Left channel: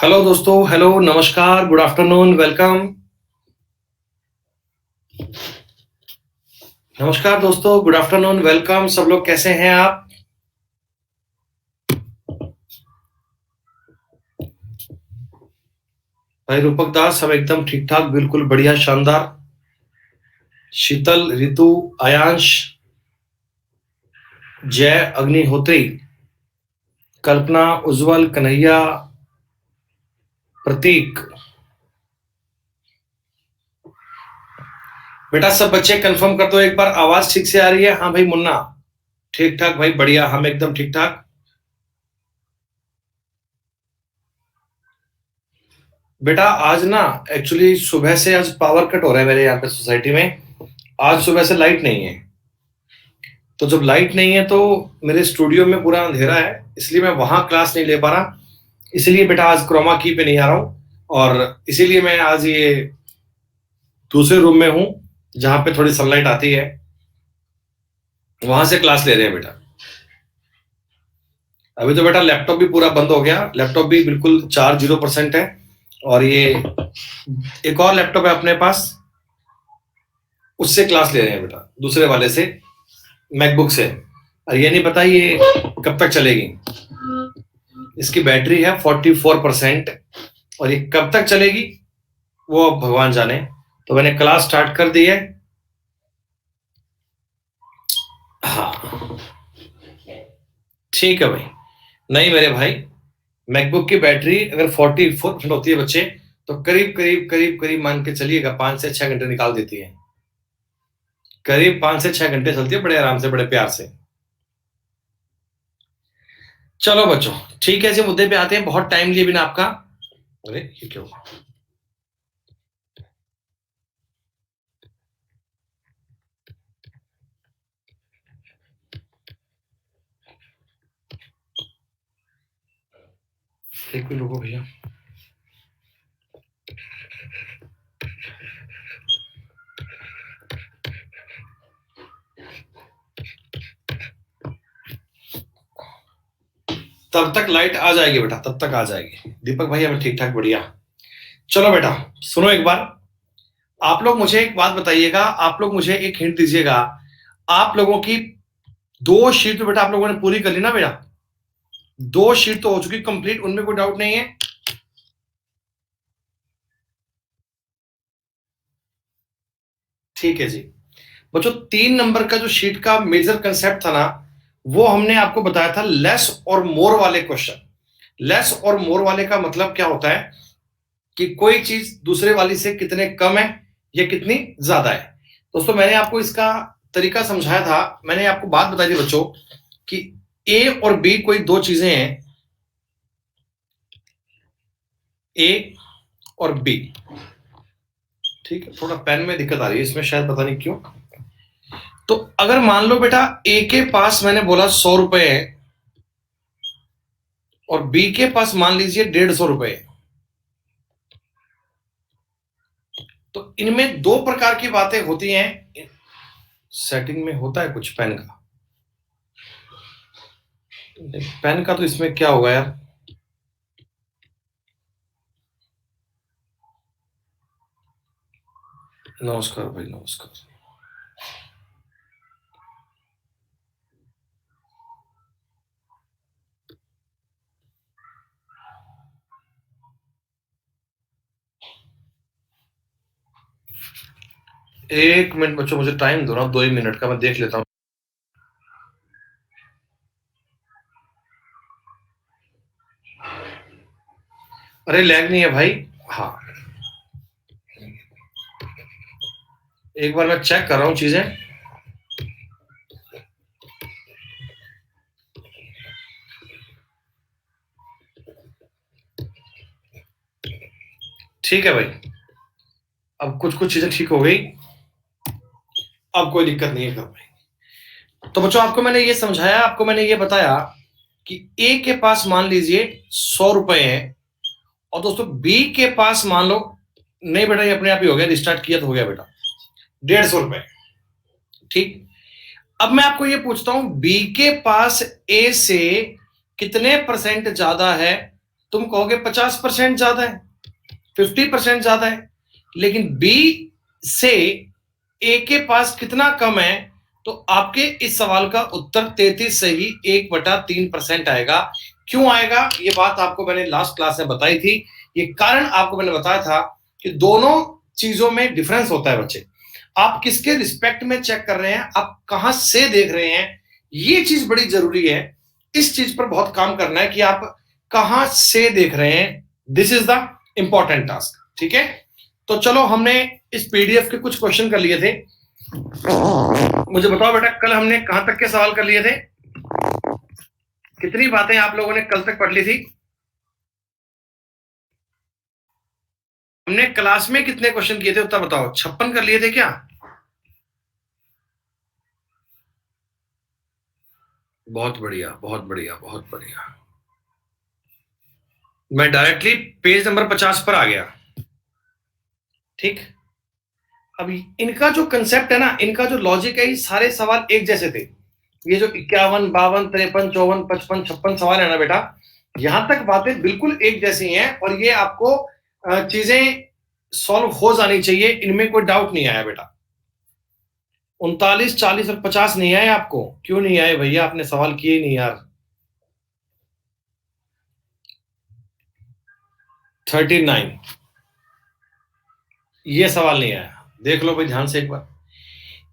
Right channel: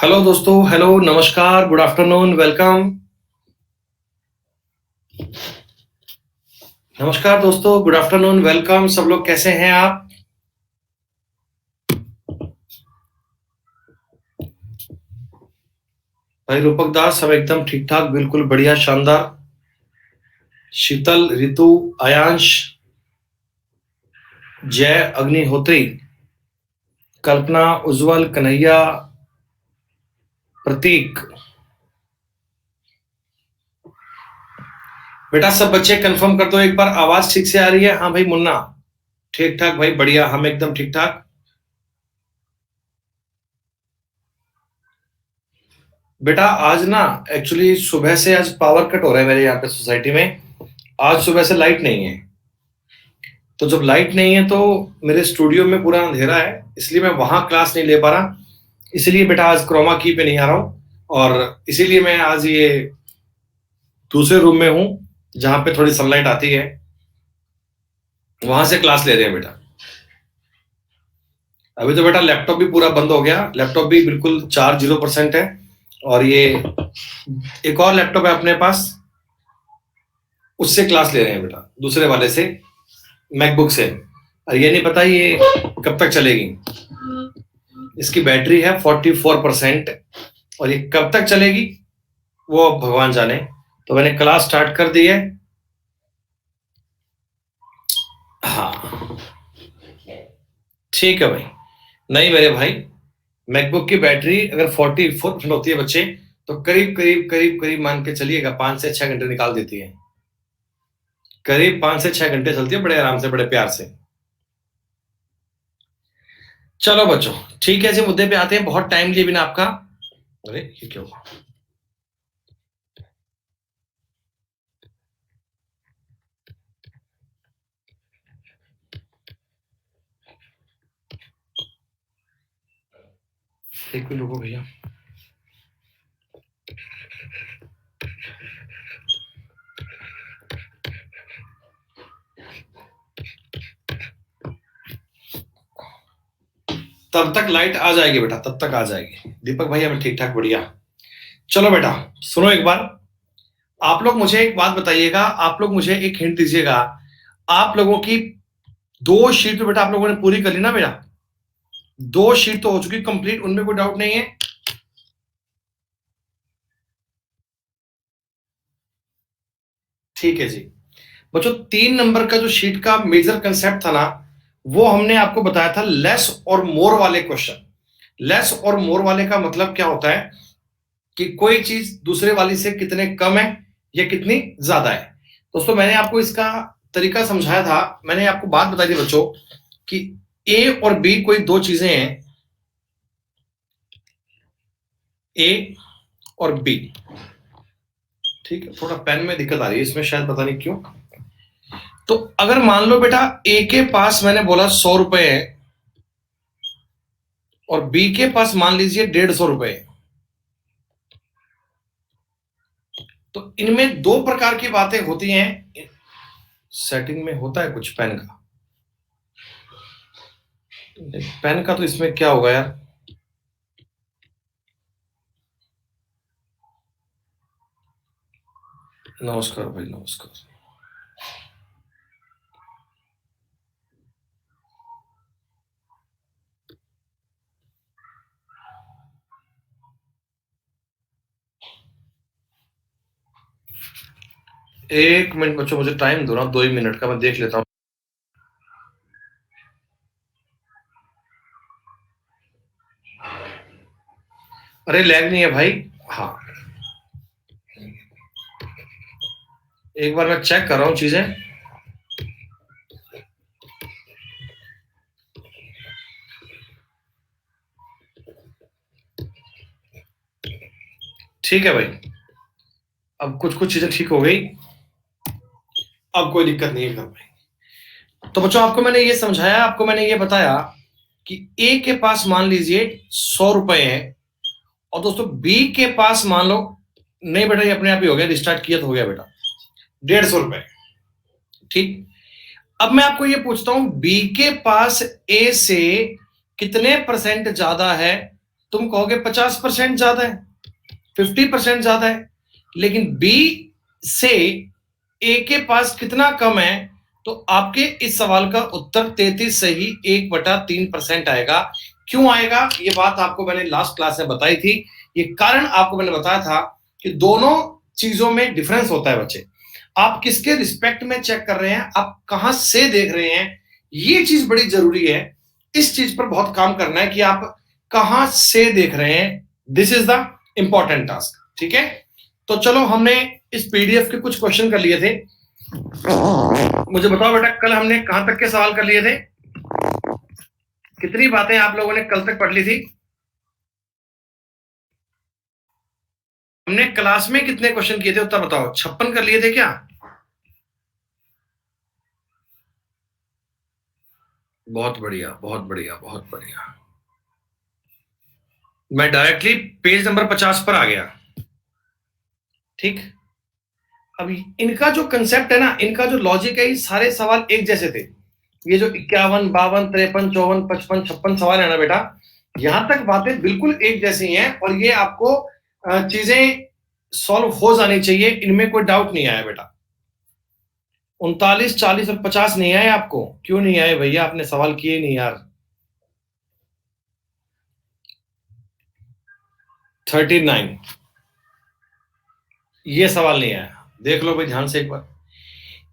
Hello दोस्तों, hello, नमस्कार, good afternoon, welcome. नमस्कार दोस्तों, गुड आफ्टरनून, वेलकम। सब लोग कैसे हैं आप? भाई रूपक दास, सब एकदम ठीक ठाक, बिल्कुल बढ़िया, शानदार। शीतल, ऋतु, आयांश, जय, अग्निहोत्री, कल्पना, उज्जवल, कन्हैया, प्रतीक। बेटा सब बच्चे कंफर्म कर दो एक बार, आवाज ठीक से आ रही है? हाँ भाई मुन्ना, ठीक ठाक भाई, बढ़िया, हम एकदम ठीक ठाक। बेटा आज ना, एक्चुअली सुबह से आज पावर कट हो रहा है मेरे यहाँ पे सोसाइटी में। आज सुबह से लाइट नहीं है। तो जब लाइट नहीं है तो मेरे स्टूडियो में पूरा अंधेरा है, इसलिए मैं वहां क्लास नहीं ले पा रहा। इसलिए बेटा आज क्रोमा की पे नहीं आ रहा हूँ, और इसीलिए मैं आज ये दूसरे रूम में हूँ जहां पे थोड़ी सनलाइट आती है, वहां से क्लास ले रहे हैं बेटा। अभी तो बेटा लैपटॉप भी पूरा बंद हो गया, लैपटॉप भी बिल्कुल चार्ज 0% है। और ये एक और लैपटॉप है अपने पास, उससे क्लास ले रहे हैं बेटा, दूसरे वाले से, मैकबुक से। और ये नहीं पता ये कब तक चलेगी। इसकी बैटरी है 44%, और ये कब तक चलेगी वो अब भगवान जाने। तो मैंने क्लास स्टार्ट कर दी है। हाँ, ठीक है भाई। नहीं मेरे भाई, मैकबुक की बैटरी अगर 44% होती है बच्चे, तो करीब करीब करीब करीब मान के चलिएगा 5 से 6 घंटे निकाल देती है। करीब 5 से 6 घंटे चलती है, बड़े आराम से, बड़े प्यार से। चलो बच्चों, ठीक है जी, मुद्दे पे आते हैं। बहुत टाइम लिए बिना आपका। अरे ये क्यों? एक मिनट रुको भैया। तब तक लाइट आ जाएगी बेटा, तब तक आ जाएगी। दीपक भाई हमें ठीक ठाक, बढ़िया। चलो बेटा, सुनो एक बार। आप लोग मुझे एक बात बताइएगा, आप लोग मुझे एक हिंट दीजिएगा। आप लोगों की 2 शीट तो बेटा आप लोगों ने पूरी कर ली ना बेटा? 2 शीट तो हो चुकी कंप्लीट, उनमें कोई डाउट नहीं है? ठीक है जी। बच्चों 3 नंबर का जो शीट का मेजर कंसेप्ट था ना, वो हमने आपको बताया था लेस और मोर वाले क्वेश्चन। लेस और मोर वाले का मतलब क्या होता है कि कोई चीज दूसरे वाली से कितने कम है या कितनी ज्यादा है। दोस्तों मैंने आपको इसका तरीका समझाया था। मैंने आपको बात बताई थी बच्चों कि ए और बी कोई दो चीजें हैं, ए और बी। ठीक है, थोड़ा पेन में दिक्कत आ रही है इसमें, शायद पता नहीं क्यों। तो अगर मान लो बेटा ए के पास मैंने बोला 100 रुपए है, और बी के पास मान लीजिए 150 रुपए है, तो इनमें दो प्रकार की बातें होती हैं। सेटिंग में होता है कुछ पेन का, पेन का तो इसमें क्या होगा यार। नमस्कार भाई, नमस्कार। एक मिनट बच्चों, मुझे टाइम दो ना, 2 ही मिनट का, मैं देख लेता हूँ। अरे लैग नहीं है भाई। हाँ, एक बार मैं चेक कर रहा हूँ चीजें। ठीक है भाई, अब कुछ कुछ चीजें ठीक हो गई, अब कोई दिक्कत नहीं है घर में। तो बच्चों आपको मैंने ये समझाया, आपको मैंने ये बताया कि ए के पास मान लीजिए 100 रुपए है, और दोस्तों बी के पास मान लो, नहीं बेटा ये अपने आप ही हो गया, रिस्टार्ट किया तो हो गया बेटा, 150 रुपए। ठीक। अब मैं आपको ये पूछता हूं, बी के पास ए से कितने परसेंट ज्यादा है तुम कहोगे 50% ज्यादा है, 50% ज्यादा है, लेकिन बी से ए के पास कितना कम है, तो आपके इस सवाल का उत्तर 33 से ही 1/3% आएगा। क्यों आएगा, ये बात आपको मैंने लास्ट क्लास में बताई थी। ये कारण आपको मैंने बताया था कि दोनों चीजों में डिफरेंस होता है बच्चे। आप किसके रिस्पेक्ट में चेक कर रहे हैं, आप कहां से देख रहे हैं, ये चीज बड़ी जरूरी है। इस चीज पर बहुत काम करना है कि आप कहां से देख रहे हैं। This is the important task, ठीक है। तो चलो, हमने इस पीडीएफ के कुछ क्वेश्चन कर लिए थे। मुझे बताओ बेटा, कल हमने कहां तक के सवाल कर लिए थे, कितनी बातें आप लोगों ने कल तक पढ़ ली थी? हमने क्लास में कितने क्वेश्चन किए थे उत्तर बताओ, 56 कर लिए थे क्या? बहुत बढ़िया, बहुत बढ़िया, बहुत बढ़िया। मैं डायरेक्टली पेज नंबर 50 पर आ गया, ठीक। अभी इनका जो कंसेप्ट है ना, इनका जो लॉजिक है, ये सारे सवाल एक जैसे थे। ये जो 51, 52, 53, 54, 55, 56 सवाल है ना बेटा, यहां तक बातें बिल्कुल एक जैसी हैं, और ये आपको चीजें सॉल्व हो जानी चाहिए, इनमें कोई डाउट नहीं आया बेटा। 39, 40 और 50 नहीं आए आपको? क्यों नहीं आए भैया, आपने सवाल किए ही नहीं यार। 39 ये सवाल नहीं आया, देख लो भाई ध्यान से एक बार।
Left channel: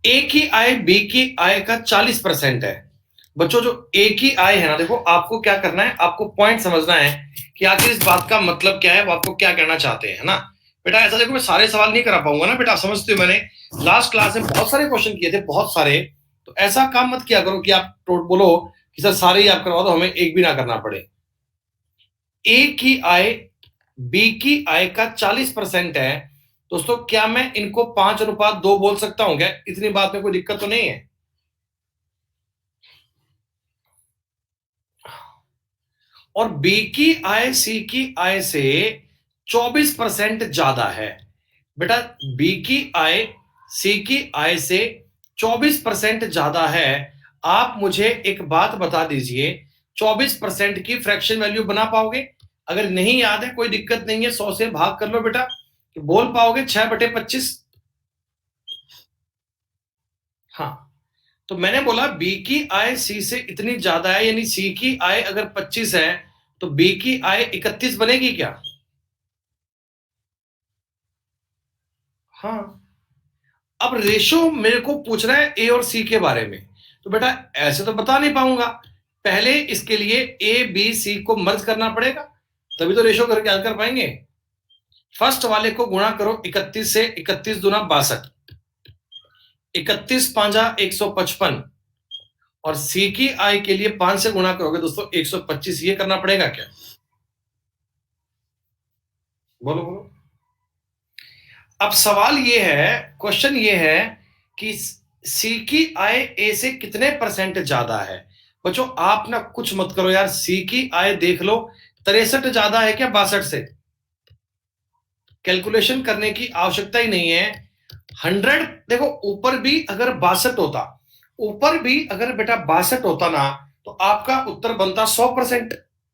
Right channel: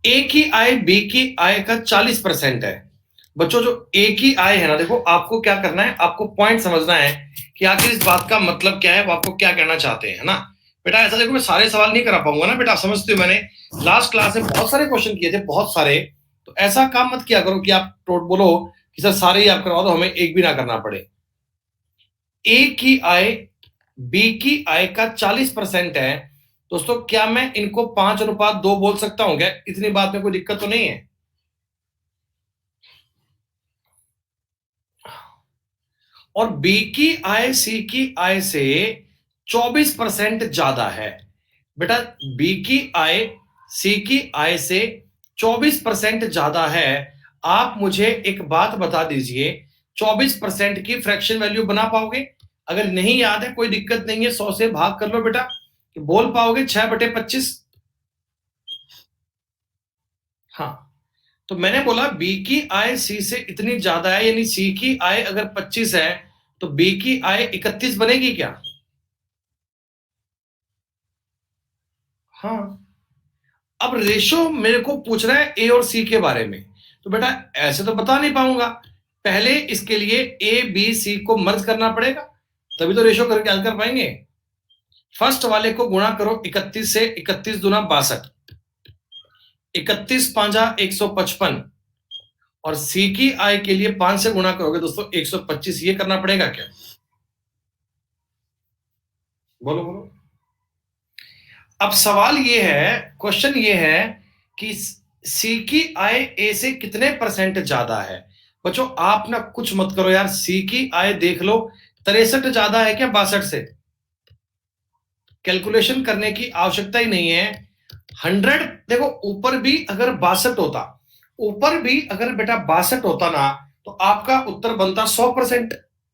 ए की आय बी की आय का 40% है। बच्चों, जो ए की आय है ना, देखो आपको क्या करना है, आपको पॉइंट समझना है कि आखिर इस बात का मतलब क्या है, वो आपको क्या कहना चाहते हैं, है ना बेटा। ऐसा देखो, मैं सारे सवाल नहीं करा पाऊंगा ना बेटा, आप समझते हो, मैंने लास्ट क्लास में बहुत सारे क्वेश्चन किए थे, बहुत सारे। तो ऐसा काम मत किया करो कि आप बोलो कि सर सारे ही आप करवा दो, हमें एक भी ना करना पड़े। ए की आय बी की आय का 40% है दोस्तों। क्या मैं इनको 5:2 बोल सकता हूं क्या? इतनी बात में कोई दिक्कत तो नहीं है? और बी की आय सी की आय से 24% ज्यादा है बेटा। बी की आय सी की आय से 24% ज्यादा है। आप मुझे एक बात बता दीजिए, 24% की फ्रैक्शन वैल्यू बना पाओगे? अगर नहीं याद है कोई दिक्कत नहीं है, 100 से भाग कर लो बेटा, बोल पाओगे 6/25? हाँ, तो मैंने बोला बी की आय सी से इतनी ज्यादा है, यानी सी की आय अगर 25 है तो बी की आय 31 बनेगी क्या? हाँ। अब रेशो मेरे को पूछ रहा है ए और सी के बारे में, तो बेटा ऐसे तो बता नहीं पाऊंगा। पहले इसके लिए ए बी सी को मर्ज करना पड़ेगा, तभी तो रेशो करके हल कर पाएंगे। फर्स्ट वाले को गुणा करो 31 से, 31 दूना 62, 31 पांजा 155, और सी की आय के लिए 5 से गुणा करोगे दोस्तों 125। ये करना पड़ेगा क्या? बोलो बोलो। अब सवाल ये है, क्वेश्चन ये है कि सी की आय ए से कितने परसेंट ज्यादा है। बच्चों आप ना कुछ मत करो यार, सी की आय देख लो, 63 ज्यादा है क्या 62 से? कैलकुलेशन करने की आवश्यकता ही नहीं है। 100 देखो, ऊपर भी अगर 62 होता, ऊपर भी अगर बेटा 62 होता ना, तो आपका उत्तर बनता 100%।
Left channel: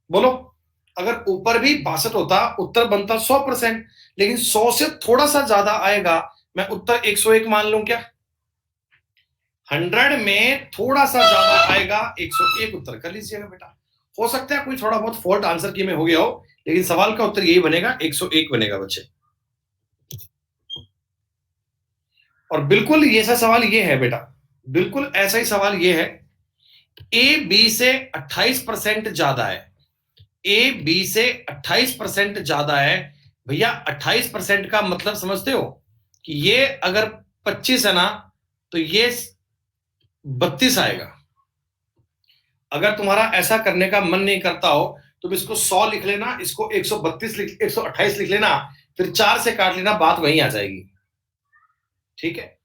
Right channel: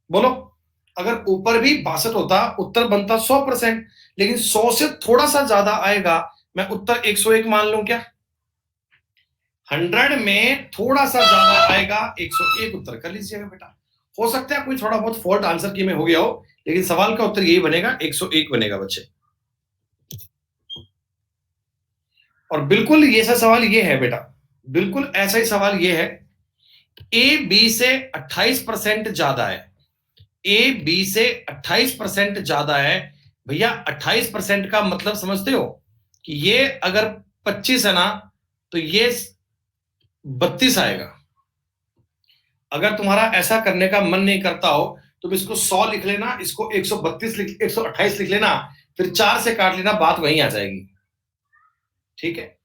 बोलो, अगर ऊपर भी 62 होता, उत्तर बनता 100%, लेकिन 100 से थोड़ा सा ज्यादा आएगा, मैं उत्तर 101 मान लूं क्या? 100 में थोड़ा सा ज्यादा आएगा, 101 उत्तर कर लीजिएगा बेटा। हो सकता है कोई थोड़ा बहुत फॉल्ट आंसर की में हो गया हो, लेकिन सवाल का उत्तर यही बनेगा, 101 बनेगा बच्चे। और बिल्कुल ये ऐसा सवाल ये है बेटा, बिल्कुल ऐसा ही सवाल ये है। ए बी से 28% ज्यादा है, ए बी से 28% ज्यादा है। भैया 28% का मतलब समझते हो कि ये अगर 25 है ना, तो ये 32 आएगा। अगर तुम्हारा ऐसा करने का मन नहीं करता हो, तुम इसको 100 लिख लेना, इसको 132 लिख, 128 लिख लेना, फिर 4 से काट लेना, बात वहीं आ जाएगी, ठीक है।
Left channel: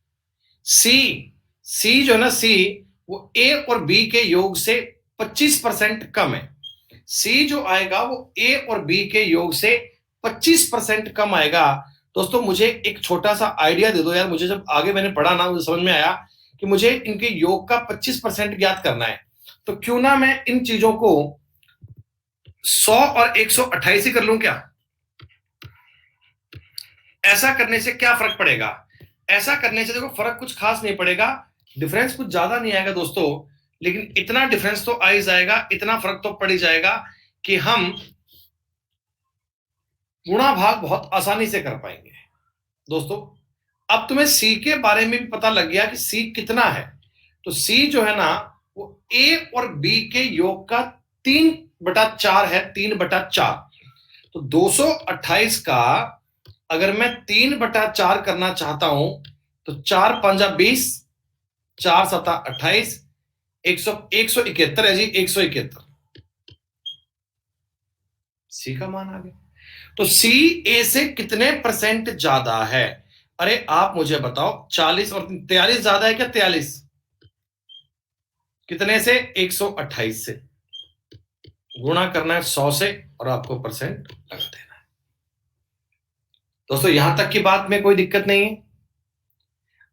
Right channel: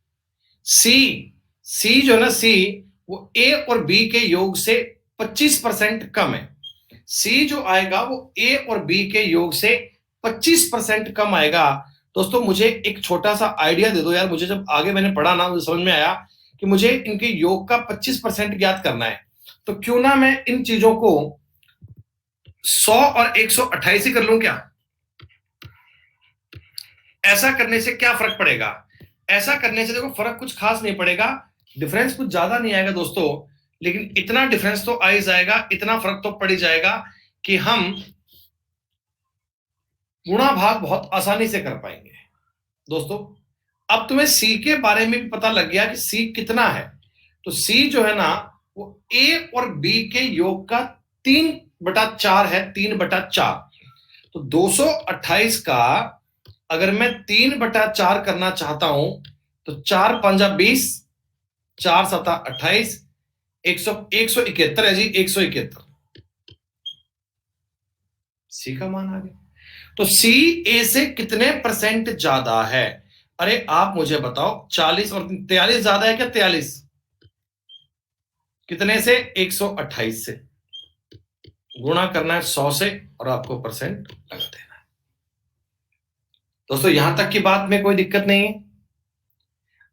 सी, सी जो है ना, सी वो ए और बी के योग से 25% कम है। सी जो आएगा वो ए और बी के योग से 25% कम आएगा। दोस्तों मुझे एक छोटा सा आइडिया दे दो यार, मुझे जब आगे मैंने पढ़ा ना, मुझे समझ में आया कि मुझे इनके योग का 25% ज्ञात करना है, तो क्यों ना मैं इन चीजों को 100 और 128 ही कर लूं क्या? ऐसा करने से क्या फर्क पड़ेगा? ऐसा करने से देखो फर्क कुछ खास नहीं पड़ेगा, डिफरेंस कुछ ज्यादा नहीं आएगा दोस्तों, लेकिन इतना डिफरेंस तो आ ही जाएगा, इतना फर्क तो पड़ ही जाएगा कि हम गुणा भाग बहुत आसानी से कर पाएंगे। दोस्तों अब तुम्हें सी के बारे में भी पता लग गया कि सी कितना है। तो सी जो है ना वो ए और बी के योग का 3/4 है, 3/4। तो 228 का अगर मैं 3/4 करना चाहता हूं तो 4×5 = 20, 4×7 = 28, 171 है जी, 171 सी का मान आ गया। तो सी ए से कितने परसेंट ज्यादा है? अरे आप मुझे बताओ, 40 और 43 ज्यादा है क्या? 43 कितने से? 128 से। गुणा करना है 100 से और आपको परसेंट लगा देना है। दोस्तों यहां तक की बात में कोई दिक्कत नहीं है।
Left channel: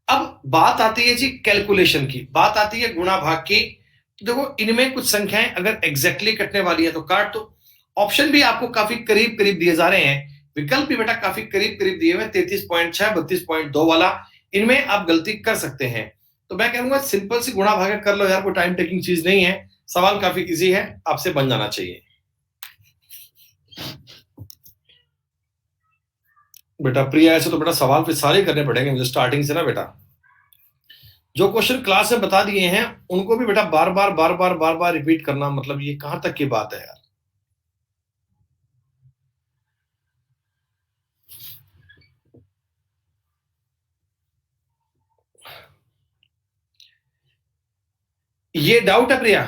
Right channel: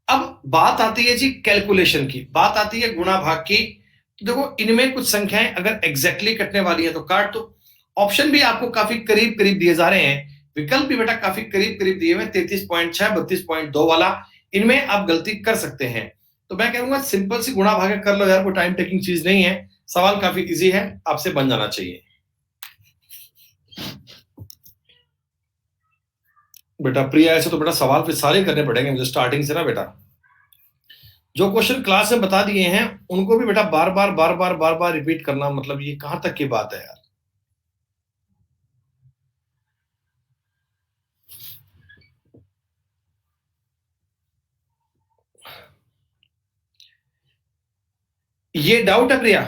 अब बात आती है जी कैलकुलेशन की, बात आती है गुणा भाग की। देखो इनमें कुछ संख्याएं अगर एग्जैक्टली कटने वाली है तो काट दो। ऑप्शन भी आपको काफी करीब करीब दिए जा रहे हैं, विकल्प भी बेटा काफी करीब करीब दिए हुए, 33.6, 32.2 वाला, इनमें आप गलती कर सकते हैं। तो मैं कहूंगा सिंपल सी गुणा भागा कर लो यार, कोई टाइम टेकिंग चीज नहीं है, सवाल काफी इजी है, आपसे बन जाना चाहिए। बेटा प्रिया ऐसे तो बेटा सवाल फिर सारे करने पड़ेंगे मुझे स्टार्टिंग से ना बेटा। जो क्वेश्चन क्लास में बता दिए हैं उनको भी बेटा बार बार बार बार बार बार रिपीट करना, मतलब ये कहां तक की बात है यार। ये डाउट है प्रिया?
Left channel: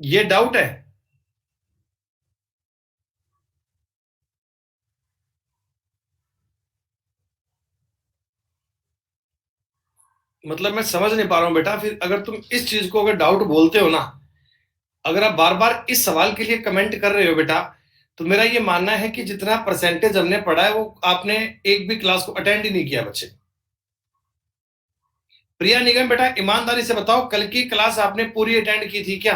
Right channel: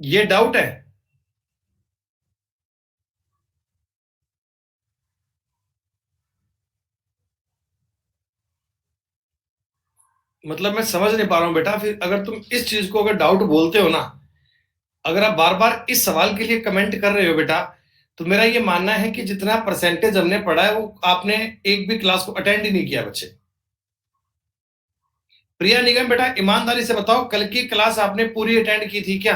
ये डाउट है? मतलब मैं समझ नहीं पा रहा हूं बेटा, फिर अगर तुम इस चीज को अगर डाउट बोलते हो ना, अगर आप बार बार इस सवाल के लिए कमेंट कर रहे हो बेटा, तो मेरा ये मानना है कि जितना परसेंटेज हमने पढ़ा है वो आपने एक भी क्लास को अटेंड ही नहीं किया बच्चे। प्रिया निगम बेटा ईमानदारी से बताओ, कल की क्लास आपने पूरी अटेंड की थी क्या?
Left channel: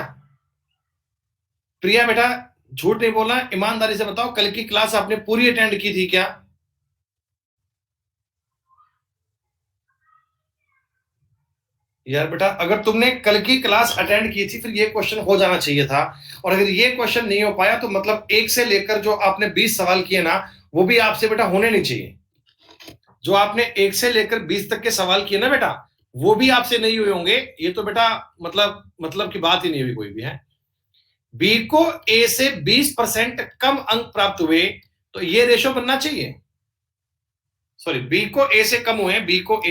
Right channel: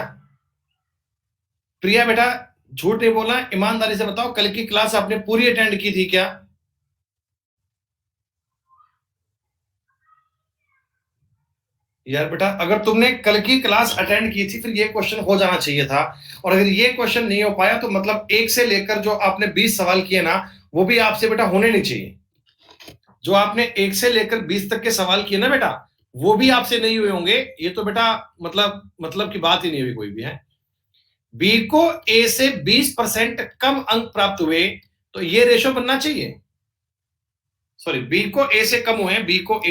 प्रिया बेटा झूठ नहीं बोलना, ईमानदारी से बताओ कल की क्लास आपने पूरी अटेंड की थी क्या? यार बेटा अगर तुमने कल की क्लास अटेंड की थी फिर ये क्वेश्चन हो जाना चाहिए था, और अगर ये क्वेश्चन नहीं हो पाया तो मतलब एक से लेकर जो आपने 20 सवाल किए ना वो भी आपसे बेटा होने नहीं चाहिए। जो आपने एक से लेकर 20 तक के सवाल किए ना बेटा वो भी आपसे नहीं हुए होंगे, ये तो बेटा मतलब की बात ही नहीं हुई कोई भी है। बी को ए से 20% कम अंक प्राप्त हुए तो ये रेशो बनना चाहिए। सॉरी, बी को ए से कम हुए, बी को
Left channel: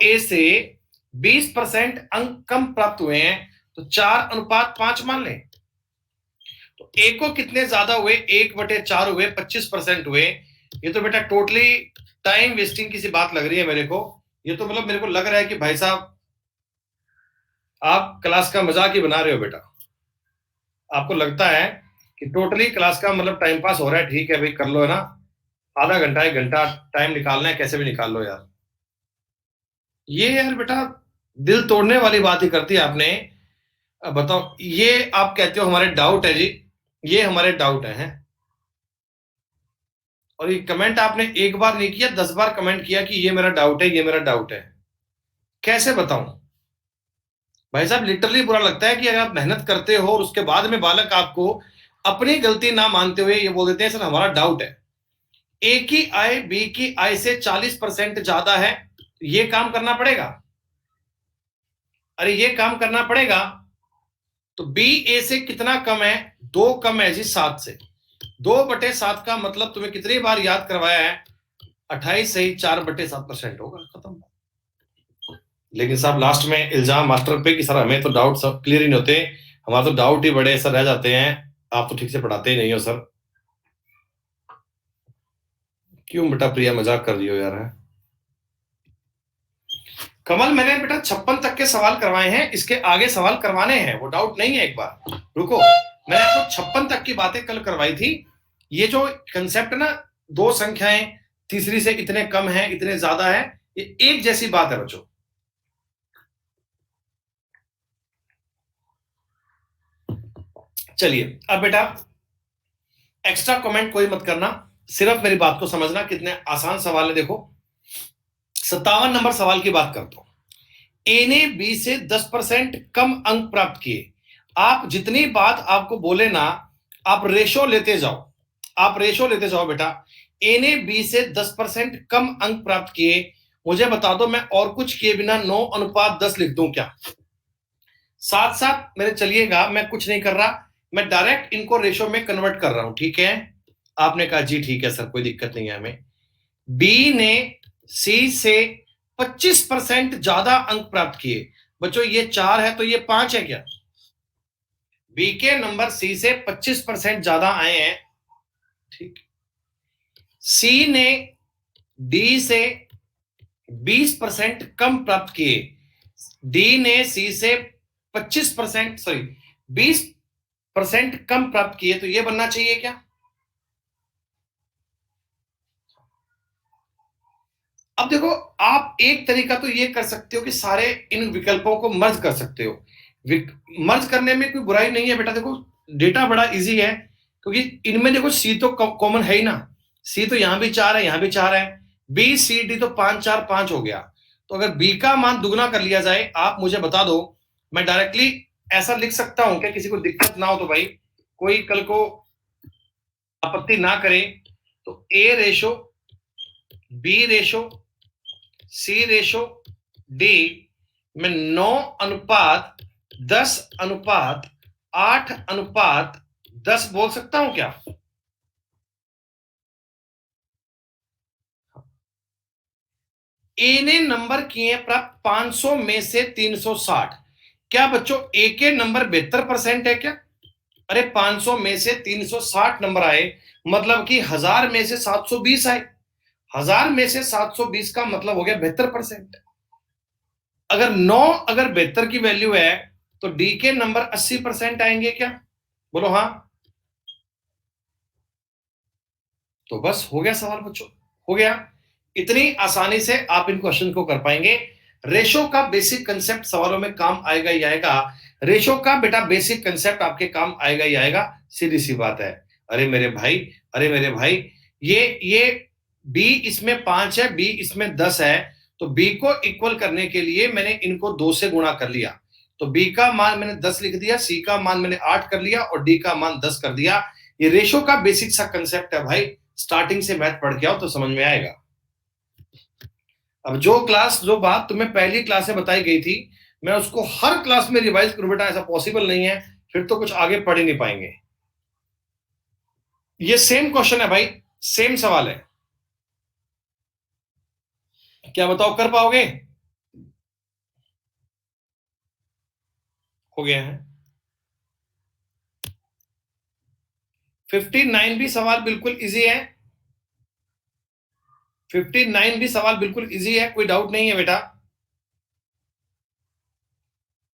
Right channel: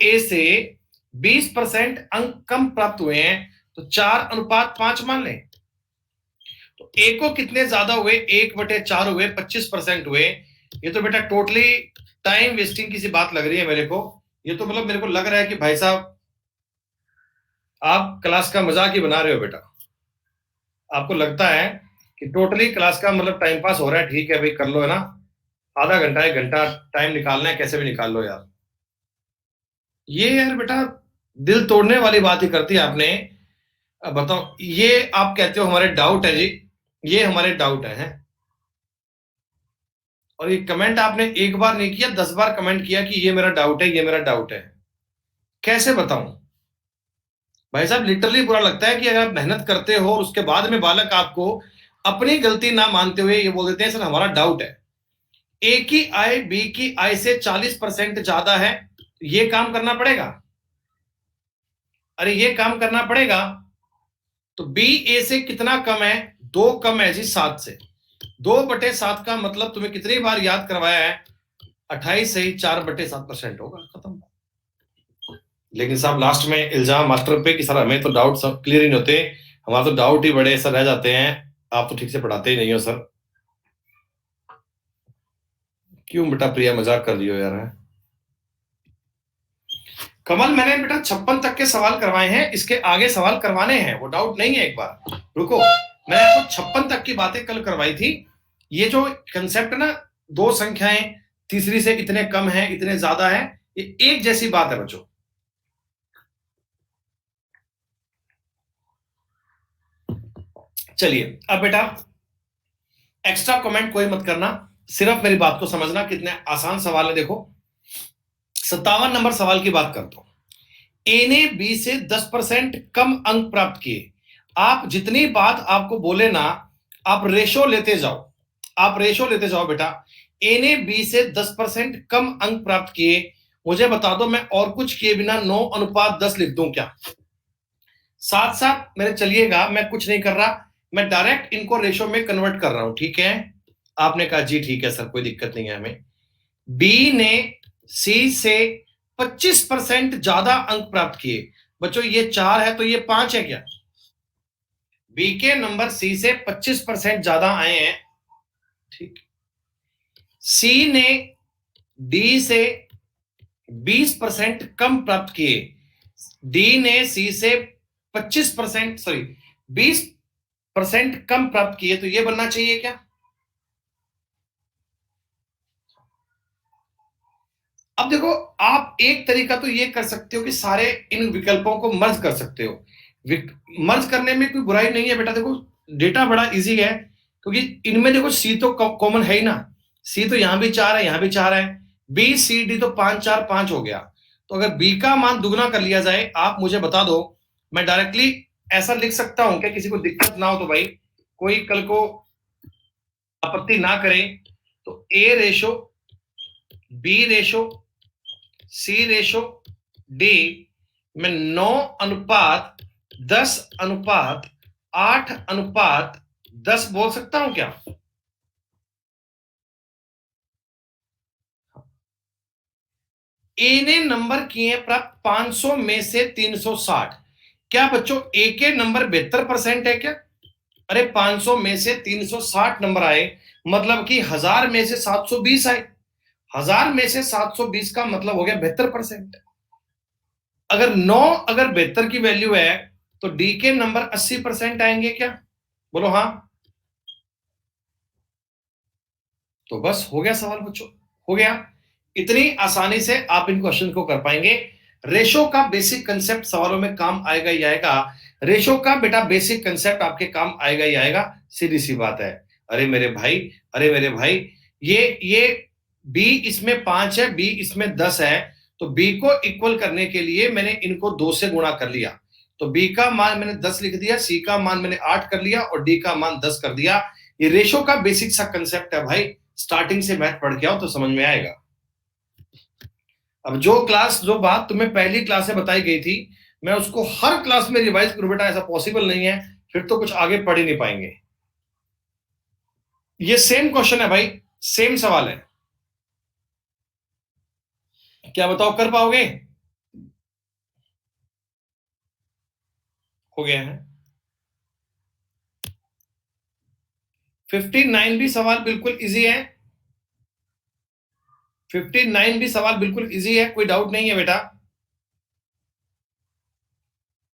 ए से 20% अंक कम प्राप्त हुए हैं तो 4:5 मान लें। तो ए को कितने ज्यादा हुए? 1/4 हुए, 25% हुए। ये तो बेटा टोटली टाइम वेस्टिंग की सी बात लग रही है मेरे को। ये तो मतलब मेरे को लग रहा है कि भाई साहब आप क्लास का मजाक ही बना रहे हो बेटा। आपको लगता है कि टोटली क्लास का मतलब टाइम पास हो रहा है, ठीक है भाई कर लो है ना, आधा घंटा 1 घंटा टाइम निकालना है, कैसे भी निकाल लो यार। ये यार बेटा दिल तोड़ने वाली बात ही करती है आपने। अब बताओ, ये आप कहते हो हमारे डाउट है जी, ये हमारे डाउट है हैं? और ये कमेंट आपने एक बार नहीं किया, 10 बार कमेंट किया कि ये मेरा डाउट है, ये मेरा डाउट है। कैसे बताऊं भाई साहब, लिटरली बुरा लगता है कि अगर आप मेहनत करते हो और उसके बाद में बालक आपको अपनी गलती ना मानते हुए ये बोल देते हैं सर हमारा डाउट है। ए की आय बी की आय से 40% ज्यादा है, ये काम करना पड़ेगा। अरे ये काम करना पड़ेगा। तो बी ए से कितना कम है? 2 कम है जी 7 से। 2/7 का मतलब तुम्हें कितनी बार याद करवाया है? 28 से ही 4/7% होगा, खत्म। लेकिन साहब लास्ट में इल्जाम मास्टर पे कि सर हमें तो डाउट सब क्लियर ही नहीं होते, हमारे तो डाउट ही बड़े सर रह जाते हैं, आप तो ठीक से पढ़ाते ही नहीं हो सर। क्यों बेटा प्रिया मजाक कर रही हो यार, है? कमल मैंने बेटा 56 तक के सवाल करवाए हैं, इसके आगे सवाल करवाने हैं, वो डाउट नहीं है। एक बार रुको, मैंने आपको 56 तक की बातें कल करवाई थी। ये जो कंसेप्ट है ना, दो संख्याएं तीसरी से इतने कम है इतने ज्यादा है, ये एक जैसी बात है बच्चों। चलिए अब बेटा एक्स्ट्रा कमेंट कोई मत करना, सिर्फ मेरी बात को समझना। कितने आसान सवाल है देखो। 57 नंबर सवाल की बात करता हूं। ए ने बी से 10% कम अंक प्राप्त किए। आप जितनी बात आपको बोले ना, आप रेशो लेते जाओ, आप रेशो लेते जाओ बेटा। ए ने बी से 10% कम अंक प्राप्त किए। मुझे बता दो, मैं और कुछ किए बिना 9:10 लिख दूं क्या? साथ साथ मेरे चलिएगा, मैं कुछ नहीं कर रहा, मैं डायरेक्ट इनको रेशो में कन्वर्ट कर रहा हूं, ठीक है? आपने कहा जी ठीक है सर, कोई दिक्कत नहीं है हमें। बी ने सी से 25% ज्यादा अंक प्राप्त किए। बच्चों ये 4 है तो ये 5 है क्या? बी के नंबर सी से 25% ज्यादा आए हैं, ठीक। सी ने डी से 20% कम प्राप्त किए। डी ने सी से 25%, सॉरी 20% कम प्राप्त किए, तो ये बनना चाहिए क्या? अब देखो, आप एक तरीका तो ये कर सकते हो कि सारे इन विकल्पों को मर्ज कर सकते हो। मर्ज करने में कोई बुराई नहीं है बेटा। देखो डेटा बड़ा इजी है, क्योंकि इनमें देखो सी तो कॉमन है ही ना। सी तो यहां भी 4 है, यहां भी 4 है। बी सी डी तो 5 4 5 हो गया। तो अगर बी का मान दुगना कर लिया जाए, आप मुझे बता दो, मैं डायरेक्टली ऐसा लिख सकता हूं क्या? किसी को दिक्कत ना हो तो भाई, कोई कल को आपत्ति ना करे। तो ए रेशो बी रेशो सी रेशो डी में 9:10:8:10 बोल सकता हूं क्या? ए ने नंबर किए प्राप्त 500 में से 360। क्या बच्चों ए के नंबर 72% है क्या? अरे 500 में से 360 नंबर आए, मतलब कि 1000 में से 720 आए। 1000 में से 720 का मतलब हो गया 72%। अगर 9 अगर 72 की वैल्यू है, तो डी के नंबर 80% आएंगे क्या? बोलो हाँ। तो बस हो गया सवाल बच्चों, हो गया। इतनी आसानी से आप इन क्वेश्चन को कर पाएंगे। रेशो का बेसिक कंसेप्ट सवालों में काम आएगा ही आएगा। रेशो का बेटा बेसिक कंसेप्ट आपके काम आएगा ही आएगा, सीधी सी बात है। अरे मेरे भाई, अरे मेरे भाई, ये बी इसमें 5 है, बी इसमें 10 है, तो बी को इक्वल करने के लिए मैंने इनको 2 से गुणा कर लिया। तो बी का मान मैंने 10 लिख दिया, सी का मान मैंने 8 कर लिया और डी का मान 10 कर दिया। ये रेशो का बेसिक सा कंसेप्ट है भाई। स्टार्टिंग से मैथ पढ़ के आओ तो समझ में आएगा। अब जो बात तुम्हें पहली क्लास में बताई गई थी, मैं उसको हर क्लास में रिवाइज करूं बेटा, ऐसा पॉसिबल नहीं है, फिर तो कुछ आगे पढ़ ही नहीं पाएंगे। ये सेम क्वेश्चन है भाई, सेम सवाल है। क्या बताओ, कर पाओगे? हो गया है। 59 भी सवाल बिल्कुल इजी है। 59 भी सवाल बिल्कुल इजी है, कोई डाउट नहीं है बेटा।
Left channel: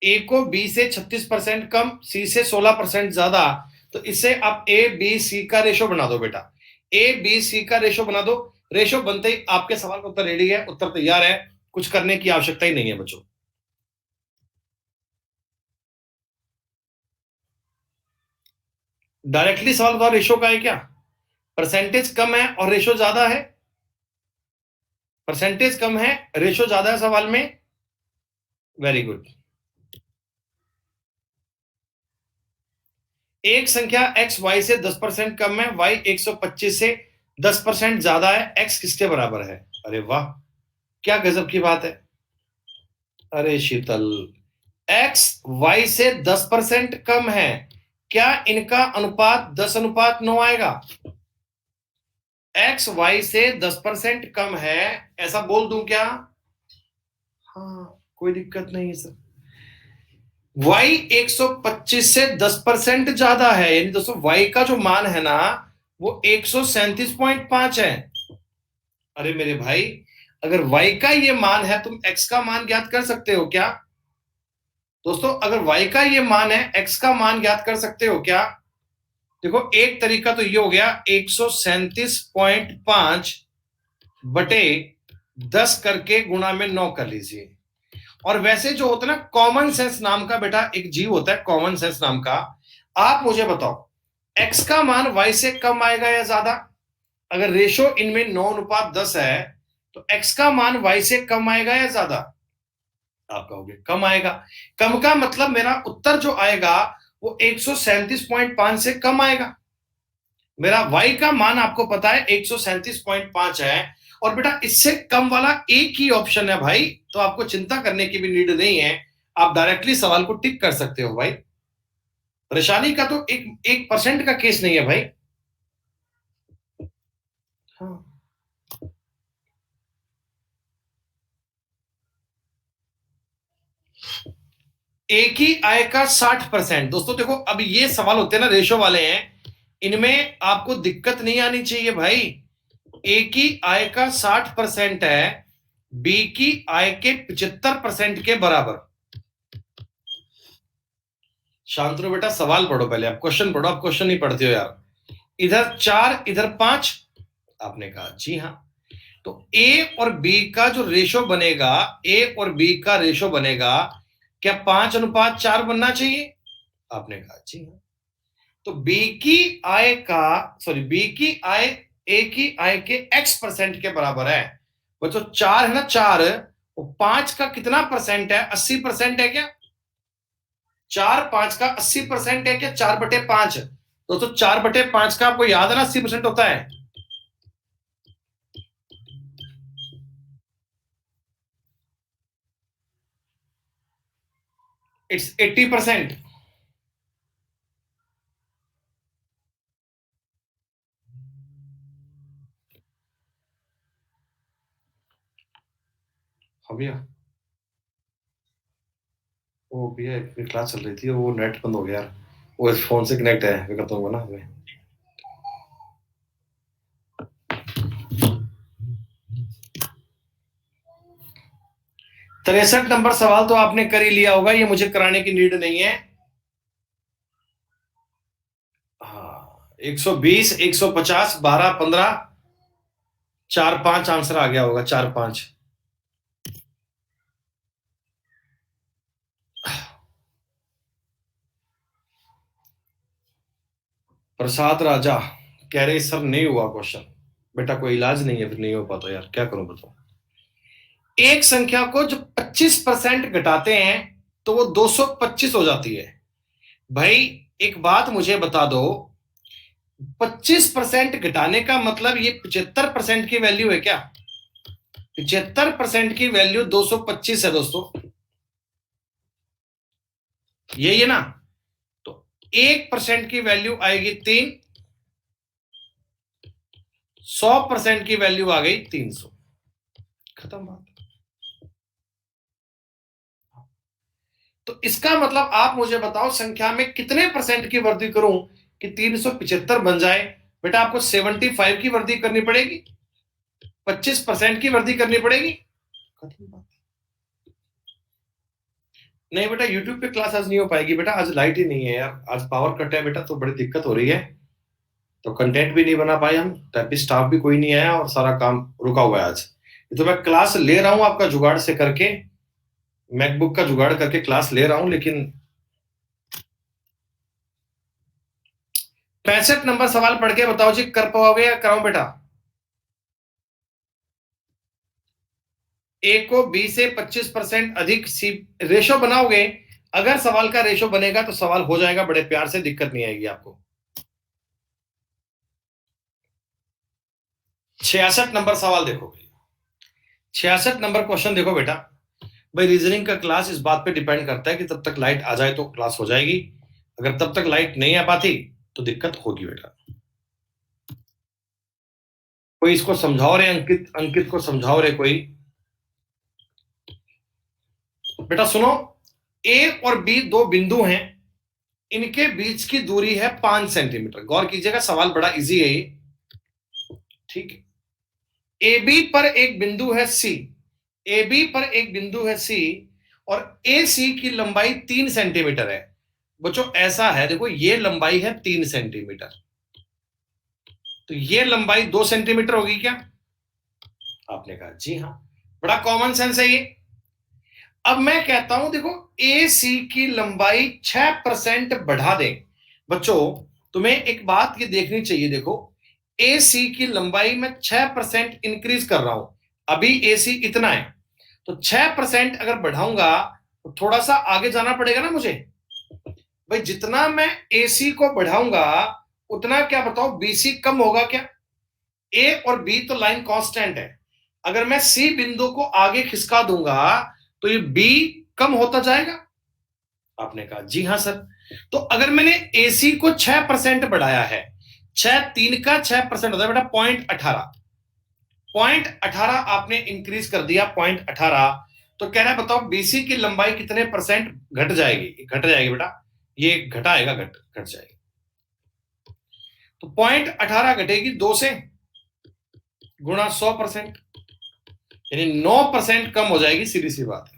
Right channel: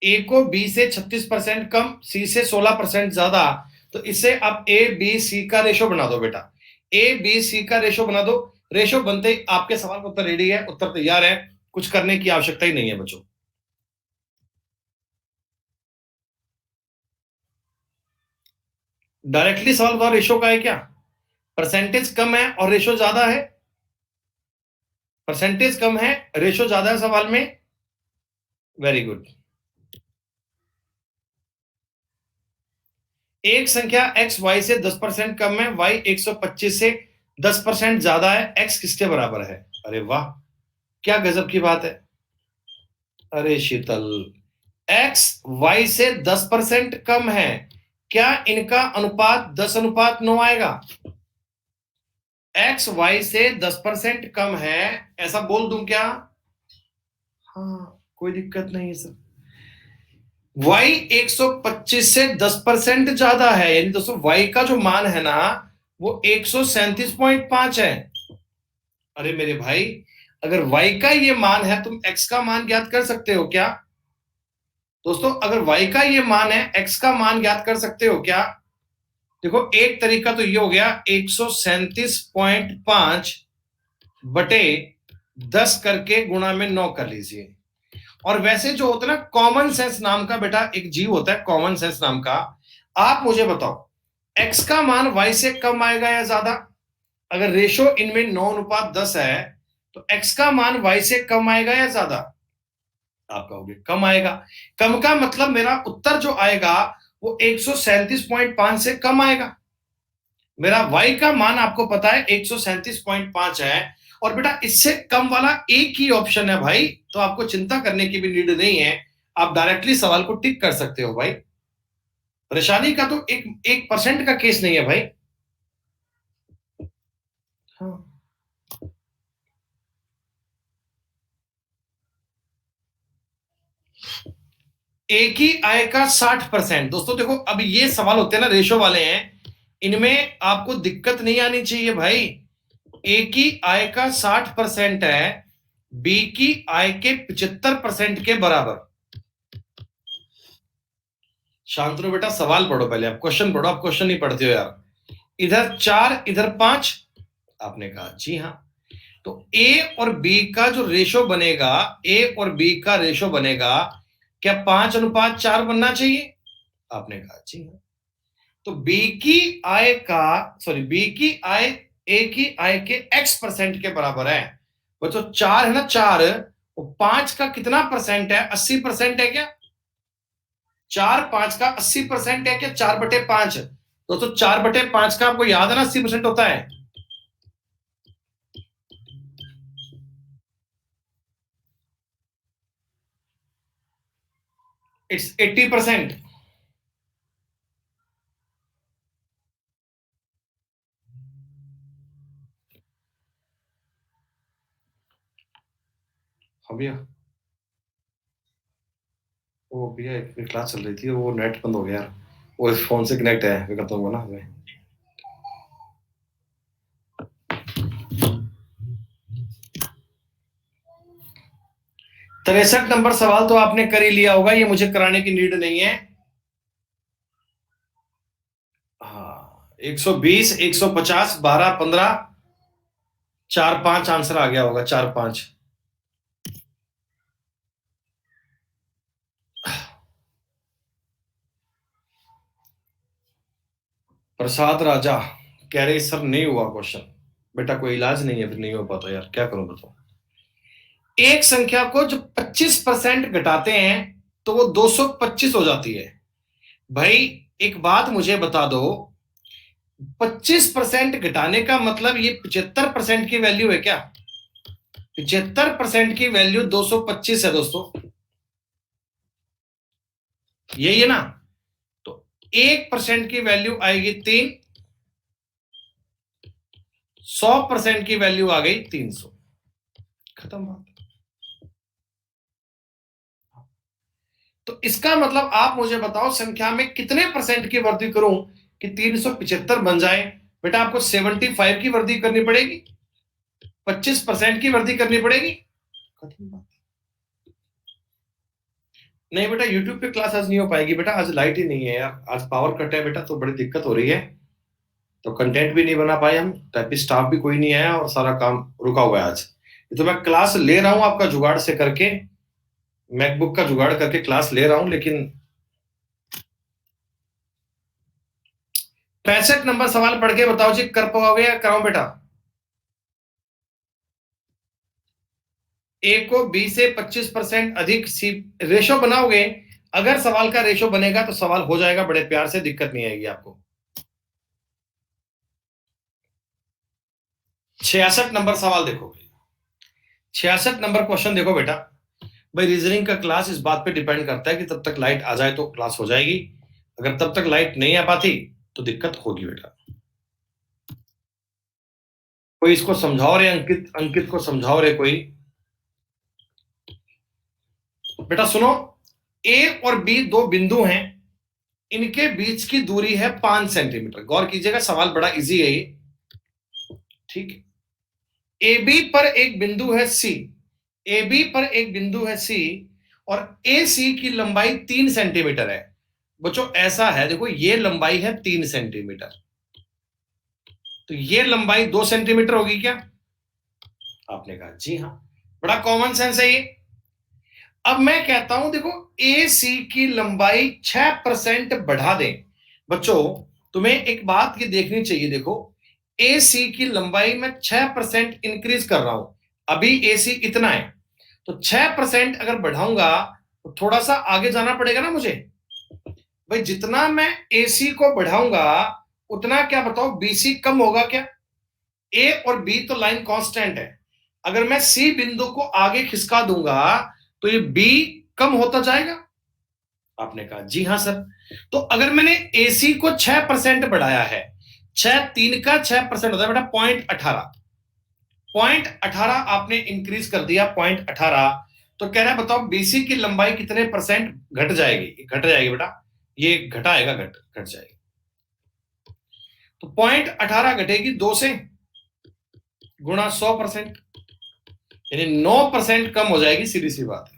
ए को बी से 36% कम, सी से 16% ज्यादा, तो इससे अब ए बी सी का रेशो बना दो बेटा। ए बी सी का रेशो बना दो। रेशो बनते ही आपके सवाल का उत्तर रेडी है, उत्तर तैयार है, कुछ करने की आवश्यकता ही नहीं है बच्चों। डायरेक्टली सवाल बताओ, रेशो का है क्या? परसेंटेज कम है और रेशो ज्यादा है। परसेंटेज कम है, रेशो ज्यादा है सवाल में। Very good. एक संख्या x y से 10% कम है, y 125 से 10% ज्यादा है, x किसके बराबर है? अरे वाह, क्या गजब की बात है। अरे शीतल, x y से 10% कम है, क्या इनका अनुपात 10:9 आएगा? x y से 10% कम है, ऐसा बोल दूं क्या? हाँ, कोई दिक्कत नहीं है सर। y 125 से 10% ज्यादा है, यानी दोस्तों y का जो मान है ना, वो 137.5 है। अरे मेरे भाई, अगर y का ये मान है, तुम x का मान ज्ञात कर सकते हो क्या? दोस्तों अगर y का ये मान है, x का मान ज्ञात कर सकते हो क्या? देखो एक तरीका तो ये हो गया, 137.5 बटे 10 करके गुणा में 9 कर लीजिए। और वैसे जो होता है ना, कॉमन सेंस नाम का बेटा एक जीव होता है, कॉमन सेंस नाम का। आप मुझे बताओ x का मान y से कम आएगा या ज्यादा? अगर रेशो इनमें 9:10 है तो x का मान y से कम आएगा या ज्यादा? आप कहोगे कम आएगा। कम का मतलब मेरा उत्तर जो आएगा वो 137.5 से कम आएगा। मेरा y का मान आपको पता है 137.5 है, और बेटा इससे कम वाला एक ही ऑप्शन है भाई, तो आपको चिंता करने की भी नीड नहीं है। आप डायरेक्टली सवाल को टिक कर सकते हो भाई। परेशानी का तो एक 1% का केस नहीं है भाई। हाँ। एक ही आय का 60%। दोस्तों देखो, अब ये सवाल होते हैं ना रेशो वाले हैं, इनमें आपको दिक्कत नहीं आनी चाहिए भाई। ए की आय का 60% है, बी की आय के 75% के बराबर। शांतनु बेटा सवाल पढ़ो पहले, आप क्वेश्चन पढ़ो। आप क्वेश्चन नहीं पढ़ते हो यार। इधर 4 इधर 5, आपने कहा जी हाँ। तो ए और बी का जो रेशो बनेगा, ए और बी का रेशो बनेगा क्या 5:4 बनना चाहिए? आपने कहा जी हाँ। तो बी की आय का, सॉरी, बी की आय ए की आय के x% के बराबर है। बच्चों 4 है ना, 4, वो 5 का कितना परसेंट है? 80% है क्या? 4 5 का 80% है क्या? 4/5। दोस्तों 4/5 का आपको याद है ना 80% होता है। इट्स 80%। हाँ भैया, वो भैया क्लास चल रही थी, वो नेट बंद हो गया यार। वो इस फोन से कनेक्ट है, मैं करता हूँ ना हमें। 63 नंबर सवाल तो आपने कर ही लिया होगा, ये मुझे कराने की नीड नहीं है। हाँ, 120, 150, 12, 15, 4 5 आंसर आ गया होगा, 4 5। प्रसाद राजा कह रहे सर नहीं हुआ क्वेश्चन। बेटा कोई इलाज नहीं है, फिर नहीं हो पाता यार, क्या करूं बताओ। एक संख्या को जब 25% घटाते हैं तो वो 225 हो जाती है। भाई एक बात मुझे बता दो, 25% घटाने का मतलब ये 75% की वैल्यू है क्या? 75% की वैल्यू 225 है दोस्तों, यही है ना? तो 1% की वैल्यू आएगी 3, 100% की वैल्यू आ गई 300। खत्म बात। तो इसका मतलब आप मुझे बताओ संख्या में कितने परसेंट की वृद्धि करूं कि 375 बन जाए? बेटा आपको 75 की वृद्धि करनी पड़ेगी, 25% की वृद्धि करनी पड़ेगी। खत्म बात। नहीं बेटा, यूट्यूब पे क्लास आज नहीं हो पाएगी बेटा, आज लाइट ही नहीं है यार, आज पावर कट है बेटा, तो बड़ी दिक्कत हो रही है। तो कंटेंट भी नहीं बना पाए हम, टाइपिस्ट स्टाफ भी कोई नहीं आया, और सारा काम रुका हुआ है आज। तो मैं क्लास ले रहा हूं आपका जुगाड़ से करके, मैकबुक का जुगाड़ करके क्लास ले रहा हूं, लेकिन 65 नंबर सवाल पढ़ के बताओ जी, कर पाओगे या कराऊं बेटा? ए को बी से 25% अधिक सी रेशो बनाओगे? अगर सवाल का रेशो बनेगा तो सवाल हो जाएगा बड़े प्यार से, दिक्कत नहीं आएगी आपको। 66 नंबर सवाल देखो, 66 नंबर क्वेश्चन देखो बेटा। भाई रीजनिंग का क्लास इस बात पे डिपेंड करता है कि तब तक लाइट आ जाए तो क्लास हो जाएगी, अगर तब तक लाइट नहीं आ पाती तो दिक्कत होगी बेटा। कोई इसको समझाओ रे, अंकित, अंकित को समझाओ रे कोई। बेटा सुनो, ए और बी दो बिंदु हैं, इनके बीच की दूरी है 5 सेंटीमीटर। गौर कीजिएगा, सवाल बड़ा इजी है ये, ठीक है। ए बी पर एक बिंदु है सी, ए बी पर एक बिंदु है सी, और ए सी की लंबाई 3 सेंटीमीटर है। बच्चों ऐसा है, देखो ये लंबाई है 3 सेंटीमीटर, तो ये लंबाई 2 सेंटीमीटर होगी क्या? आपने कहा जी हाँ, बड़ा कॉमन सेंस है ये। अब मैं कहता हूं देखो, ए सी की लंबाई 6% बढ़ा दें बच्चों तुम्हें एक बात ये देखनी चाहिए, देखो ए सी की लंबाई में 6% इंक्रीज कर रहा हूं, अभी ए सी इतना है, तो 6% अगर बढ़ाऊंगा तो थोड़ा सा आगे जाना पड़ेगा ना मुझे। भाई जितना मैं एसी को बढ़ाऊंगा उतना क्या बताओ बीसी कम होगा क्या? ए और बी तो लाइन कांस्टेंट है, अगर मैं सी बिंदु को आगे खिसका दूंगा तो ये बी कम होता जाएगा। आपने कहा जी हाँ सर। तो अगर मैंने एसी को 6% बढ़ाया है, 6 3 का 6% होता है बेटा 0.18, 0.18 आपने इंक्रीज कर दिया 0.18, तो कह रहा है बताओ बीसी की लंबाई कितने परसेंट घट जाएगी? घट जाएगी बेटा, ये घटाएगा, घट घट जाएगी। तो 0.18 घटेगी 2 से, गुणा 100%, यानी 9% कम हो जाएगी, सीधी सी बात है।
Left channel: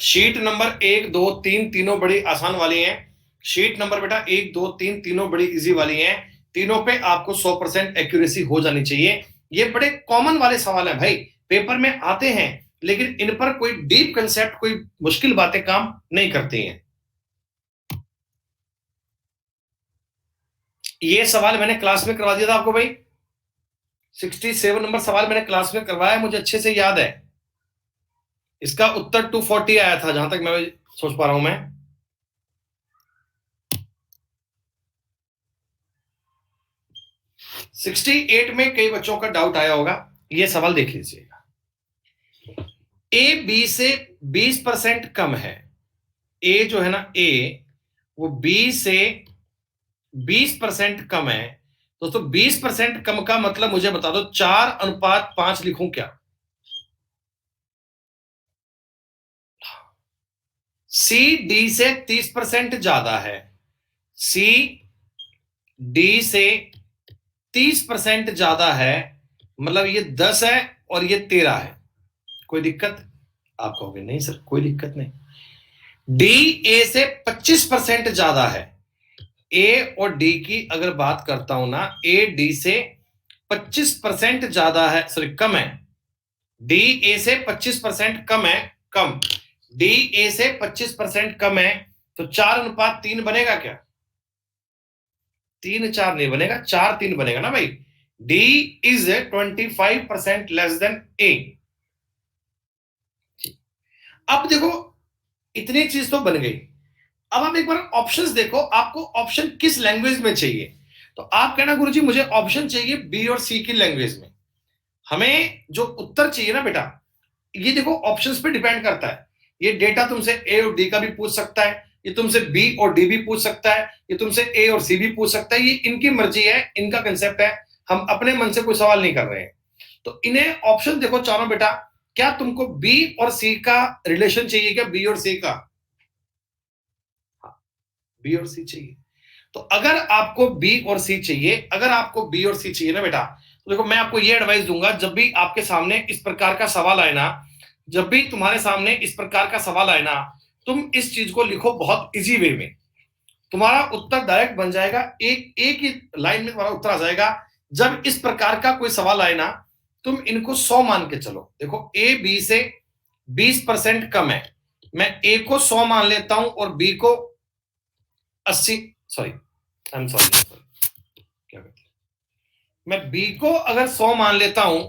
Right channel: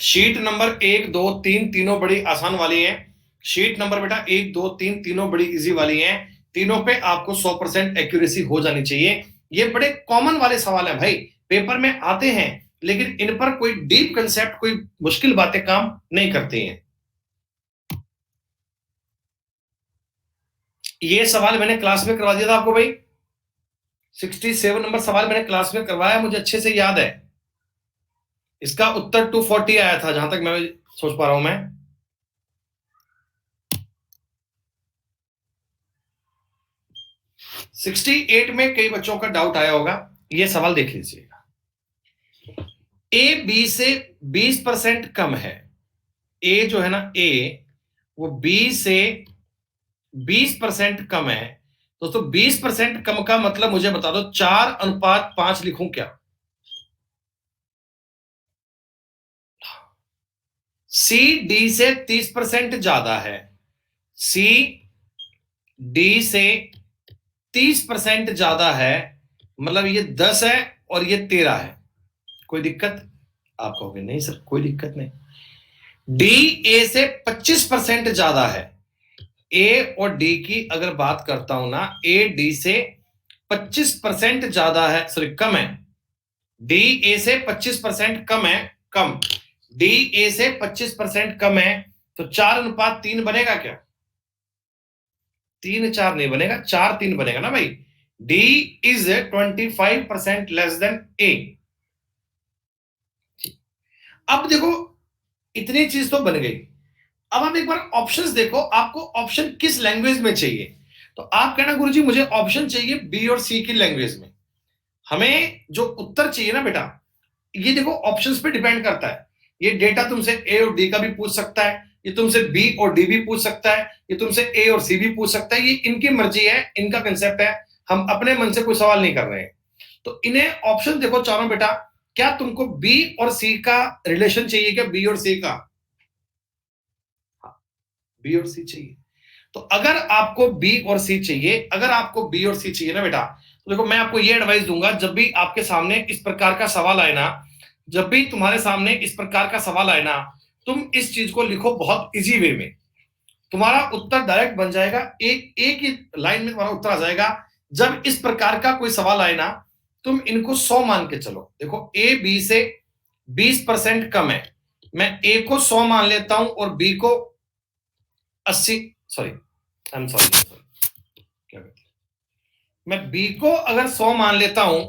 शीट नंबर 1 2 3 तीनों बड़ी आसान वाली हैं। शीट नंबर बेटा 1 2 3 तीनों बड़ी इजी वाली हैं, तीनों पे आपको 100% एक्यूरेसी हो जानी चाहिए। ये बड़े कॉमन वाले सवाल हैं भाई, पेपर में आते हैं, लेकिन इन पर कोई डीप कंसेप्ट, कोई मुश्किल बातें काम नहीं करती हैं। ये सवाल मैंने क्लास में करवा दिया था आपको भाई, 67 नंबर सवाल मैंने क्लास में करवाया, मुझे अच्छे से याद है। इसका उत्तर 240 आया था जहां तक मैं सोच पा रहा हूं मैं। 68 में कई बच्चों का डाउट आया होगा, ये सवाल देख लीजिएगा। ए बी से 20% कम है, ए जो है ना ए, वो बी से 20% कम है। दोस्तों 20% कम का मतलब मुझे बता दो, 4:5 लिखूं क्या? सी डी से 30% ज्यादा है, सी डी से 30% ज्यादा है, मतलब ये 10 है और ये 13 है। कोई दिक्कत? आप कहोगे नहीं सर कोई दिक्कत नहीं। डी ए से 25% ज्यादा है, ए और डी की अगर बात करता हूं ना, ए डी से 25% ज्यादा है, सॉरी कम है। डी ए से 25% कम है, कम, डी ए से 25% कम है, तो 4:3 बनेगा क्या? 3 4 नहीं बनेगा, 4 3 बनेगा ना भाई। डी इज 25% लेस देन ए। अब देखो इतनी चीज तो बन गई, अब आप एक बार ऑप्शंस देखो, आपको ऑप्शन किस लैंग्वेज में चाहिए? तो आप कहना गुरुजी मुझे ऑप्शन चाहिए बी और सी की लैंग्वेज में। हमें जो उत्तर चाहिए ना बेटा, ये देखो ऑप्शंस पे डिपेंड करता है। ये डेटा तुमसे ए और डी का भी पूछ सकता है, ये तुमसे बी और डी भी पूछ सकता है, ये तुमसे ए और सी भी पूछ सकता है, ये इनकी मर्जी है, इनका कंसेप्ट है, हम अपने मन से कोई सवाल नहीं कर रहे हैं। तो इन्हें ऑप्शन देखो चारों बेटा, क्या तुमको बी और सी का रिलेशन चाहिए? क्या बी और सी का? बी और सी चाहिए। तो अगर आपको बी और सी चाहिए, अगर आपको बी और सी चाहिए ना बेटा, तो देखो मैं आपको ये एडवाइस दूंगा, जब भी आपके सामने इस प्रकार का सवाल आए ना, जब भी तुम्हारे सामने इस प्रकार का सवाल आए ना, तुम इस चीज को लिखो बहुत इजी वे में, तुम्हारा उत्तर डायरेक्ट बन जाएगा, एक ही लाइन में तुम्हारा उत्तर आ जाएगा। जब इस प्रकार का कोई सवाल आए ना, तुम इनको 100 मान के चलो। देखो ए बी से 20% कम है, मैं ए को 100 मान लेता हूं और बी को 80, सॉरी आई एम सॉरी, क्या कहते हैं, मैं बी को अगर 100 मान लेता हूं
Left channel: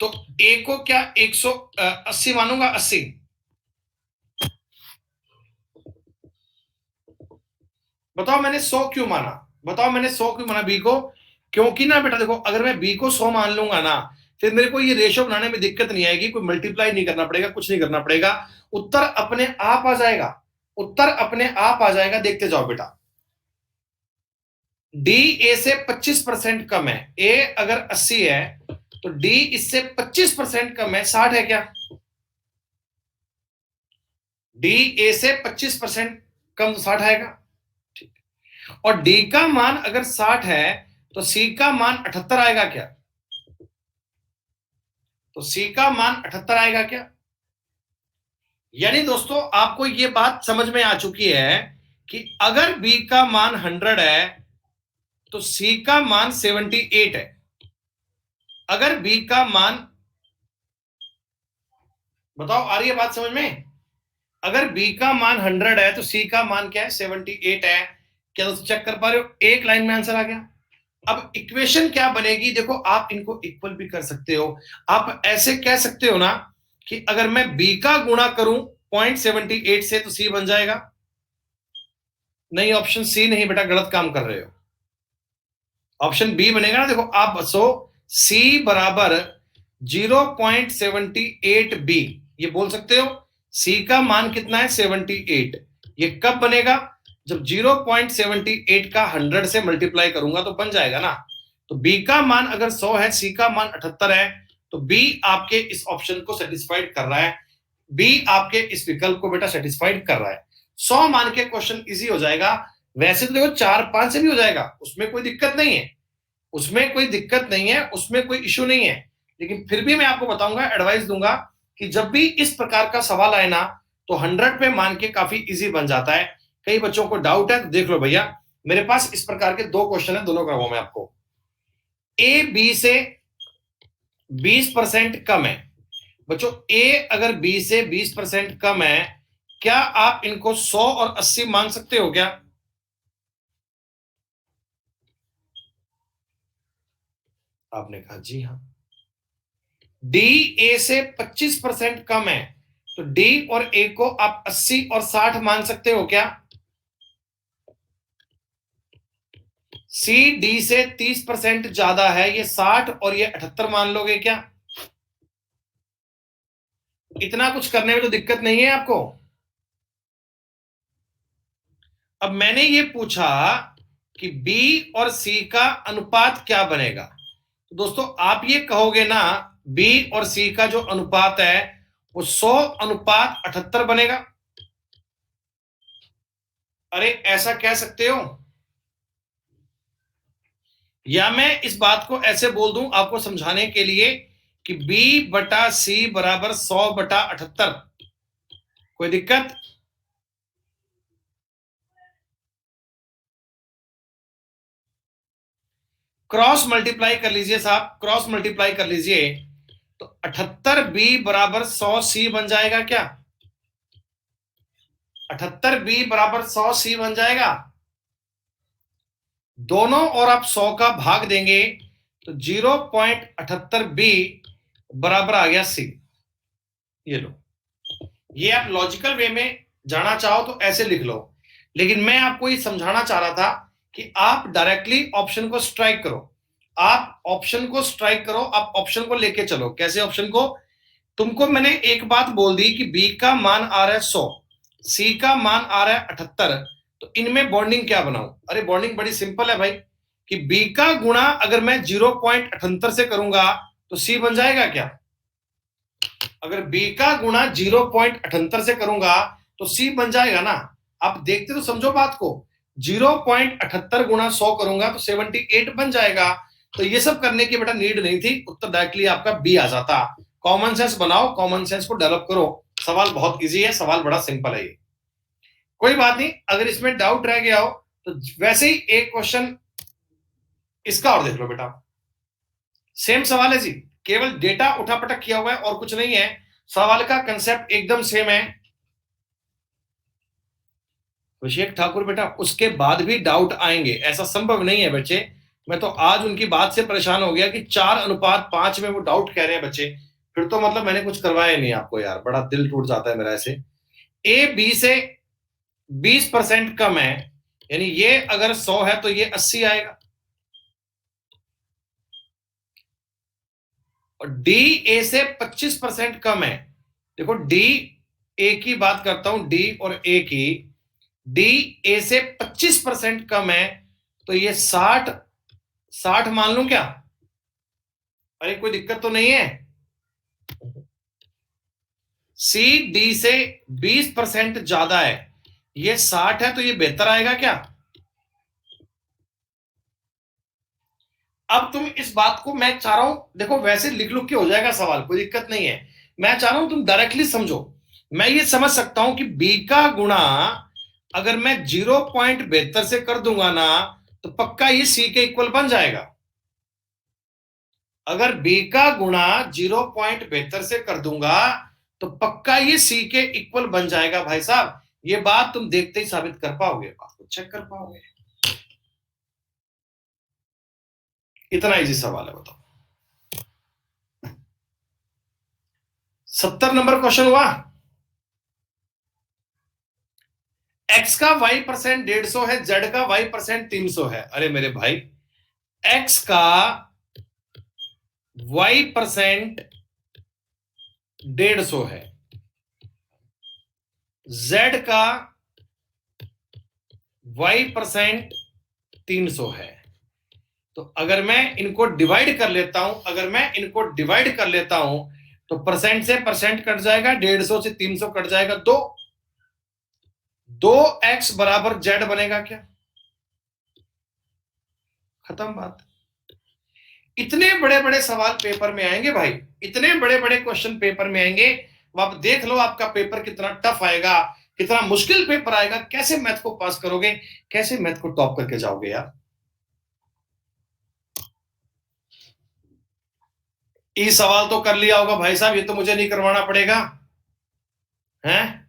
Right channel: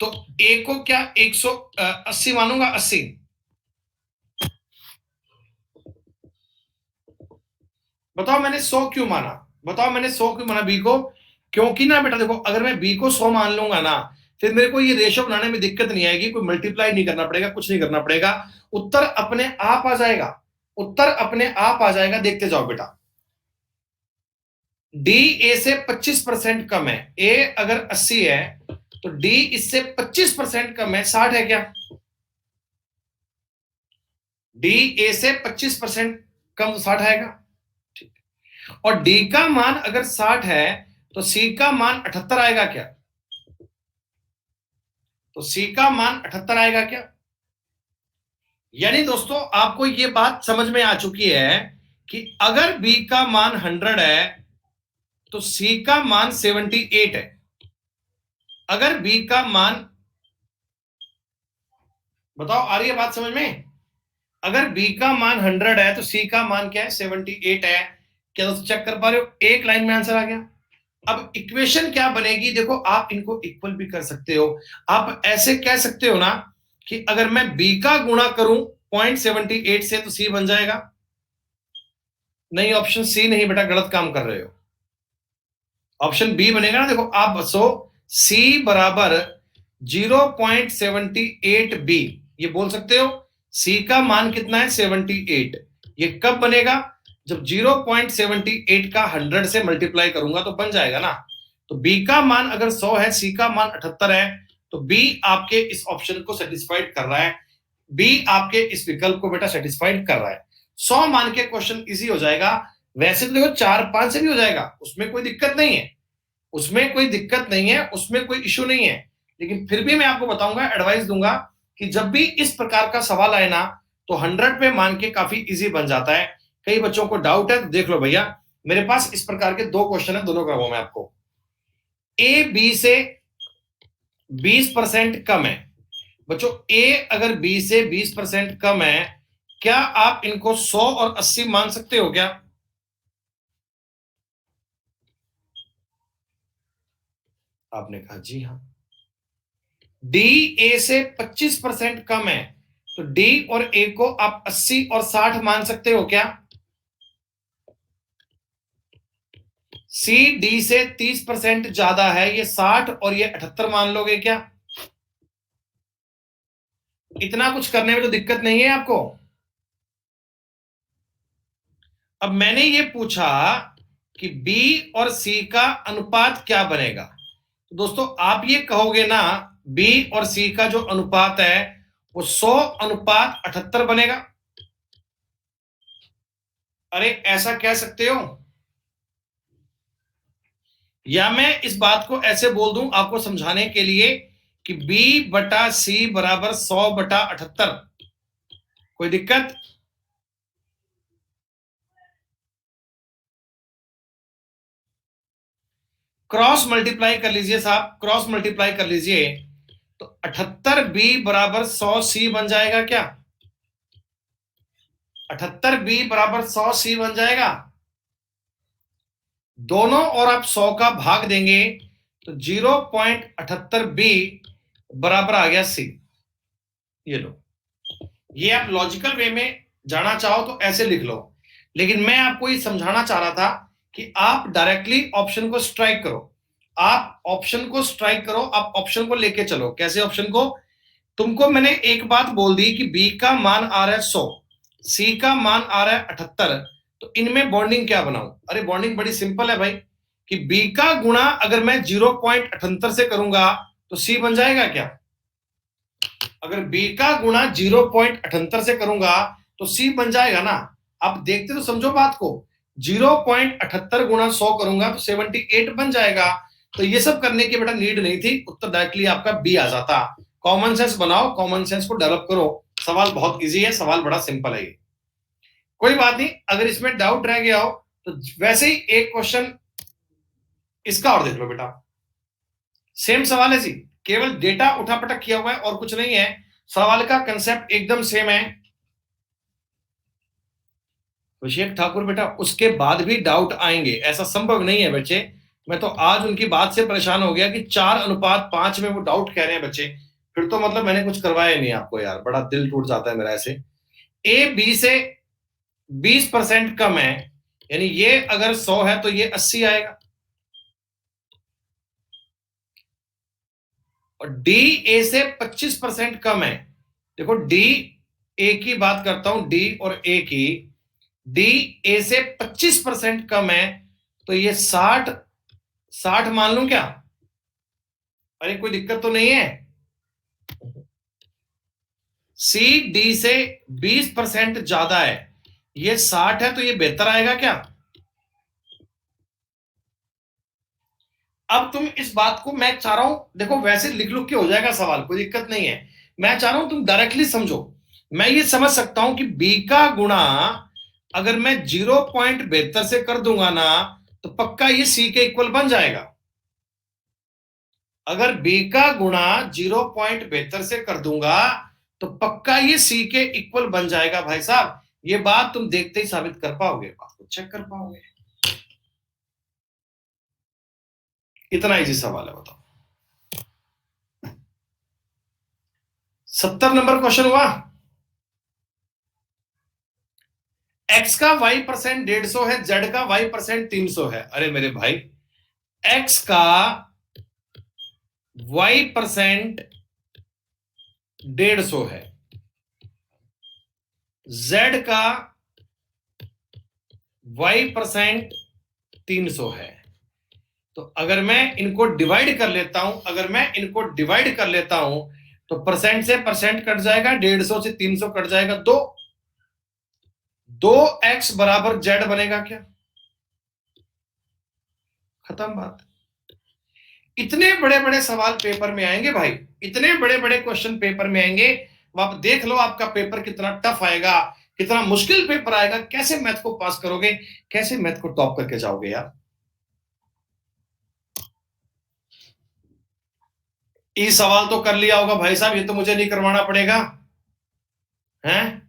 तो ए को क्या 180 मानूंगा, 80। बताओ मैंने 100 क्यों माना? बताओ मैंने 100 क्यों माना बी को? क्योंकि ना बेटा देखो, अगर मैं बी को 100 मान लूंगा ना, फिर मेरे को ये रेशो बनाने में दिक्कत नहीं आएगी, कोई मल्टीप्लाई नहीं करना पड़ेगा, कुछ नहीं करना पड़ेगा, उत्तर अपने आप आ जाएगा, उत्तर अपने आप आ जाएगा। देखते जाओ बेटा, डी ए से 25% कम है, ए अगर 80 है तो डी इससे 25% कम है, 60 है क्या? डी ए से 25% कम 60 आएगा, ठीक। और डी का मान अगर 60 है तो सी का मान 78 आएगा क्या? तो सी का मान 78 आएगा क्या? यानी दोस्तों आपको ये बात समझ में आ चुकी है कि अगर बी का मान 100 है तो सी का मान 78 है। अगर बी का मान, बताओ आ रही है बात समझ में? अगर बी का मान 100 है तो सी का मान क्या है, 78 है। क्या दोस्तों चेक कर पा रहे हो, एक लाइन में आंसर आ गया। अब इक्वेशन क्या बनेगी, देखो आप इनको इक्वल भी कर सकते हो। आप ऐसे कह सकते हो ना कि अगर मैं बी का गुणा करूं 0.78 से तो सी बन जाएगा। नहीं, ऑप्शन सी नहीं बेटा, गलत काम कर रहे हो। ऑप्शन बी बनेगा ना, देखो आप बसो, सी बराबर 0.78 बी, ये बोल सकते हो। सी का मान कितना है, 78। ये कब बनेगा, जब 0.78 का 100 से मल्टीप्लाई करूंगा तो बन जाएगा ना। तो बी का मान अगर 100 है, सी का मान 78 है, तो बी आपके इस ऑप्शन को सेटिस्फाइड कर रहा है। बी आपके इस विकल्प को बेटा सेटिस्फाइड कर रहा है। 100 मान के क्वेश्चन इजी हो जाएगा। वैसे तो देखो 4-5 से भी हो जाएगा, उसमें कोई दिक्कत नहीं है, उसमें कोई दिक्कत नहीं है, उसमें कोई इश्यू नहीं है। लेकिन फिर भी मैं आपको बताऊंगा, एडवाइस दूंगा कि जब भी इस प्रकार का सवाल आए ना, तो 100 पे मान के काफी इजी बन जाता है। कई बच्चों को डाउट है तो देख लो भैया, मेरे पास इस प्रकार के 2 क्वेश्चन है, दोनों कराऊंगा मैं आपको। ए बी से 20% कम है। बच्चों ए अगर बी से 20% कम है, क्या आप इनको 100 और 80 मान सकते हो क्या? आपने कहा जी हाँ। डी ए से 25% कम है, तो डी और ए को आप 80 और 60 मान सकते हो क्या? सी डी से 30% ज्यादा है, ये 60 और ये 78 मान लोगे क्या? इतना कुछ करने में तो दिक्कत नहीं है आपको। अब मैंने ये पूछा कि बी और सी का अनुपात क्या बनेगा, तो दोस्तों आप ये कहोगे ना, बी और सी का जो अनुपात है वो 100:78 बनेगा। अरे ऐसा कह सकते हो, या मैं इस बात को ऐसे बोल दूं आपको समझाने के लिए कि b बटा सी बराबर 100/78। कोई दिक्कत? क्रॉस मल्टीप्लाई कर लीजिए साहब, क्रॉस मल्टीप्लाई कर लीजिए, तो 78b बराबर 100c बन जाएगा क्या? 78b बराबर 100c बन जाएगा। दोनों और आप 100 का भाग देंगे तो 0.78b बराबर आ गया सी। ये लो, ये आप लॉजिकल वे में जाना चाहो तो ऐसे लिख लो, लेकिन मैं आपको ये समझाना चाह रहा था कि आप डायरेक्टली ऑप्शन को स्ट्राइक करो। आप ऑप्शन को स्ट्राइक करो, आप ऑप्शन को लेके चलो। कैसे ऑप्शन को? तुमको मैंने एक बात बोल दी कि बी का मान आ रहा है 100, सी का मान आ रहा है 78, तो इनमें बॉन्डिंग क्या बनाऊं? अरे बॉन्डिंग बड़ी सिंपल है भाई, कि बी का गुणा अगर मैं 0.78 से करूंगा तो सी बन जाएगा क्या? अगर बी का गुणा 0.78 से करूंगा तो सी बन जाएगा ना। आप देखते तो समझो बात को, 0.78 गुणा 100 करूंगा तो 78 बन जाएगा। तो ये सब करने की बेटा नीड नहीं थी, उत्तर डायरेक्टली आपका बी आ जाता। कॉमन सेंस बनाओ, कॉमन सेंस को डेवलप करो। सवाल बहुत इजी है, सवाल बड़ा सिंपल है ये। कोई बात नहीं, अगर इसमें डाउट रह गया हो तो वैसे ही एक क्वेश्चन इसका और देख लो बेटा। सेम सवाल है जी, केवल डेटा उठापटक किया हुआ है और कुछ नहीं है। सवाल का कंसेप्ट एकदम सेम है। अभिषेक ठाकुर बेटा, उसके बाद भी डाउट आएंगे, ऐसा संभव नहीं है बच्चे। मैं तो आज उनकी बात से परेशान हो गया कि 4:5 में वो डाउट कह रहे हैं बच्चे। फिर तो मतलब मैंने कुछ करवाया ही नहीं आपको यार, बड़ा दिल टूट जाता है मेरा ऐसे। ए बी से 20% कम है, यानी ये अगर 100 है तो ये 80 आएगा। और डी ए से 25% कम है। देखो डी ए की बात करता हूं, डी और ए की। डी ए से 25% कम है, तो ये 60 मान लूं क्या? अरे कोई दिक्कत तो नहीं है। सी डी से 20% ज्यादा है, ये 60 है, तो ये बेहतर आएगा क्या? अब तुम इस बात को, मैं चाह रहा हूं देखो, वैसे लिख लुक के हो जाएगा सवाल, कोई दिक्कत नहीं है। मैं चाह रहा हूं तुम डायरेक्टली समझो। मैं ये समझ सकता हूं कि बी का गुणा अगर मैं 0.72 से कर दूंगा ना, तो पक्का ये सी के इक्वल बन जाएगा। अगर बी का गुणा 0.72 से कर दूंगा तो पक्का ये सी के इक्वल बन जाएगा भाई साहब। ये बात तुम देखते ही साबित कर पाओगे, बात को चेक कर पाओगे। इतना इजी सवाल है, बताओ। 70 नंबर क्वेश्चन हुआ। एक्स का वाई परसेंट 150 है, जेड का वाई परसेंट 300 है। अरे मेरे भाई, एक्स का वाई परसेंट 150 है, जेड का वाई परसेंट 300 है। तो अगर मैं इनको डिवाइड कर लेता हूं, तो परसेंट से परसेंट कट जाएगा, 150 से 300 कट जाएगा, 2x बराबर जेड बनेगा क्या? खत्म बात। इतने बड़े बड़े सवाल पेपर में आएंगे भाई, इतने बड़े बड़े क्वेश्चन पेपर में आएंगे। आप देख लो आपका पेपर कितना टफ आएगा, कितना मुश्किल पेपर आएगा, कैसे मैथ को पास करोगे, कैसे मैथ को टॉप करके जाओगे यार। ये सवाल तो कर लिया होगा भाई साहब, ये तो मुझे नहीं करवाना पड़ेगा, हैं?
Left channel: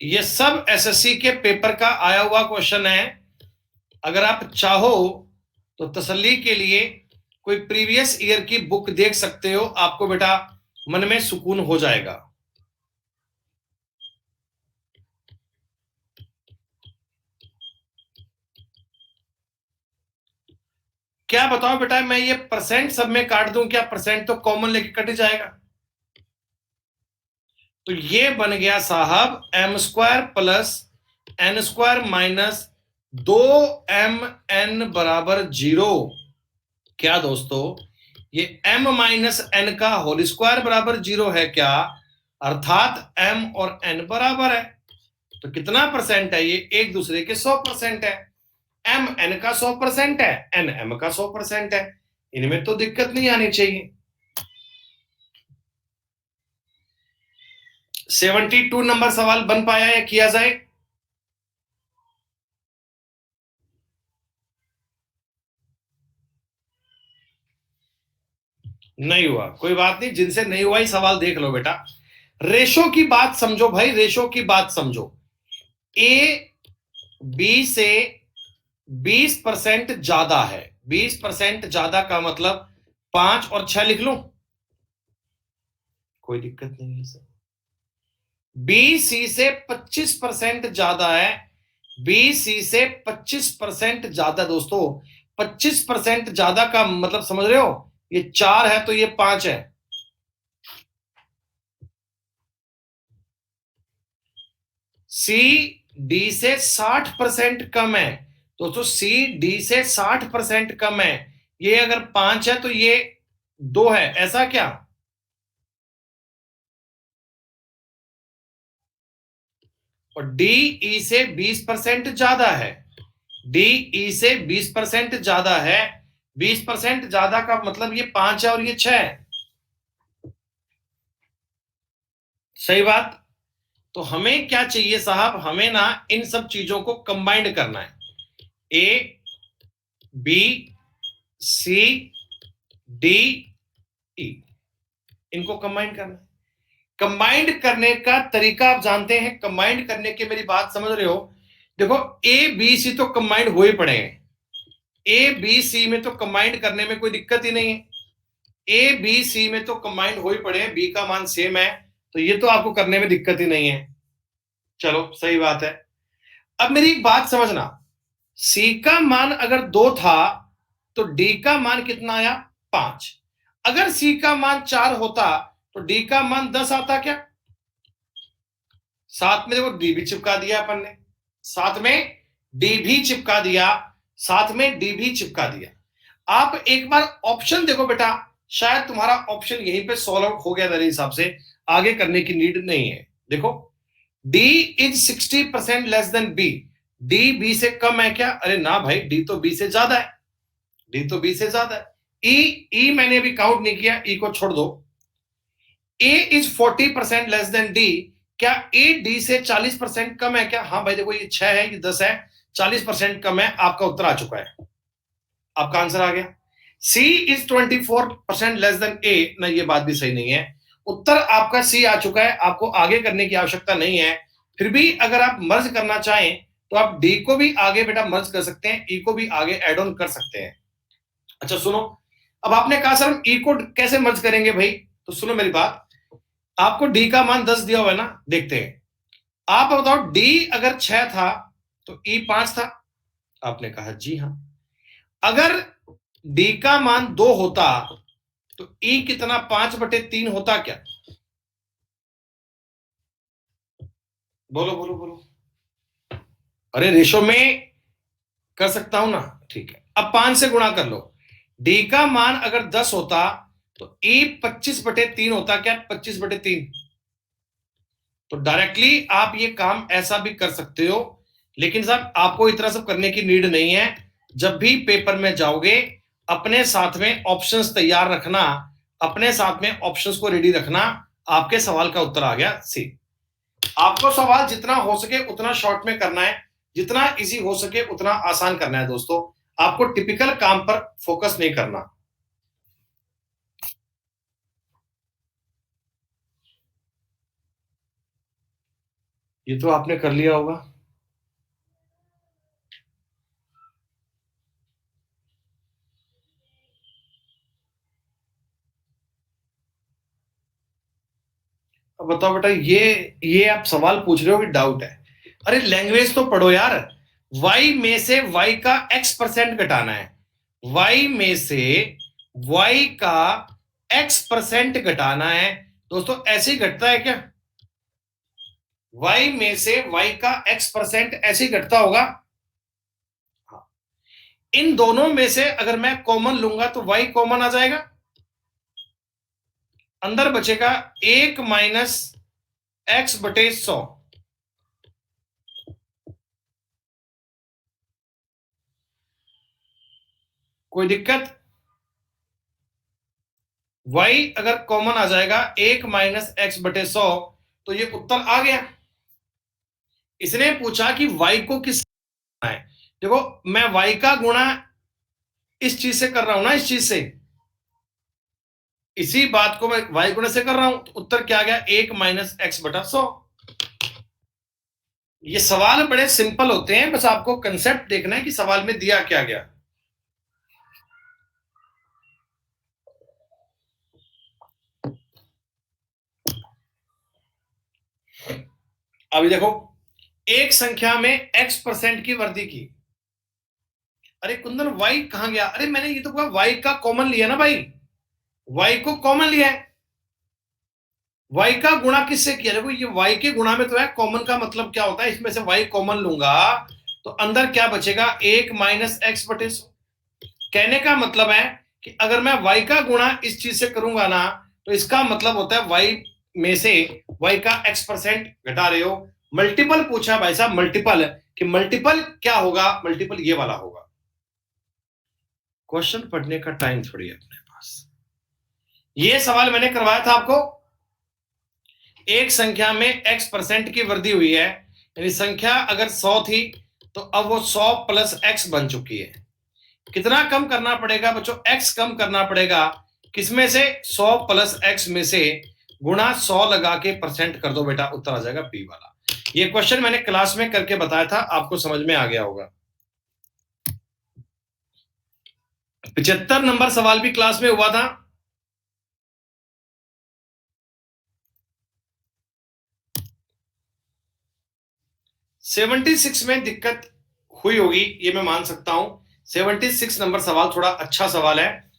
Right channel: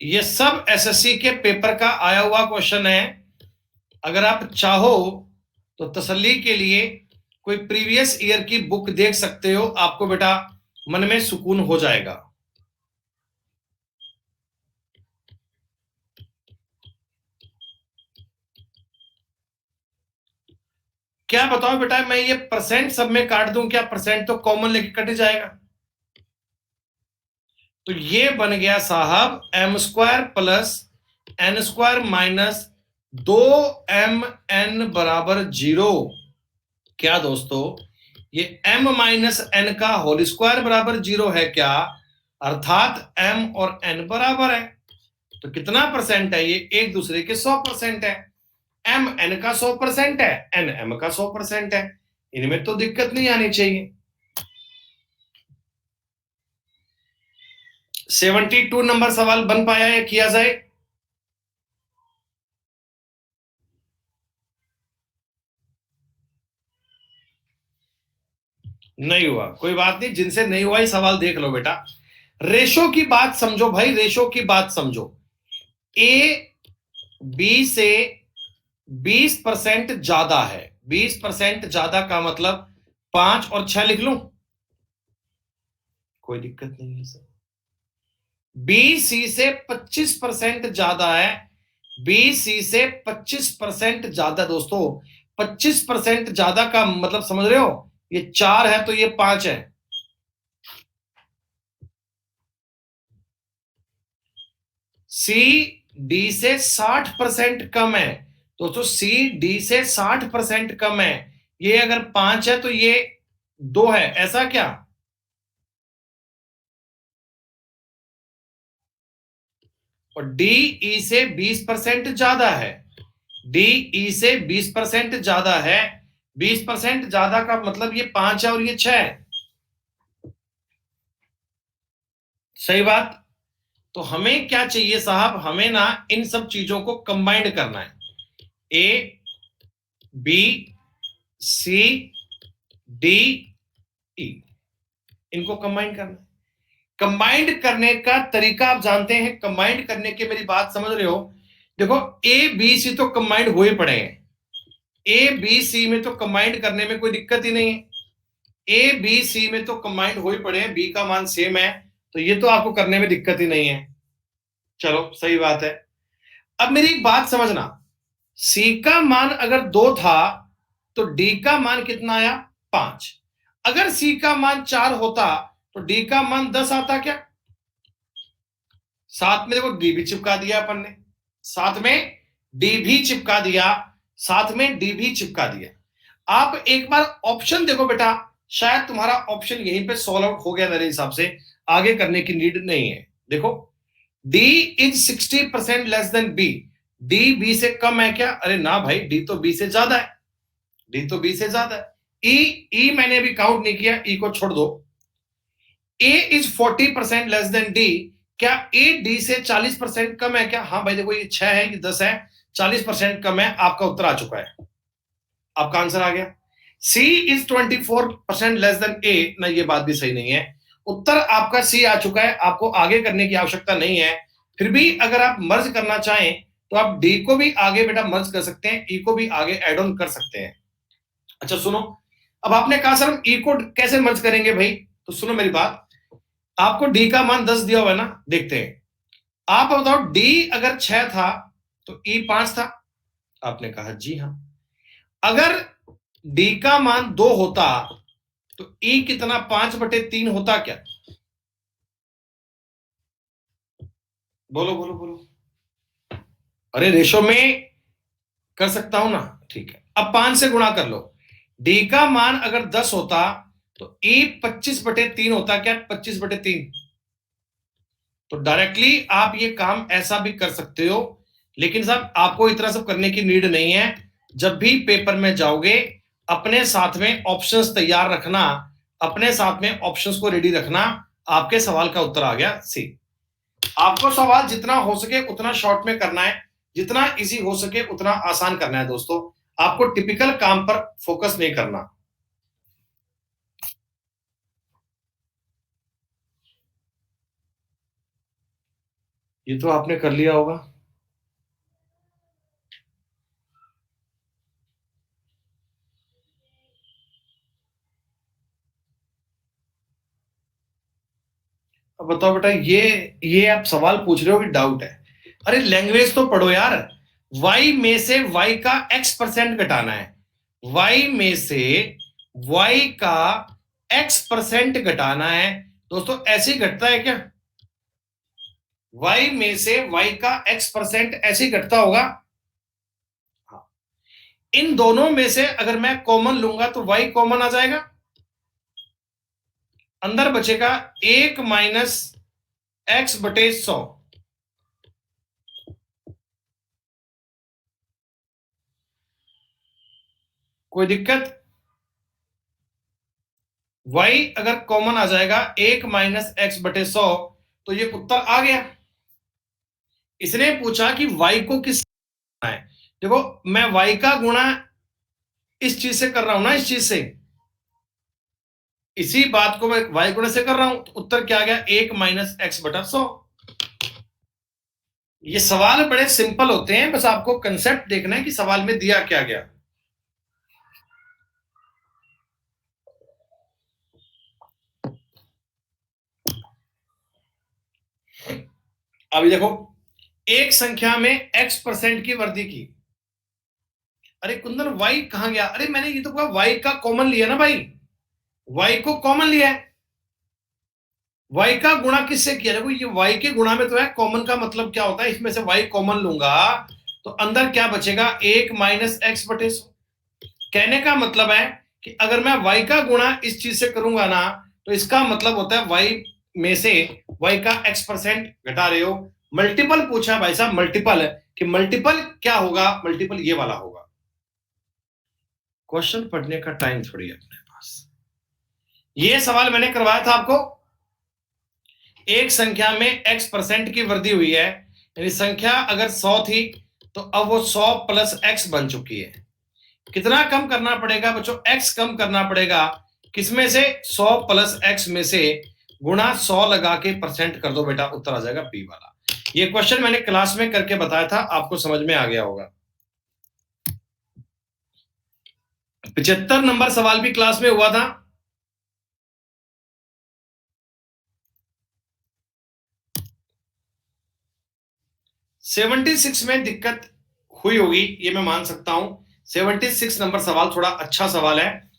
ये सब एसएससी के पेपर का आया हुआ क्वेश्चन है। अगर आप चाहो तो तसल्ली के लिए कोई प्रीवियस ईयर की बुक देख सकते हो, आपको बेटा मन में सुकून हो जाएगा। क्या बताओ बेटा, मैं ये परसेंट सब में काट दूं क्या? परसेंट तो कॉमन लेके कट जाएगा। तो ये बन गया साहब m² plus n² minus 2mn बराबर 0। क्या दोस्तों, ये m माइनस n का होल स्क्वायर बराबर 0 है क्या? अर्थात m और n बराबर है। तो कितना परसेंट है? ये एक दूसरे के 100% है। m n का 100% है, n m का 100% है। इनमें तो दिक्कत नहीं आनी चाहिए। 72 नंबर सवाल बन पाया है, किया जाए? नहीं हुआ, कोई बात नहीं, जिनसे नहीं हुआ ही सवाल देख लो बेटा। रेशो की बात समझो भाई, रेशो की बात समझो। ए बी से 20% ज्यादा है, 20% ज्यादा का मतलब 5 और 6 लिख लूं, कोई दिक्कत नहीं है सर। बी सी से 25% ज्यादा है, बी सी से 25% ज्यादा दोस्तों। 25% ज्यादा का मतलब समझ रहे हो? ये 4 है तो ये 5 है। सी डी से 60% कम है दोस्तों, सी डी से 60% कम है। ये अगर 5 है तो ये 2 है, ऐसा क्या? और डी ई से 20% ज्यादा है, डी ई से 20% ज्यादा है। 20% ज्यादा का मतलब ये 5 है और ये 6 है। सही बात। तो हमें क्या चाहिए साहब? हमें ना इन सब चीजों को कंबाइंड करना है। A B C D E, इनको कंबाइंड करना है। कंबाइंड करने का तरीका आप जानते हैं, कंबाइंड करने की मेरी बात समझ रहे हो? देखो, ए बी सी तो कंबाइंड हो ही पड़े हैं, ए बी सी में तो कंबाइंड करने में कोई दिक्कत ही नहीं है। ए बी सी में तो कंबाइंड हो ही पड़े हैं, बी का मान सेम है, तो ये तो आपको करने में दिक्कत ही नहीं है। चलो सही बात है। अब मेरी एक बात समझना, सी का मान अगर 2 था तो डी का मान कितना आया? 5। अगर सी का मान 4 होता तो डी का मान 10 आता क्या? साथ में देखो डी भी चिपका दिया अपन ने, साथ में डी भी चिपका दिया, साथ में डी भी चिपका दिया। आप एक बार ऑप्शन देखो बेटा, शायद तुम्हारा ऑप्शन यहीं पे सॉल्व आउट हो गया, मेरे हिसाब से आगे करने की नीड नहीं है। देखो, D is 60% less than B, D B से कम है क्या? अरे ना भाई, डी तो बी से ज्यादा है, डी तो बी से ज्यादा है। ई मैंने अभी काउंट नहीं किया, ई को छोड़ दो। ए इज 40% लेस देन डी, क्या ए डी से 40% कम है क्या? हाँ भाई देखो, ये 6 है, ये 10 है, 40% कम है। आपका उत्तर आ चुका है, आपका आंसर आ गया। सी इज 24% लेस देन ए, ना ये बात भी सही नहीं है। उत्तर आपका सी आ चुका है, आपको आगे करने की आवश्यकता नहीं है। फिर भी अगर आप मर्ज करना चाहें तो आप डी को भी आगे बेटा मर्ज कर सकते हैं, ई को भी आगे एड ऑन कर सकते हैं। अच्छा सुनो, अब आपने कहा सर हम ई को कैसे मर्ज करेंगे भाई, तो सुनो मेरी बात। आपको डी का मान 10 दिया हुआ है ना, देखते हैं। आप बताओ डी अगर 6 था तो ई 5 था। आपने कहा जी हाँ। अगर डी का मान 2 होता तो ई कितना, 5/3 होता क्या? बोलो बोलो बोलो। अरे रेशो में कर सकता हूं ना, ठीक है। अब 5 से गुणा कर लो। डी का मान अगर 10 होता तो ई 25/3 होता क्या? 25/3। तो डायरेक्टली आप ये काम ऐसा भी कर सकते हो, लेकिन साहब आपको इतना सब करने की नीड नहीं है। जब भी पेपर में जाओगे अपने साथ में ऑप्शंस तैयार रखना, अपने साथ में ऑप्शंस को रेडी रखना। आपके सवाल का उत्तर आ गया सी। आपको सवाल जितना हो सके उतना शॉर्ट में करना है, जितना इजी हो सके उतना आसान करना है दोस्तों। आपको टिपिकल काम पर फोकस नहीं करना। ये तो आपने कर लिया होगा। अब बताओ बेटा, ये आप सवाल पूछ रहे हो कि डाउट है? अरे लैंग्वेज तो पढ़ो यार। y में से y का x% घटाना है। y में से y का x% घटाना है। दोस्तों ऐसे ही घटता है क्या? y में से y का x% ऐसे ही घटता होगा। हाँ। इन दोनों में से अगर मैं कॉमन लूंगा तो y कॉमन आ जाएगा, अंदर बचेगा 1 माइनस x/100। कोई दिक्कत? y अगर कॉमन आ जाएगा 1 माइनस x/100 तो ये उत्तर आ गया। इसने पूछा कि y को किस है। देखो मैं y का गुणा इस चीज से कर रहा हूं ना, इस चीज से, इसी बात को मैं y गुणा से कर रहा हूं, तो उत्तर क्या आ गया? 1 माइनस x/100। ये सवाल बड़े सिंपल होते हैं, बस आपको कंसेप्ट देखना है कि सवाल में दिया क्या गया। अभी देखो, एक संख्या में x% की वृद्धि की। अरे कुंदन y कहां गया? अरे मैंने ये तो कहा y का कॉमन लिया ना भाई, y को कॉमन लिया है। y का गुणा किससे किया? देखो ये y के गुणा में तो है, कॉमन का मतलब क्या होता है, इसमें से y कॉमन लूंगा तो अंदर क्या बचेगा? 1 माइनस x/100। कहने का मतलब है कि अगर मैं y का गुणा इस चीज से करूंगा ना, तो इसका मतलब होता है y में से y का x% घटा रहे हो। मल्टीपल पूछा भाई साहब, मल्टीपल, कि मल्टीपल क्या होगा? मल्टीपल ये वाला होगा। क्वेश्चन पढ़ने का टाइम थोड़ी है अपने पास। ये सवाल मैंने करवाया था आपको। एक संख्या में x% की वृद्धि हुई है, यानी संख्या अगर 100 थी तो अब वो 100 प्लस x बन चुकी है। कितना कम करना पड़ेगा बच्चों? x कम करना पड़ेगा। किसमें से? 100 प्लस x में से गुणा 100 लगा के परसेंट कर दो बेटा, उत्तर आ जाएगा बी वाला। ये क्वेश्चन मैंने क्लास में करके बताया था, आपको समझ में आ गया होगा। 75 नंबर सवाल भी क्लास में हुआ था। सेवेंटी सिक्स में दिक्कत हुई होगी, ये मैं मान सकता हूं। 76 नंबर सवाल थोड़ा अच्छा सवाल है।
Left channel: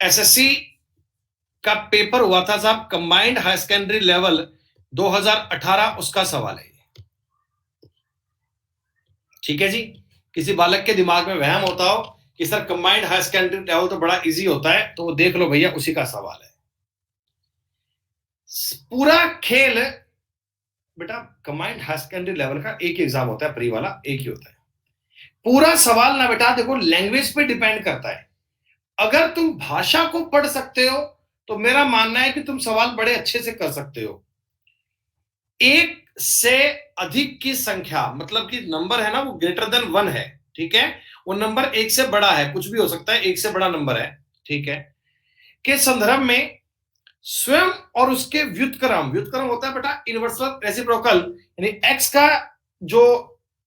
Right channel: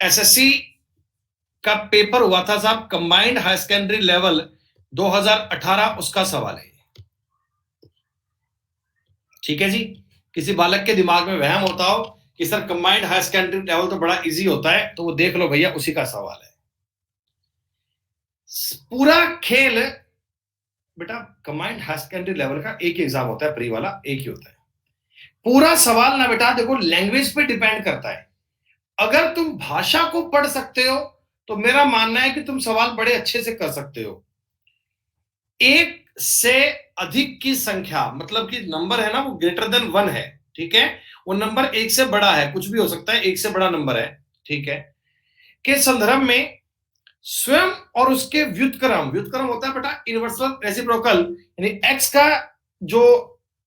एसएससी का पेपर हुआ था साहब, कंबाइंड हायर सेकेंडरी लेवल 2018, उसका सवाल है। ठीक है जी। किसी बालक के दिमाग में वहम होता हो कि sir combined higher secondary level तो बड़ा इजी होता है, तो वो देख लो भैया, उसी का सवाल है। पूरा खेल बेटा कंबाइंड हायर सेकेंडरी लेवल का एक ही एग्जाम होता है, प्री वाला एक ही होता है। पूरा सवाल ना बेटा देखो लैंग्वेज पे डिपेंड करता है। अगर तुम भाषा को पढ़ सकते हो तो मेरा मानना है कि तुम सवाल बड़े अच्छे से कर सकते हो। एक से अधिक की संख्या, मतलब कि नंबर है ना वो ग्रेटर देन 1 है, ठीक है, वो नंबर एक से बड़ा है, कुछ भी हो सकता है, एक से बड़ा नंबर है, ठीक है, के संदर्भ में स्वयं और उसके व्युत्क्रम, व्युत्क्रम होता है बेटा इनवर्सल रेसिप्रोकल, यानी x का जो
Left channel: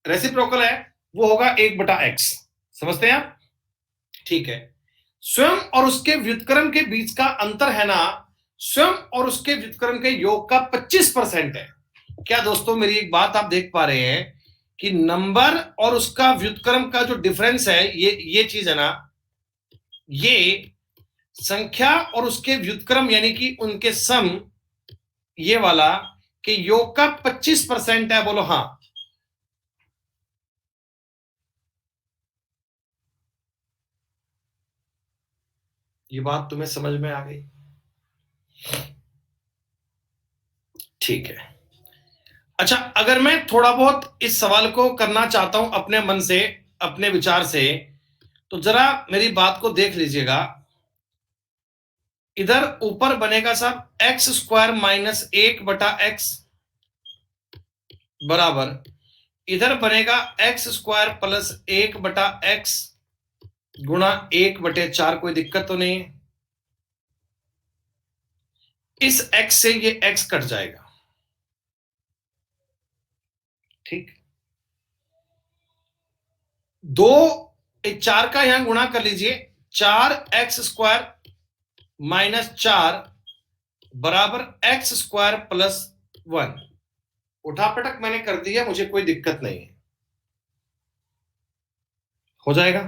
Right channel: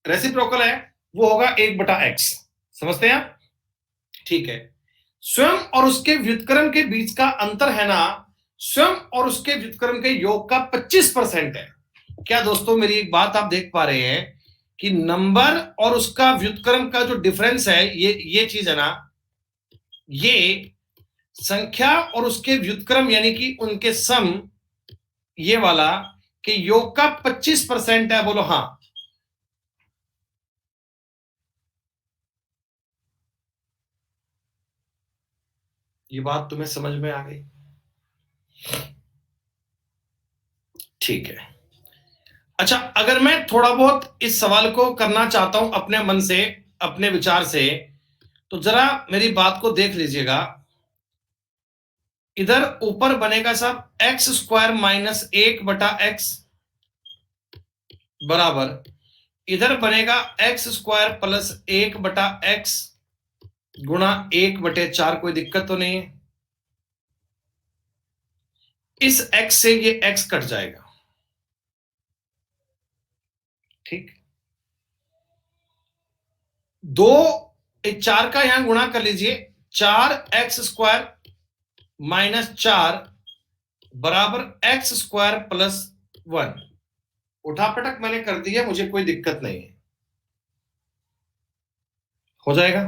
रेसिप्रोकल है वो होगा 1/x, समझते हैं आप? ठीक है, स्वयं और उसके व्युत्क्रम के बीच का अंतर है ना, स्वयं और उसके व्युत्क्रम के योग का 25% है। क्या दोस्तों मेरी एक बात आप देख पा रहे हैं कि नंबर और उसका व्युत्क्रम का जो डिफरेंस है, ये चीज है ना, ये संख्या और उसके व्युत्क्रम यानी कि उनके सम, ये वाला कि योग का 25% है, बोलो हाँ। ये बात तुम्हें समझ में आ गई? ठीक है। अच्छा, अगर मैं थोड़ा बहुत इस सवाल को करना चाहता हूं अपने मन से, अपने विचार से, तो जरा मेरी बात को देख लीजिएगा। इधर ऊपर बनेगा साहब x² माइनस 1/x बराबर, इधर बनेगा x² प्लस 1/x गुणा 1/4। कोई दिक्कत तो नहीं है? इस x से ये x कट जाएगा, ठीक। 4 का यहां गुणा कर लीजिए, 4x² माइनस 4 बराबर x² प्लस 1। उठापटक मैंने कर दिया, मुझे कोई दिक्कत नहीं है, हो जाएगा,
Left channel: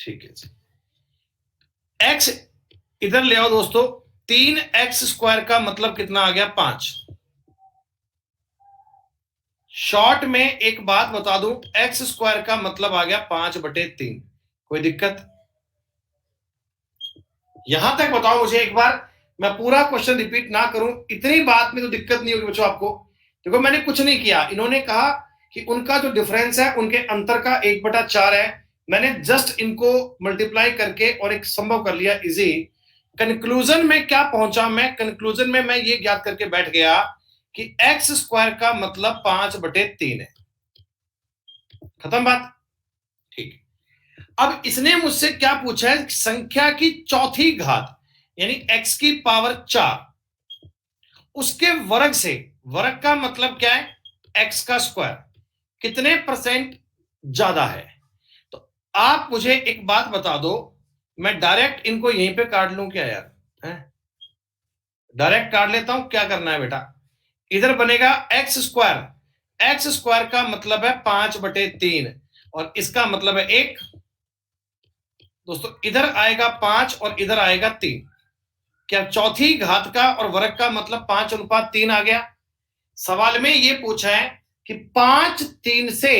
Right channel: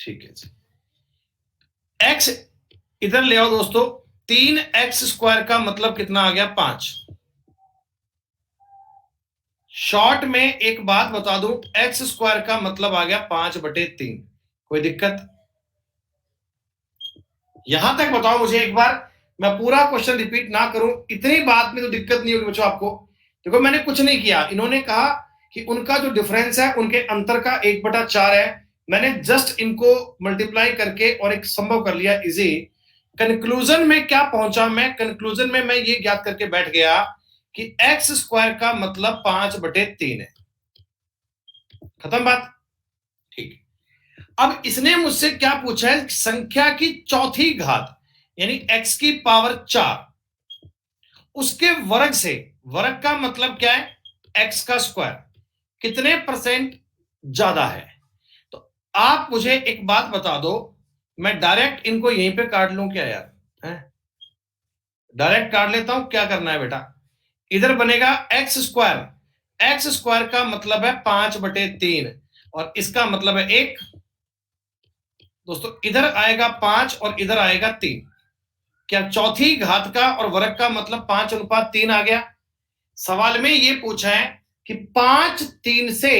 ठीक है जी। x इधर ले आओ दोस्तों, 3x² का मतलब कितना आ गया? 5। शॉर्ट में एक बात बता दूं, x² का मतलब आ गया 5/3। कोई दिक्कत? यहां तक बताओ मुझे एक बार, मैं पूरा क्वेश्चन रिपीट ना करूं, इतनी बात में तो दिक्कत नहीं होगी बच्चों आपको। देखो मैंने कुछ नहीं किया, इन्होंने कहा कि उनका जो डिफरेंस है उनके अंतर का 1/4 है, मैंने जस्ट इनको मल्टीप्लाई करके और एक संभव कर लिया इजी। कंक्लूजन में क्या पहुंचा मैं? कंक्लूजन में मैं ये ज्ञात करके बैठ गया कि x² का मतलब 5/3 है। खत्म बात, ठीक। अब इसने मुझसे क्या पूछा है? संख्या की चौथी घात यानी x की पावर 4 उसके वर्ग से, वर्ग का मतलब क्या है? x का स्क्वायर, कितने परसेंट ज्यादा है? तो आप मुझे एक बात बता दो, मैं डायरेक्ट इनको यहीं पे काट लूं क्या यार? डायरेक्ट काट लेता हूं, क्या करना है बेटा? इधर बनेगा x², x² का मतलब है 5/3 और इसका मतलब है 1। दोस्तों इधर आएगा 5 और इधर आएगा 3। क्या चौथी घात का और वर्ग का मतलब 5:3 आ गया? सवाल में ये पूछा है कि 5 3 से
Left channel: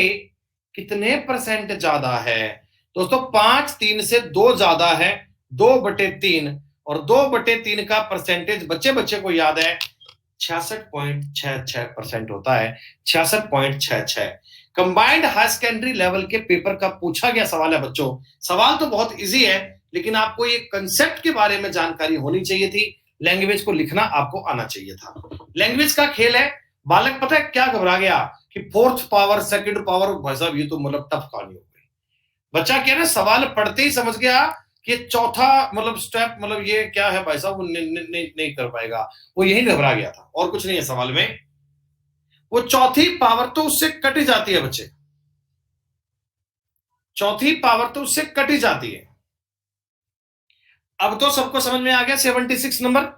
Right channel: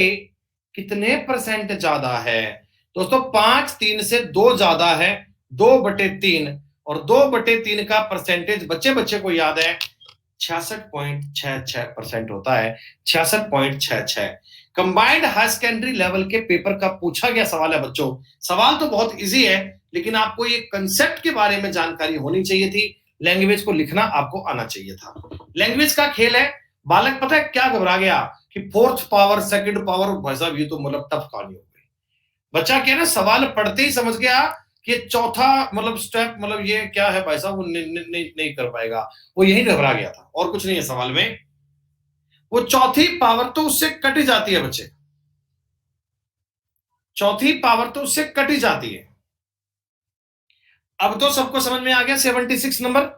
कितने परसेंट ज्यादा है? दोस्तों 5 3 से 2 ज्यादा है, 2/3, और 2/3 का परसेंटेज बच्चे बच्चे को याद है 66.66% होता है, 66.66। कंबाइंड हाई सेकेंडरी लेवल के पेपर का पूछा गया सवाल है बच्चों। सवाल तो बहुत इजी है, लेकिन आपको ये कंसेप्ट के बारे में जानकारी होनी चाहिए थी, लैंग्वेज को लिखना आपको आना चाहिए था। लैंग्वेज का खेल है। बालक पता है क्या घबरा गया कि फोर्थ पावर, सेकंड पावर, भाई साहब ये तो मतलब टफ कहानी हो गई। बच्चा क्या ना सवाल पढ़ते ही समझ गया कि चौथा मतलब स्टेप मतलब ये क्या है भाई साहब, वो नहीं कर पाएगा, वो यही घबरा गया था, और कुछ नहीं है सवाल में। वो चौथी पावर तो उससे कट ही जाती है बच्चे, चौथी पावर तो उससे कट ही जाती है। अब तो सबको समझ में आ गया 76 नंबर।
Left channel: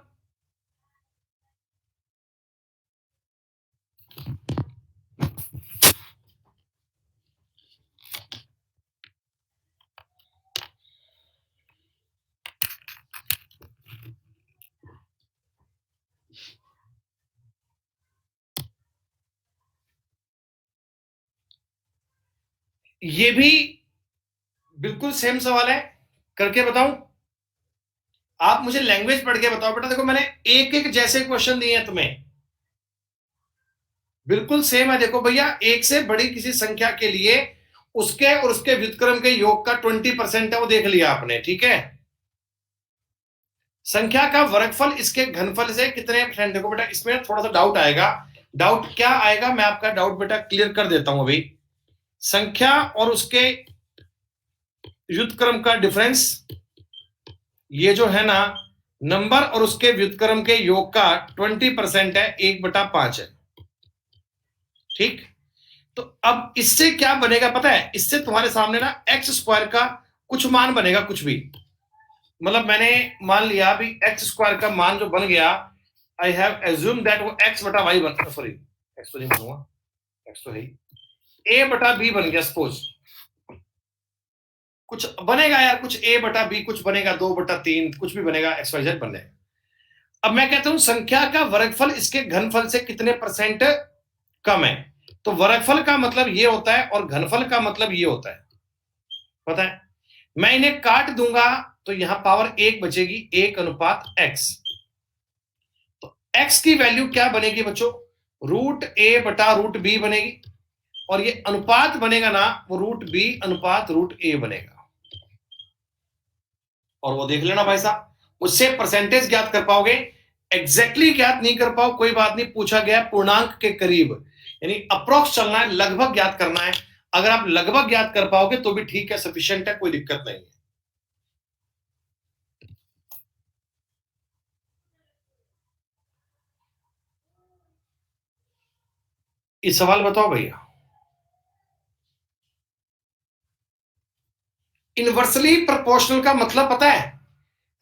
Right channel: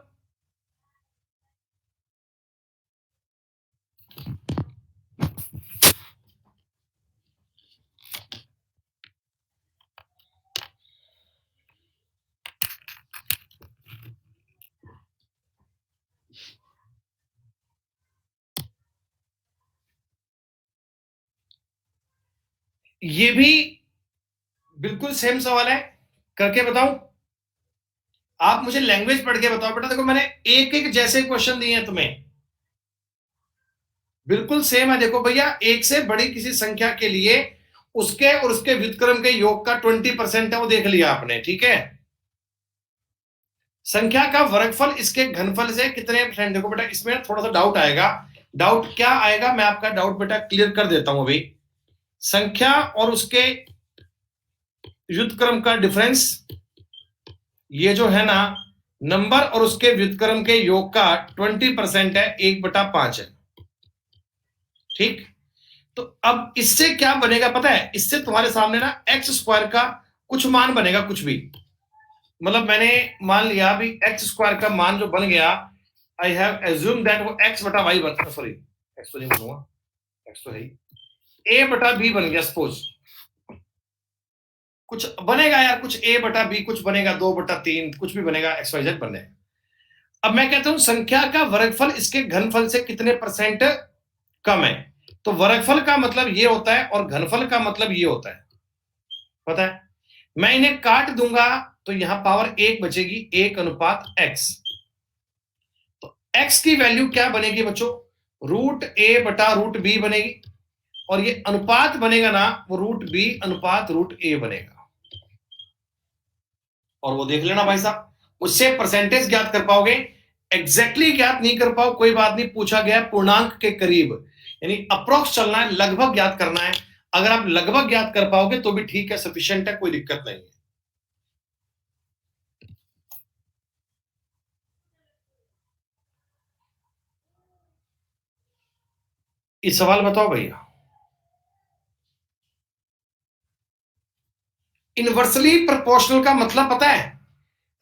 ये भी बिल्कुल सेम सवाल है, करके बताऊं? आप मुझे लैंग्वेज पढ़ के बताओ बेटा। देखो मैंने एक एक जैसे क्वेश्चन दिए हैं तुम्हें, बिल्कुल सेम है। देखो भैया, एक से बड़ी किसी संख्या के लिए उसके और उसके व्युत्क्रम के योग का 20% है, वो देख लिया आपने, ठीक है। संख्या का वर्गफल इसके घनफल से कितने परसेंट? देखो बेटा इसमें थोड़ा सा डाउट आएगा। डाउट क्या आएगा, मैं आपका डाउट बेटा क्लियर कर देता हूं अभी। संख्या और उसके व्युत्क्रम का डिफरेंस ये जो है ना नंबर और उसके व्युत्क्रम के योग का 20% है, 1/5 है। ठीक, तो अब इससे क्या बनेगा पता है? इससे तुम्हारे सामने ना एक्स स्क्वायर का कुछ मान बनेगा, कुछ भी। मतलब मैंने मान लिया अभी एक्स स्क्वायर का मान जो बन गया, आई हैव एज्यूम दैट वो एक्स बटा वाई बन, सॉरी एक्स तो नहीं बनूंगा, एक्स तो है ही, ए बटा बी बन गया। सपोज कुछ बनेगा यार, कुछ ए बटा बी कुछ बनेगा, 2/3 कुछ भी बनेगा, एक्स वाई जेड बन जाएगा। अब मैं कहता हूं संख्या का वर्गफल इसके घनफल से कितने परसेंट कम है। तो वर्गफल का मतलब ये होता है और घनफल का मतलब ये होता है, पता है? मैं इन्हें काट दूंगा तो यहां पावर 1 बचेगी, 1:x। तो x की वैल्यू क्या बनेगी बच्चों? √a/√b बनेगी, और ये अनुपात बनेगा ना, वो √b/√a बनेगा। और वो देख लेना भाई साहब, उससे परसेंटेज ज्ञात कर पाओगे। एग्जैक्टली ज्ञात नहीं कर पाओ कोई बात नहीं, पूछा गया पूर्णांक के करीब, यानी अप्रोक्स चलना है, लगभग ज्ञात करना है। अगर आप लगभग ज्ञात कर पाओगे तो भी ठीक है, सफिशिएंट है, कोई दिक्कत नहीं है। इस सवाल बताओ भैया। इनवर्सली प्रोपोर्शनल का मतलब पता है?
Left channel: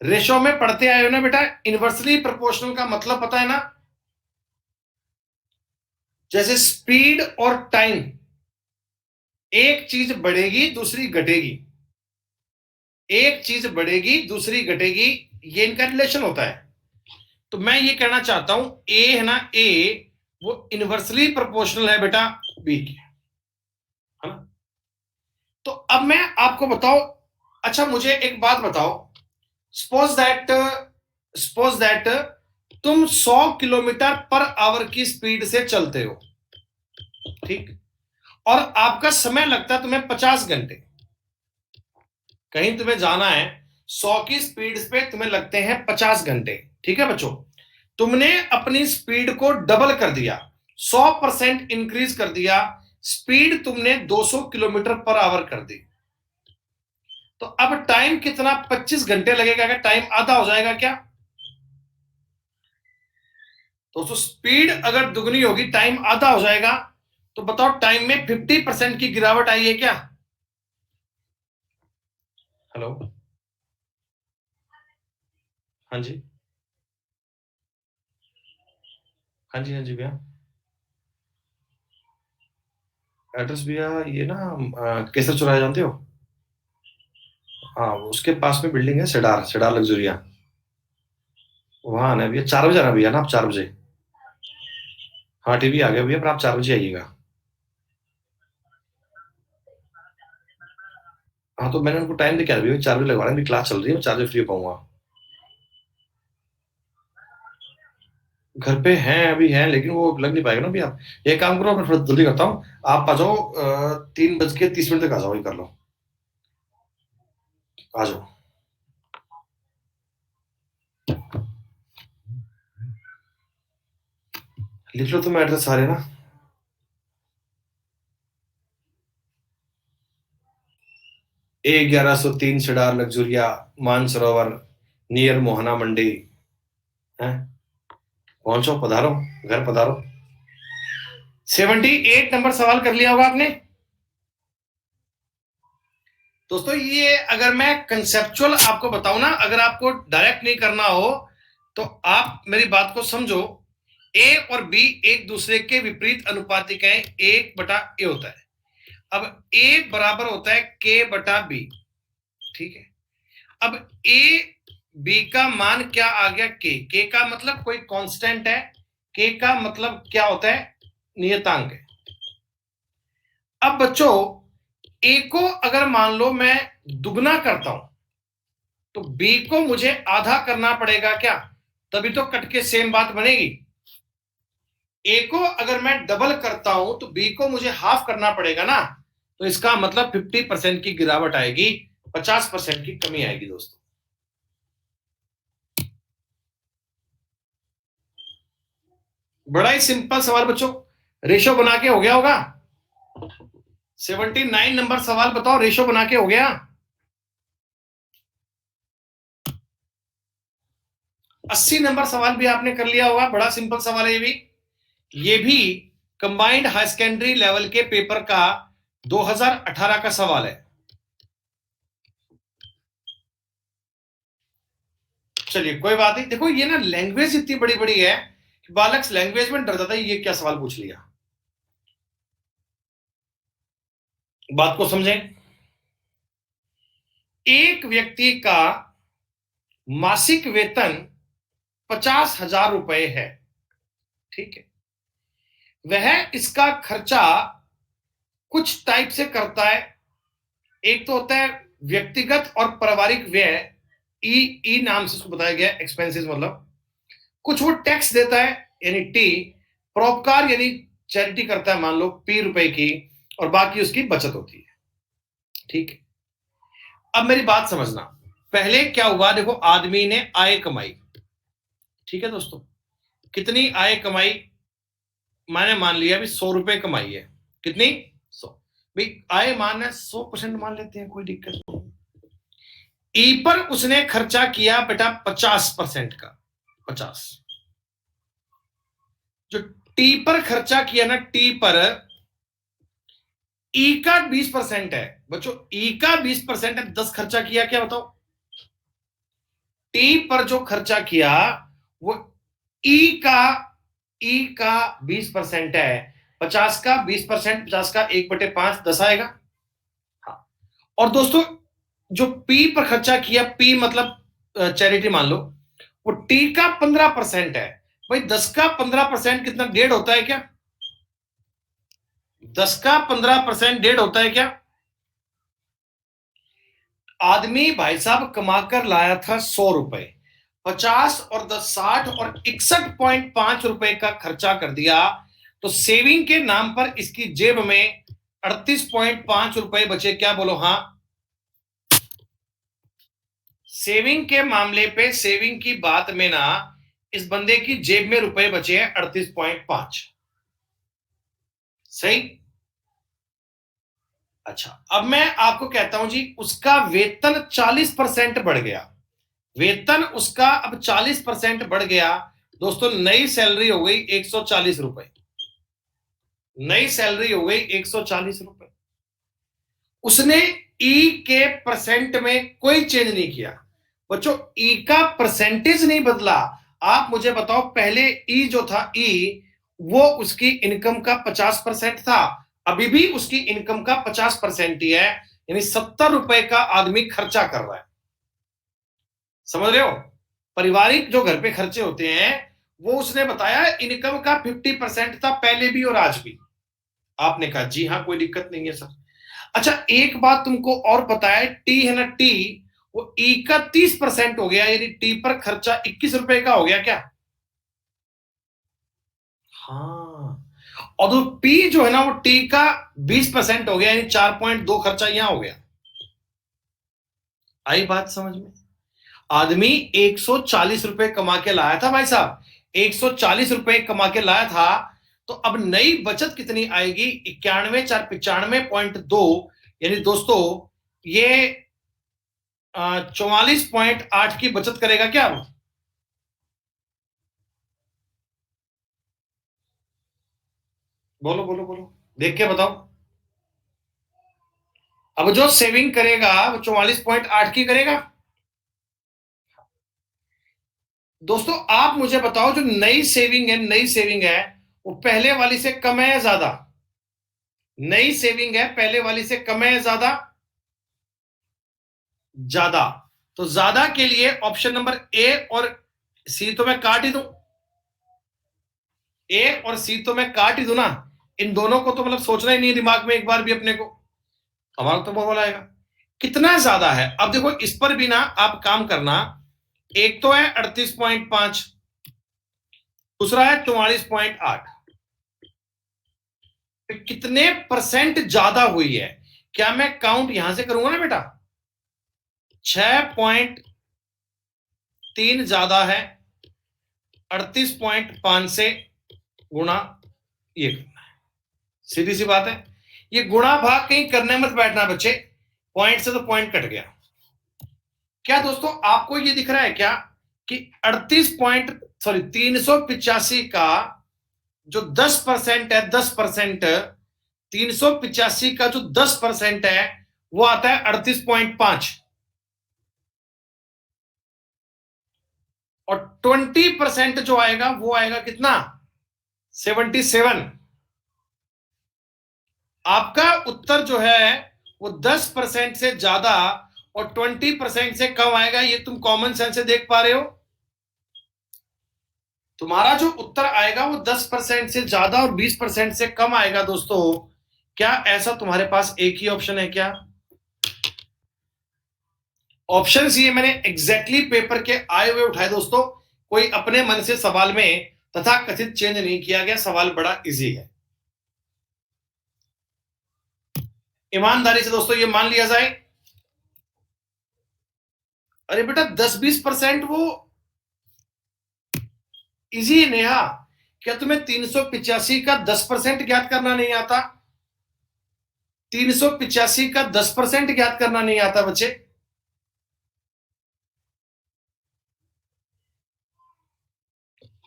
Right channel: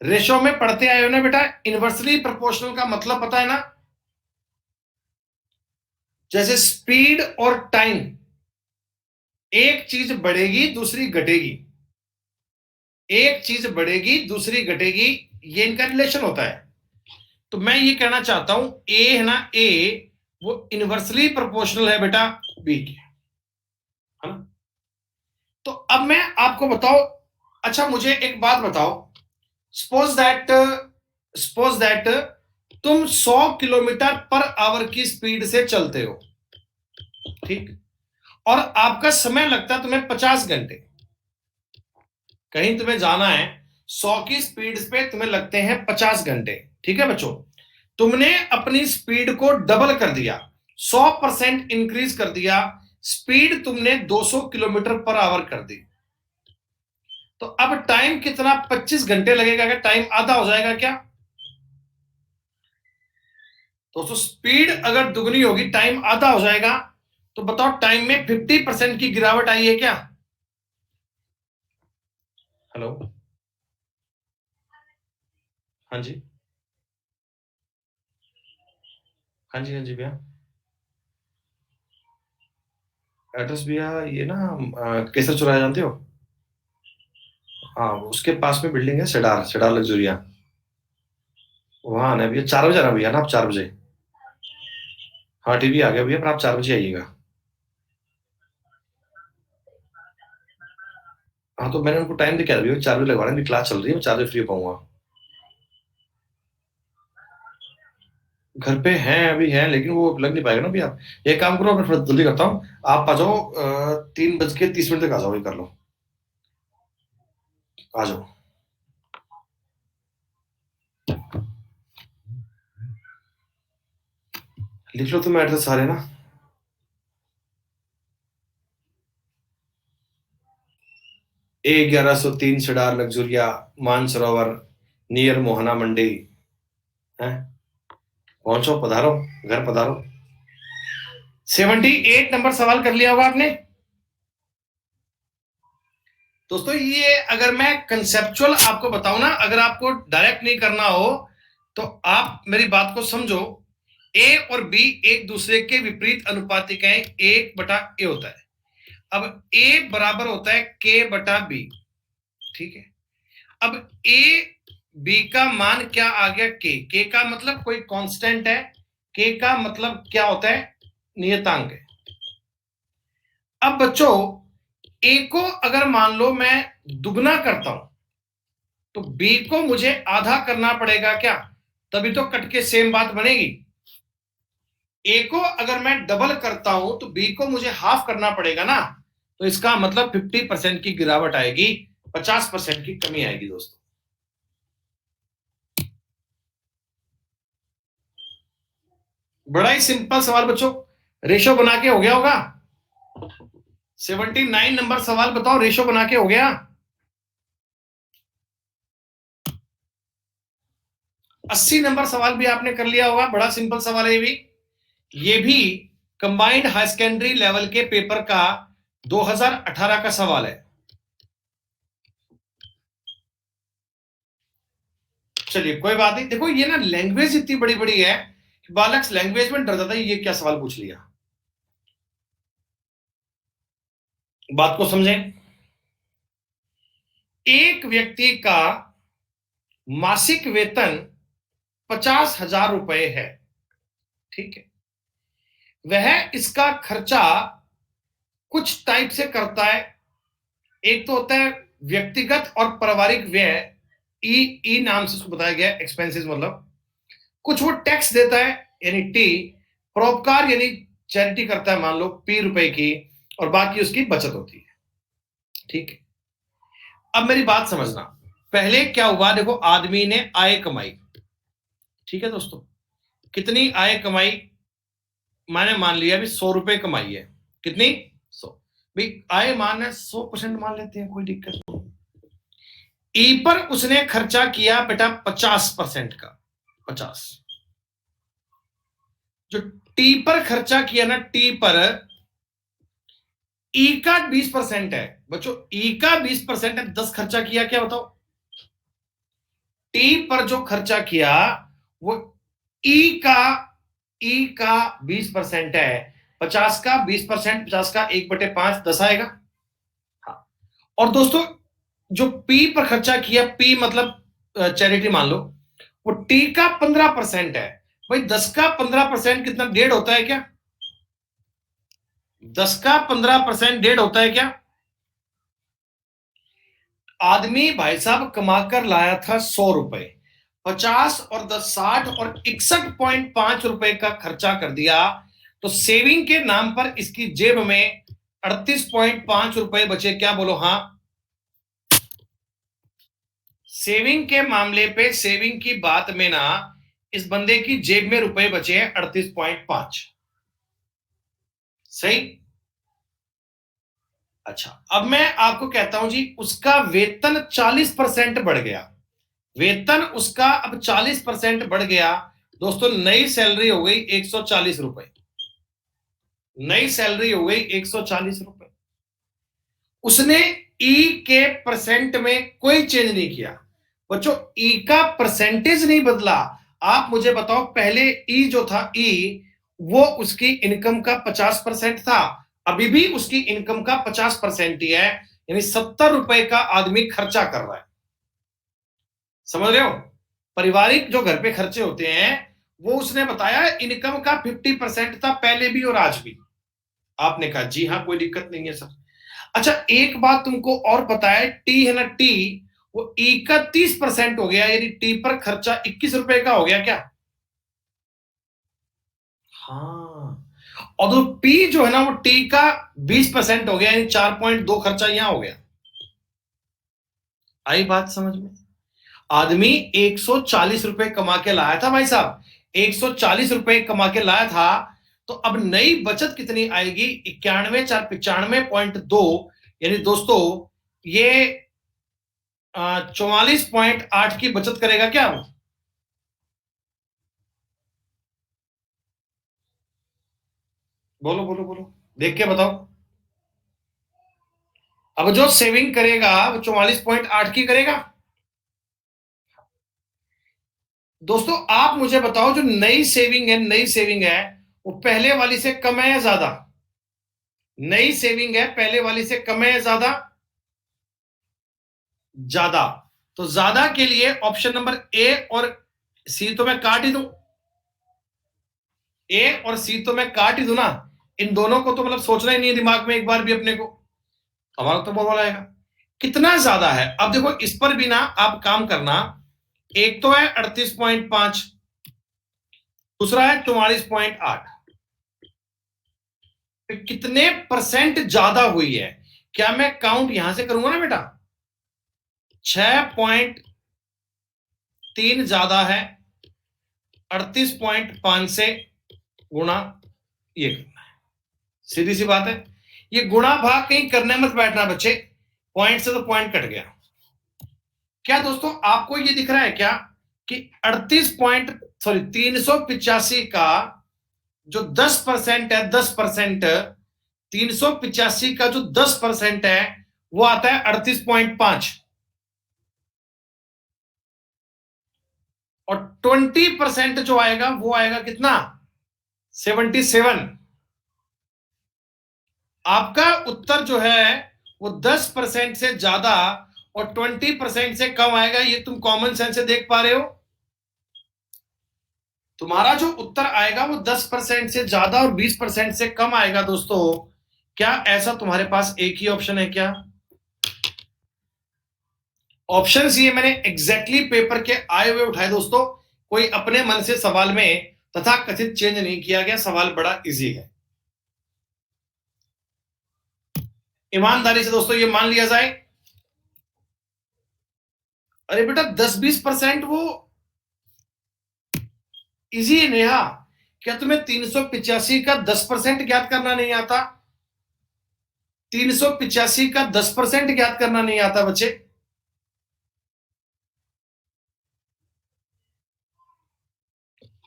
रेशो में पढ़ते आए हो ना बेटा, इनवर्सली प्रोपोर्शनल का मतलब पता है ना? जैसे स्पीड और टाइम, एक चीज बढ़ेगी दूसरी घटेगी, एक चीज बढ़ेगी दूसरी घटेगी, ये इनका रिलेशन होता है। तो मैं ये कहना चाहता हूं ए है ना, ए वो इनवर्सली प्रोपोर्शनल है बेटा बी के, है ना? तो अब मैं आपको बताओ, अच्छा मुझे एक बात बताओ, सपोज दैट सपोज दैट तुम 100 किलोमीटर पर आवर की स्पीड से चलते हो, ठीक, और आपका समय लगता है तुम्हें 50 घंटे। कहीं तुम्हें जाना है, 100 की स्पीड पे तुम्हें लगते हैं 50 घंटे, ठीक है बच्चों? तुमने अपनी स्पीड को डबल कर दिया, 100% इंक्रीज कर दिया, स्पीड तुमने 200 किलोमीटर पर आवर कर दी। तो अब टाइम कितना? 25 घंटे लगेगा क्या? टाइम आधा हो जाएगा क्या? दोस्तों स्पीड अगर दुगनी होगी टाइम आधा हो जाएगा। तो बताओ टाइम में 50% की गिरावट आई है क्या? हेलो, हाँ जी, हाँ जी, हाँ जी भैया। एड्रेस भैया ये ना केसर चौराहा जानते हो? हाँ उसके पास में बिल्डिंग है, सेडार सेडार लग्जरिया, वहाँ आना है भैया। 4 बजे आना भैया ना, आप 4 बजे। हाँ टीवी आ गया भैया, पर आप 4 बजे आइएगा। हाँ तो मैंने उनको टाइम दिया भैया, 4 बजे लगवा रहे हैं, मेरी क्लास चल रही है, मैं 4 बजे फ्री हो पाऊंगा। घर पे हैं, अभी हैं, लेकिन वो लग नहीं पाएगा ना भैया। एक काम करो, मैं थोड़ा जल्दी करता हूँ, आप आ जाओ 3:30 तक आ जाओ, ये कर लो, आ जाओ। लिख लो तुम एड्रेस सारे ना। A1103 Cedar Luxuria, Mansarovar, near Mohana Mandi है। पहुंचो, पधारो, घर पधारो। 78 नंबर सवाल कर लिया होगा आपने। दोस्तों ये अगर मैं कंसेप्चुअल आपको बताऊं ना, अगर आपको डायरेक्ट नहीं करना हो तो आप मेरी बात को समझो। ए और बी एक दूसरे के विपरीत अनुपातिक हैं, 1/a होता है। अब ए बराबर होता है k/b, ठीक है? अब ए बी का मान क्या आ गया? के का मतलब कोई कांस्टेंट है, के का मतलब क्या होता है? नियतांक है। अब बच्चों ए को अगर मान लो मैं दुगना करता हूं तो बी को मुझे आधा करना पड़ेगा क्या? तभी तो कट के सेम बात बनेगी। ए को अगर मैं डबल करता हूं तो बी को मुझे हाफ करना पड़ेगा ना। तो इसका मतलब 50% की गिरावट आएगी, 50% की कमी आएगी दोस्तों। बड़ा ही सिंपल सवाल बच्चों, रेशो बना के हो गया होगा। 79 नंबर सवाल बताओ, रेशो बना के हो गया? 80 नंबर सवाल भी आपने कर लिया होगा, बड़ा सिंपल सवाल है ये भी कंबाइंड हाई सेकेंडरी लेवल के पेपर का 2018 का सवाल है। चलिए कोई बात नहीं, देखो ये ना लैंग्वेज इतनी बड़ी बड़ी है कि बालक लैंग्वेज में डर जाता है, ये क्या सवाल पूछ लिया। बात को समझें। एक व्यक्ति का मासिक वेतन 50,000 रुपए है, ठीक है। वह इसका खर्चा कुछ टाइप से करता है। एक तो होता है व्यक्तिगत और पारिवारिक व्यय, ई नाम से उसको बताया गया, एक्सपेंसेस मतलब। कुछ वो टैक्स देता है यानी टी, परोपकार यानी चैरिटी करता है मान लो पी रुपए की, और बाकी उसकी बचत होती है, ठीक है। अब मेरी बात समझना, पहले क्या हुआ, देखो आदमी ने आय कमाई, ठीक है दोस्तों। कितनी आय कमाई, मैंने मान लिया भी 100 रुपए कमाई है। कितनी? 100। भाई आय मान 100% मान लेते हैं, कोई दिक्कत नहीं। ई पर उसने खर्चा किया बेटा 50% का, 50। जो टी पर खर्चा किया ना, टी पर ई का 20% है बच्चों, ई का 20% है, 10 खर्चा किया, क्या बताओ? टी पर जो खर्चा किया वो ई का 20% है, 50 का 20%, 50 का 1/5, 10 आएगा। हाँ। और दोस्तों जो पी पर खर्चा किया, पी मतलब चैरिटी मान लो, वो टी का 15% है। भाई 10 का 15% कितना, 1.5 होता है क्या? 10 का 15% 1.5 होता है क्या? आदमी भाई साहब कमाकर लाया था 100 रुपए, 50 और 10 60 और 61.5 रुपए का खर्चा कर दिया, तो सेविंग के नाम पर इसकी जेब में 38.5 रुपए बचे, क्या बोलो? हाँ। सेविंग के मामले पे, सेविंग की बात में ना, इस बंदे की जेब में रुपए बचे हैं 38.5। सही। अच्छा, अब मैं आपको कहता हूं जी, उसका वेतन 40% बढ़ गया, वेतन उसका अब 40% बढ़ गया। दोस्तों नई सैलरी हो गई 140 रुपए, नई सैलरी हो गई 140 रुपए। उसने ई के परसेंट में कोई चेंज नहीं किया बच्चों, ई का परसेंटेज नहीं बदला। आप मुझे बताओ, पहले ई जो था, ई वो उसकी इनकम का 50% था, अभी भी उसकी इनकम का 50% ही है, यानी 70 रुपए का आदमी खर्चा कर रहा है। समझ रहे हो? पारिवारिक जो घर पे खर्चे होते हैं, वो उसने बताया इनकम का 50% था पहले भी और आज भी। आपने कहा जी हाँ, कोई दिक्कत नहीं है सर। अच्छा एक बात तुमको और पता है, टी है ना, टी, वो ई का 30% हो गया, यानी टी पर खर्चा 21 रुपए का हो गया क्या? हाँ। और तो पी जो है ना, वो टी का 20% हो गया, यानी 4.2 खर्चा यहां हो गया। आई बात समझ में? आदमी 140 रुपए कमा के लाया था भाई साहब, 140 रुपए कमा के लाया था, तो अब नई बचत कितनी आएगी? 91 4 95.2, यानी दोस्तों ये 44.8 की बचत करेगा क्या? बोलो बोलो बोलो, देख के बताओ। अब जो सेविंग करेगा वो 44.8 की करेगा। दोस्तों आप मुझे बताओ, जो नई सेविंग है, नई सेविंग है, वो पहले वाली से कम है या ज्यादा? नई सेविंग है पहले वाली से कम है या ज्यादा? ज्यादा। तो ज्यादा के लिए ऑप्शन नंबर ए और सी तो मैं काट ही दूं, ए और सी तो मैं काट ही दूं ना, इन दोनों को तो मतलब सोचना ही नहीं है दिमाग में एक बार भी अपने को, हमारा तो बोल आएगा। कितना ज्यादा है, अब देखो इस पर भी ना आप काम करना। एक तो है 38.5, दूसरा है 44.8, कितने परसेंट ज्यादा हुई है? क्या मैं काउंट यहां से करूंगा ना बेटा? 6.3 ज्यादा है, 38.5 से गुणा ये करना है, सीधी सी बात है। ये गुणा भाग कहीं करने मत बैठना बच्चे, पॉइंट से तो पॉइंट कट गया। क्या दोस्तों आपको ये दिख रहा है क्या कि 385 का जो 10% है, 10%, 385 का जो 10% है वो आता है 38.5, और 20% जो आएगा वो आएगा कितना, 77। आपका उत्तर जो है वो 10% से ज्यादा और 20% से कम आएगा, ये तुम कॉमन सेंस से देख पा रहे हो। तुम्हारा जो उत्तर आएगा वो 10% से ज्यादा और 20% से कम आएगा दोस्तों। क्या ऐसा तुम्हारे पास एक ही ऑप्शन है क्या? ऑप्शन ये मैंने एग्जैक्टली पेपर के आए हुए उठाए दोस्तों, कोई अपने मन से सवाल में तथा कथित चेंज नहीं किया गया, सवाल बड़ा इजी है। ईमानदारी से दोस्तों ये मान लिया जाए, अरे बेटा 10-20% वो इजी है नेहा। क्या तुम्हें 385 का 10% ज्ञात करना नहीं आता? 385 का 10% ज्ञात करना नहीं आता बच्चे?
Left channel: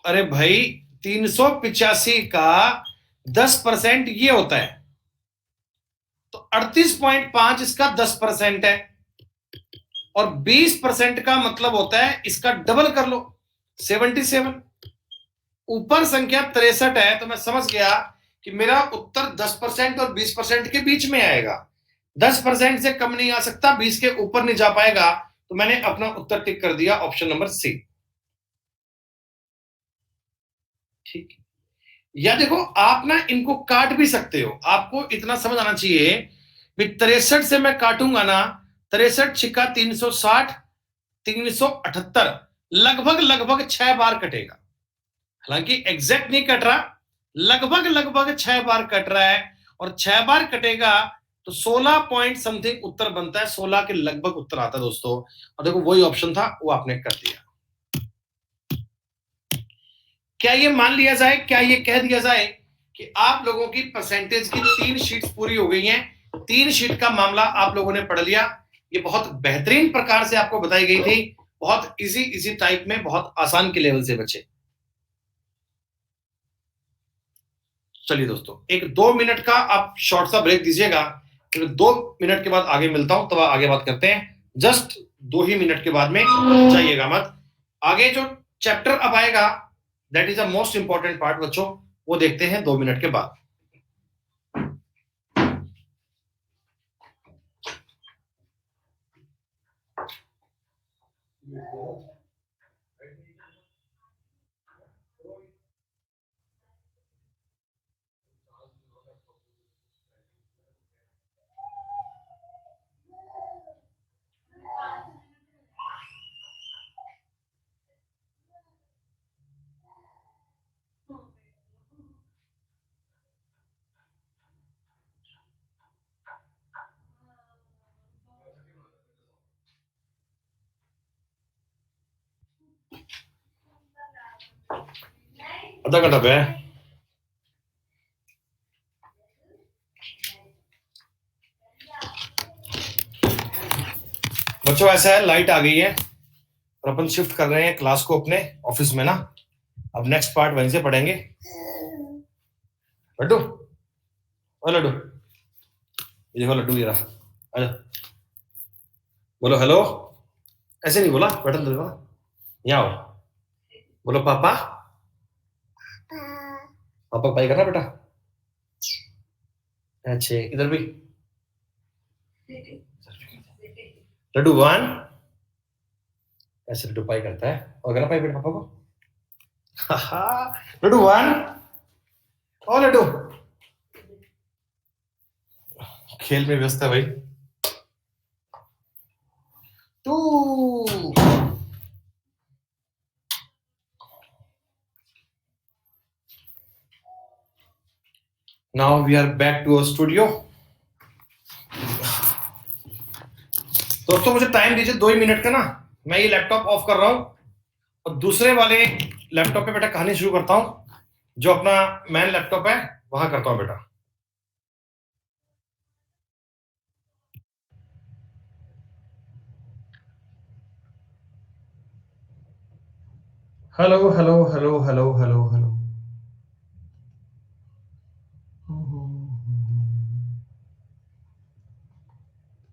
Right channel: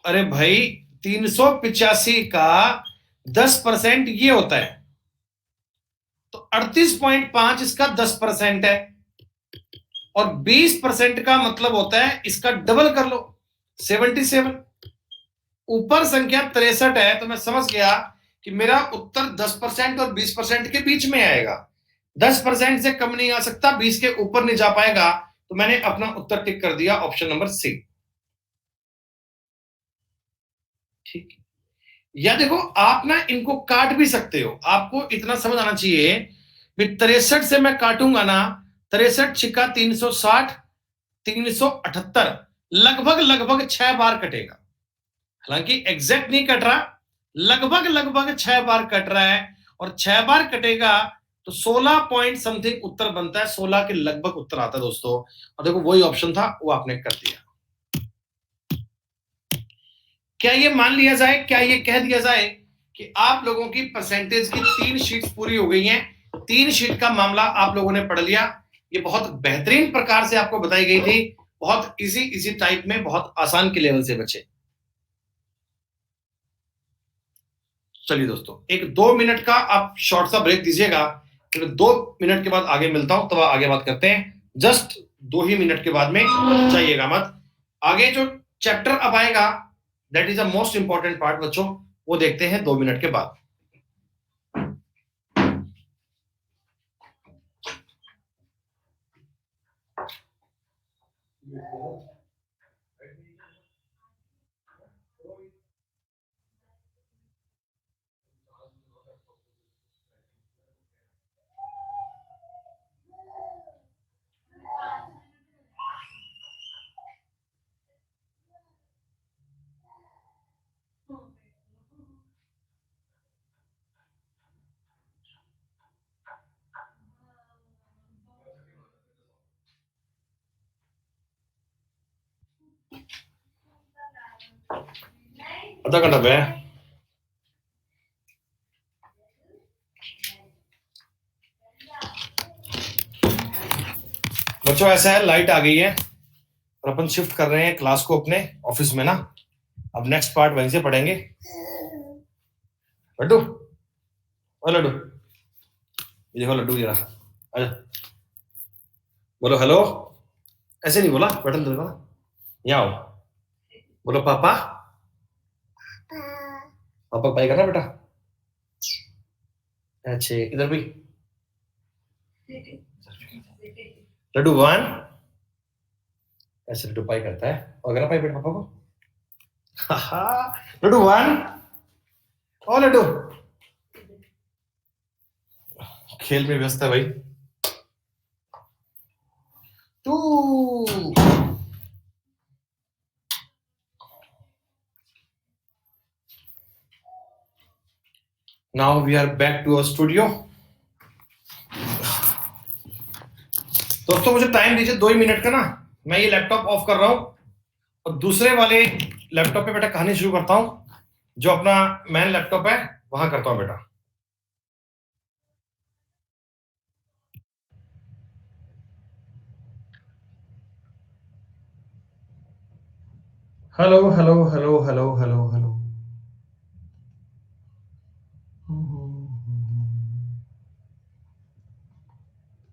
अरे भाई 385 का 10% ये होता है, तो 38.5 इसका 10% है, और 20% का मतलब होता है इसका डबल कर लो, 77। ऊपर संख्या 63 है, तो मैं समझ गया कि मेरा उत्तर 10% और 20% के बीच में आएगा। 10% से कम नहीं आ सकता, 20 के ऊपर नहीं जा पाएगा, तो मैंने अपना उत्तर टिक कर दिया, ऑप्शन नंबर सी। ठीक, या देखो आप ना इनको काट भी सकते हो, आपको इतना समझ आना चाहिए। 63 से मैं काटूंगा ना, 63 छिका 360, 378, लगभग लगभग 6 बार कटेगा। हालांकि एग्जैक्ट नहीं कट रहा, लगभग लगभग 6 बार कट रहा है, और 6 बार कटेगा तो 16 पॉइंट समथिंग उत्तर बनता है, 16 के लगभग उत्तर आता है दोस्तों। और देखो वही ऑप्शन था, वो आपने कर दिया। क्या ये मान लिया जाए, क्या ये कह दिया जाए कि आप लोगों की परसेंटेज की 3 शीट्स पूरी हो गई हैं, 3 शीट का मामला आप लोगों ने पढ़ लिया। ये बहुत बेहतरीन प्रकार से आपको बताई गई थी, बहुत इजी इजी टाइप में, बहुत आसान के लेवल से बचे। चलिए दोस्तों, एक 2 मिनट का आप शॉर्ट सा ब्रेक दीजिएगा, फिर 2 मिनट के बाद आगे मिलता हूं, तब आगे बात करते हैं। जस्ट 2 ही मिनट के बाद में, जाइएगा मत। आगे जो चैप्टर अब आएगा, that is a most important part बच्चों, वो देखते हैं 2 मिनट के बाद। आधा घंटा पे बच्चों, ऐसा है लाइट आ गई है और अपन शिफ्ट कर रहे हैं क्लास को अपने ऑफिस में ना। अब नेक्स्ट पार्ट वहीं से पढ़ेंगे। लड्डू, ओ लड्डू, ये देखो लड्डू, ये रहा, आजा, बोलो हेलो। ऐसे नहीं बोला, बटन दे दो, यहाँ आओ, बोलो पापा। पापा पाई करना बेटा, अच्छे, इधर भी लड्डू वन, ऐसे लड्डू पाई करता है, और करना पाई बेटा पापा को। लड्डू वन, ओ लड्डू, खेल में व्यस्त है भाई। Two, now we are back to our studio. दोस्तों मुझे टाइम दीजिए 2 ही मिनट का ना, मैं ये लैपटॉप ऑफ कर रहा हूं और दूसरे वाले लैपटॉप पे बेटा कहानी शुरू करता हूं, जो अपना मेन लैपटॉप है वहां करता हूं बेटा। Hello hello hello hello hello hello.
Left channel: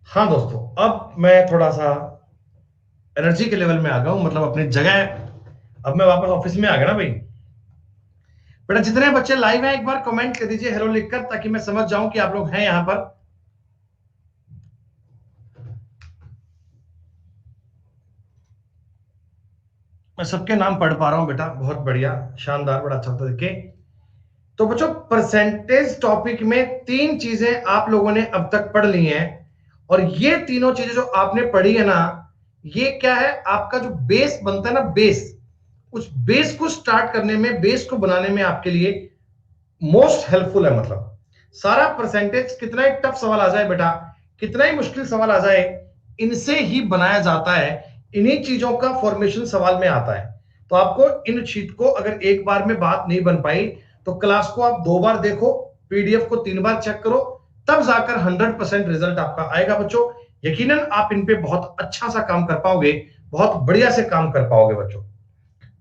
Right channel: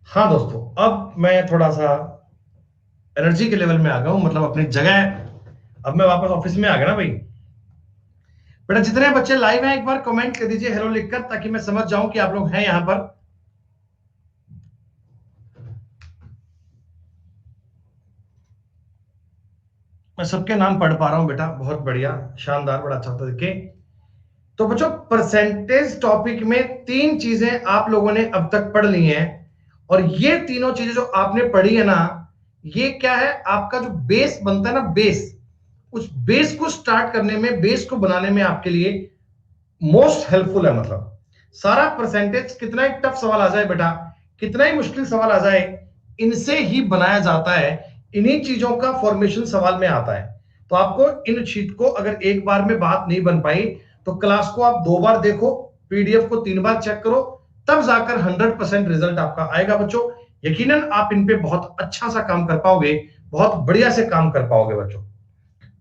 हाँ दोस्तों, अब मैं थोड़ा सा एनर्जी के लेवल में आ गया हूं, मतलब अपनी जगह। अब मैं वापस ऑफिस में आ गया ना भाई। बेटा जितने बच्चे लाइव हैं एक बार कमेंट कर दीजिए हेलो लिखकर, ताकि मैं समझ जाऊं कि आप लोग हैं यहां पर। मैं सबके नाम पढ़ पा रहा हूं बेटा, बहुत बढ़िया, शानदार, बड़ा अच्छा होता देखे। तो बच्चों, परसेंटेज टॉपिक में तीन चीजें आप लोगों ने अब तक पढ़ ली हैं, और ये तीनों चीजें जो आपने पढ़ी है ना, ये क्या है, आपका जो बेस बनता है ना, बेस, उस बेस को स्टार्ट करने में, बेस को बनाने में आपके लिए मोस्ट हेल्पफुल है। मतलब सारा परसेंटेज, कितना ही टफ सवाल आ जाए बेटा, कितना ही मुश्किल सवाल आ जाए, इनसे ही बनाया जाता है। इन्हीं चीजों का फॉर्मेशन सवाल में आता है। तो आपको इन शीट को, अगर एक बार में बात नहीं बन पाई, तो क्लास को आप 2 बार देखो, पीडीएफ को 3 बार चेक करो, तब जाकर 100% रिजल्ट आपका आएगा बच्चों। यकीनन आप इन पे बहुत अच्छा सा काम कर पाओगे, बहुत बढ़िया से काम कर पाओगे बच्चों।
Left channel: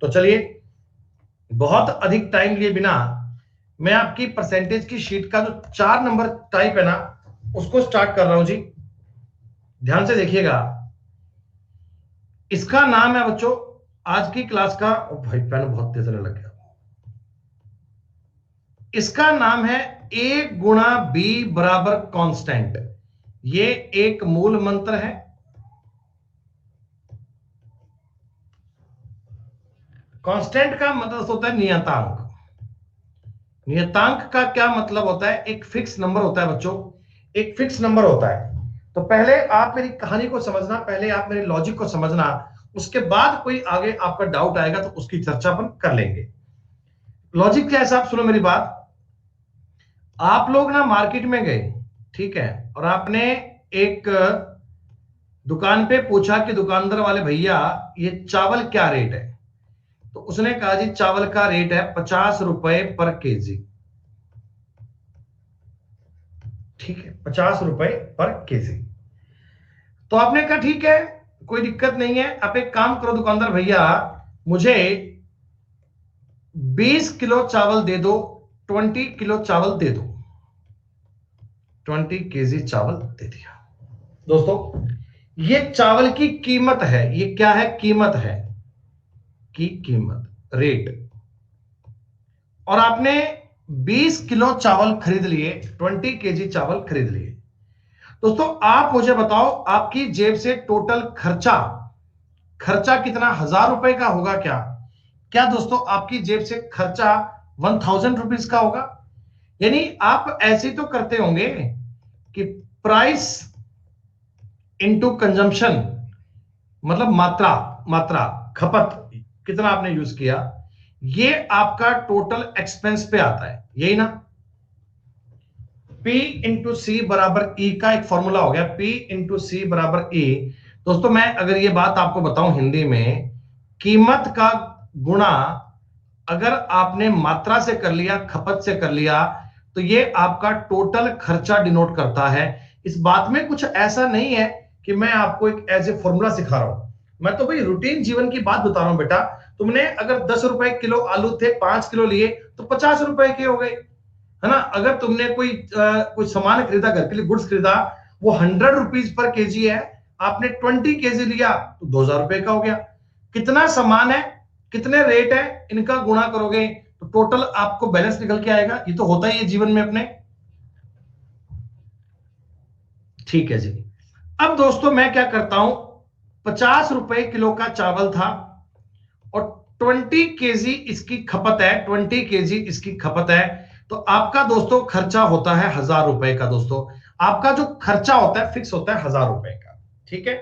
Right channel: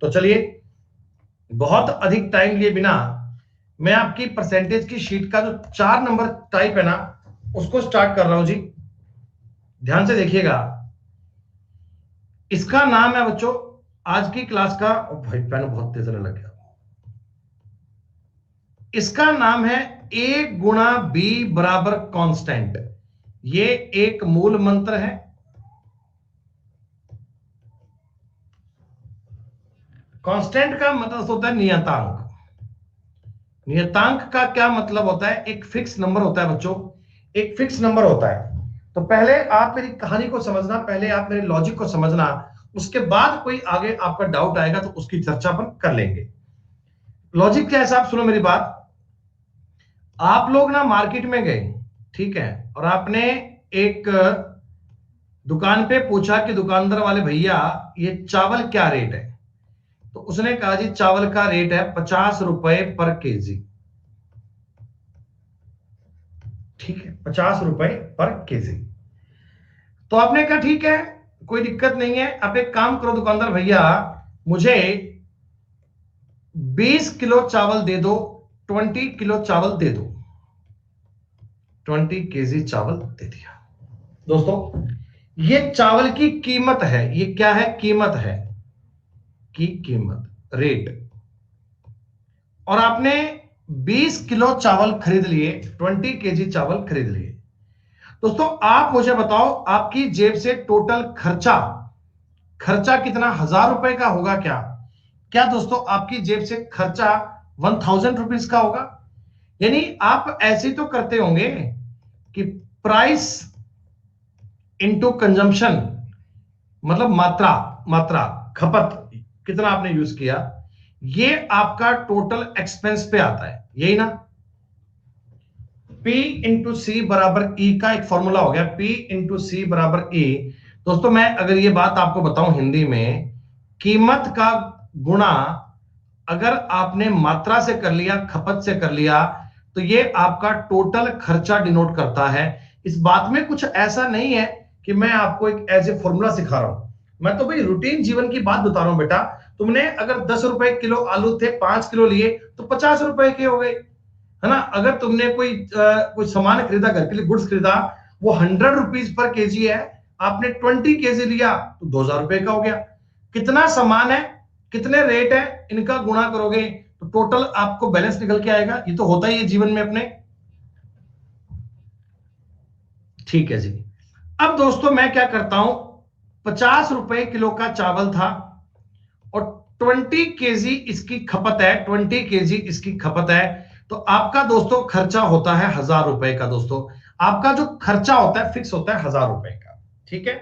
तो चलिए, बहुत अधिक टाइम लिए बिना मैं आपकी परसेंटेज की शीट का जो 4 नंबर टाइप है ना, उसको स्टार्ट कर रहा हूं जी। ध्यान से देखिएगा। इसका नाम है बच्चों, आज की क्लास का, ओ भाई पेन बहुत तेज चलने लग गया। इसका नाम है ए गुणा बी बराबर कांस्टेंट। ये एक मूल मंत्र है। कांस्टेंट का मतलब होता है नियतांक। नियतांक का क्या मतलब होता है, एक फिक्स नंबर होता है बच्चों, एक फिक्स नंबर होता है। तो पहले आप मेरी कहानी को समझना, पहले आप मेरे लॉजिक को समझना, उसके बाद कोई आगे आपका डाउट आएगा तो उसकी चर्चा अपन कर लेंगे। लॉजिक क्या है साहब, सुनो मेरी बात। आप लोग ना मार्केट में गए, ठीक है, और आपने एक दुकान पे पूछा कि दुकानदार वाले भैया ये चावल क्या रेट है। तो उसने कहा जी चावल का रेट है 50 रुपए पर केजी। ठीक है, 50 रुपए पर केजी। तो आपने कहा ठीक है, कोई दिक्कत नहीं है, आप एक काम करो दुकानदार भैया, मुझे 20 किलो चावल दे दो, 20 किलो चावल दे दो। 20 केजी चावल दे दिया। दोस्तों, ये चावल की कीमत है, ये क्या है, कीमत है, की कीमत, रेट। और आपने 20 किलो चावल खरीद लिए, 20 केजी चावल खरीद लिए। दोस्तों आप मुझे बताओ, आपकी जेब से टोटल खर्चा, खर्चा कितना, 1000 रुपए का होगा क्या? क्या दोस्तों आपकी जेब से खर्चा 1000 रुपीज का होगा? यानी आप ऐसे तो करते होंगे कि प्राइस इनटू कंजम्पशन, मतलब मात्रा, मात्रा, खपत, कितना आपने यूज किया, ये आपका टोटल एक्सपेंस पे आता है, यही ना। P इंटू सी बराबर E का एक फॉर्मूला हो गया, P इंटू सी बराबर E। दोस्तों मैं अगर ये बात आपको बताऊं हिंदी में, कीमत का गुणा अगर आपने मात्रा से कर लिया, खपत से कर लिया, तो ये आपका टोटल खर्चा डिनोट करता है। इस बात में कुछ ऐसा नहीं है कि मैं आपको एक एज ए फॉर्मूला सिखा रहा हूं, मैं तो भाई रूटीन जीवन की बात बता रहा हूं बेटा। तुमने अगर 10 रुपए किलो आलू थे, 5 किलो लिए, तो 50 रुपए के हो गए, है ना। अगर तुमने कोई सामान खरीदा, घर के लिए गुड्स खरीदा, वो 100 रुपीज पर केजी है, आपने 20 केजी लिया तो 2000 रुपए का हो गया। कितना सामान है, कितने रेट है, इनका गुणा करोगे तो टोटल आपको बैलेंस निकल के आएगा। ये तो होता ही है जीवन में अपने। ठीक है जी। अब दोस्तों मैं क्या करता हूं, 50 रुपए किलो का चावल था, और 20 केजी इसकी खपत है, 20 केजी इसकी खपत है। तो आपका दोस्तों खर्चा होता है 1000 रुपए का। दोस्तों आपका जो खर्चा होता है फिक्स होता है 1000 रुपए का। ठीक है।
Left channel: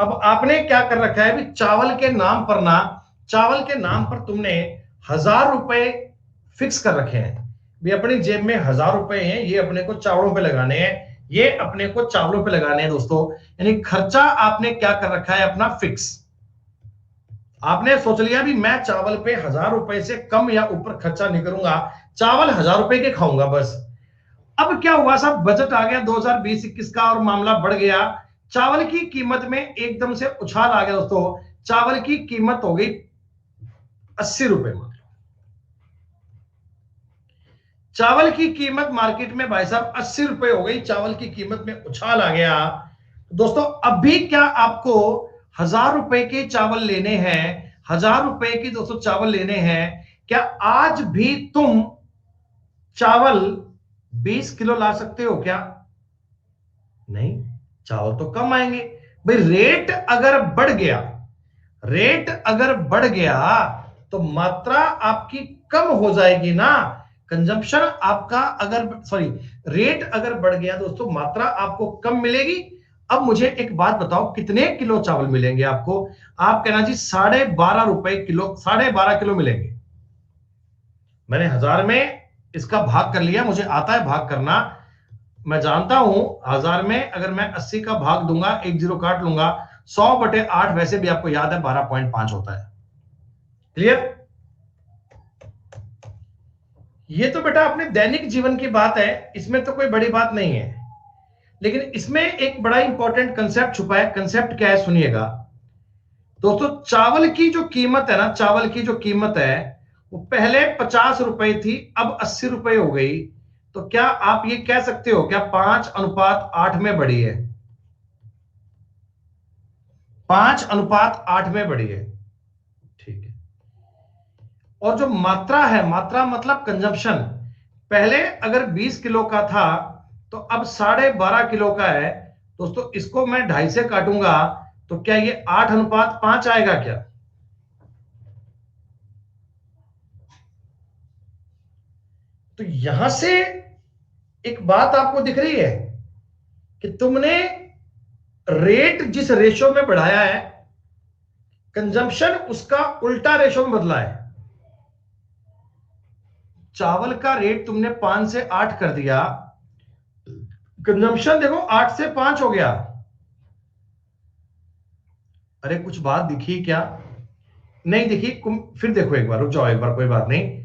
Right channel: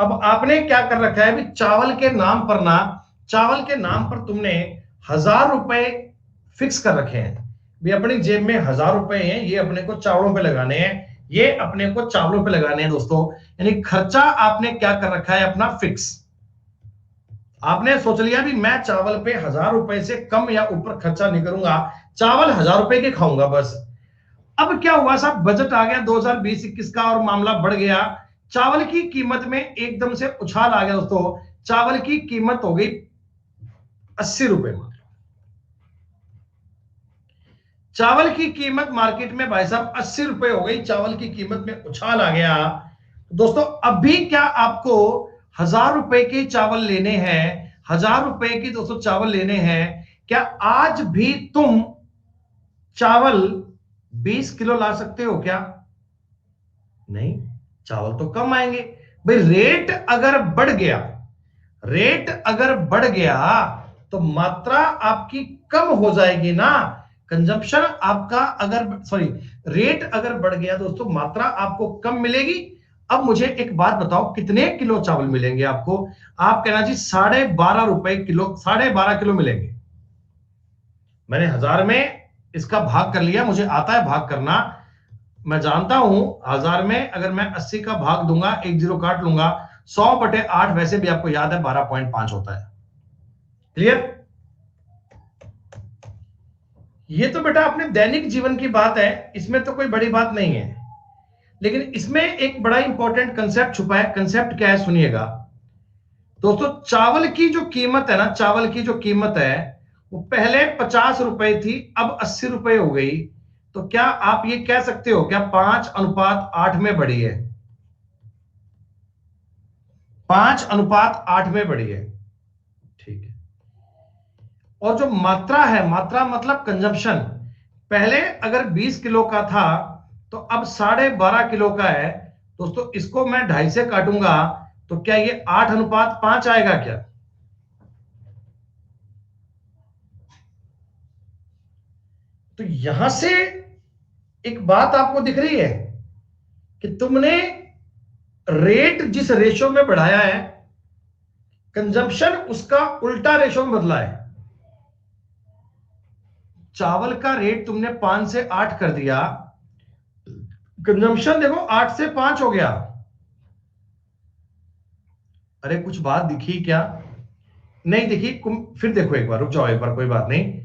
अब आपने क्या कर रखा है भी, चावल के नाम पर ना, चावल के नाम पर तुमने 1000 रुपए फिक्स कर रखे हैं भी। अपनी जेब में 1000 रुपए हैं, ये अपने को चावलों पे लगाने हैं, ये अपने को चावलों पे लगाने हैं दोस्तों। यानी खर्चा आपने क्या कर रखा है अपना फिक्स। आपने सोच लिया भी मैं चावल पे 1000 रुपए से कम या ऊपर खर्चा नहीं करूंगा, चावल 1000 रुपए के खाऊंगा बस। अब क्या हुआ साहब, बजट आ गया 2020-21 का, और मामला बढ़ गया। चावल की कीमत में एकदम से उछाल आ गया दोस्तों। चावल की कीमत हो गई 80 रुपए मात्र। चावल की कीमत मार्केट में भाई साहब 80 रुपए हो गई, चावल की कीमत में उछाल आ गया। दोस्तों अभी क्या आपको 1000 रुपए के चावल लेने हैं, 1000 रुपए की दोस्तों चावल लेने हैं, क्या आज भी तुम चावल 20 किलो ला सकते हो क्या? नहीं, चावल तो कम आएंगे भाई। रेट अगर बढ़ गया, रेट अगर बढ़ गया तो मात्रा आपकी कम हो जाएगी ना। कंजम्पशन आपका अगर सॉरी रेट अगर बढ़ गया दोस्तों, मात्रा आपको कम मिलेगी। अब मुझे एक बात बताओ, कितने किलो चावल मिलेंगे आपको? आप कहना जी 12.5 रुपए किलो, 12.5 किलो मिलेंगे। मैंने 1000 में इसका भाग कर लिया, मुझे आता है भाग करना। मैं जानता हूं 1000 में अगर मैं 80 का भाग दूंगा, एक जीरो काट लूंगा, 100/8 वैसे भी आपको याद है 12.5 होता है। क्लियर? ये तो बेटा अपने दैनिक जीवन की बात है, इसमें तो कोई बड़ी बात नहीं है। लेकिन इसमें एक बड़ा इंपॉर्टेंट कंसेप्ट छुपा है। कंसेप्ट क्या है सुनिएगा दोस्तों। चावल की जो कीमत है ना, चावल की जो कीमत है वो पहले 50 रुपए थी, अब 80 रुपए हो गई। तो क्या आप ये कह सकते हो क्या 5:8 में बढ़ी है? 5:8 में बढ़ी है, ठीक है। और जो मात्रा है, मात्रा मतलब कंजम्पशन, पहले अगर 20 किलो का था तो अब 12.5 किलो का है। दोस्तों इसको मैं 2.5 से काटूंगा तो क्या ये 8:5 आएगा क्या? तो यहां से एक बात आपको दिख रही है कि तुमने रेट जिस रेशो में बढ़ाया है, कंजम्पशन उसका उल्टा रेशो में बदला है। चावल का रेट तुमने 5 से 8 कर दिया, कंजम्पशन देखो 8 से 5 हो गया। अरे कुछ बात दिखी क्या? नहीं दिखी? फिर देखो एक बार, रुक जाओ एक बार, कोई बात नहीं।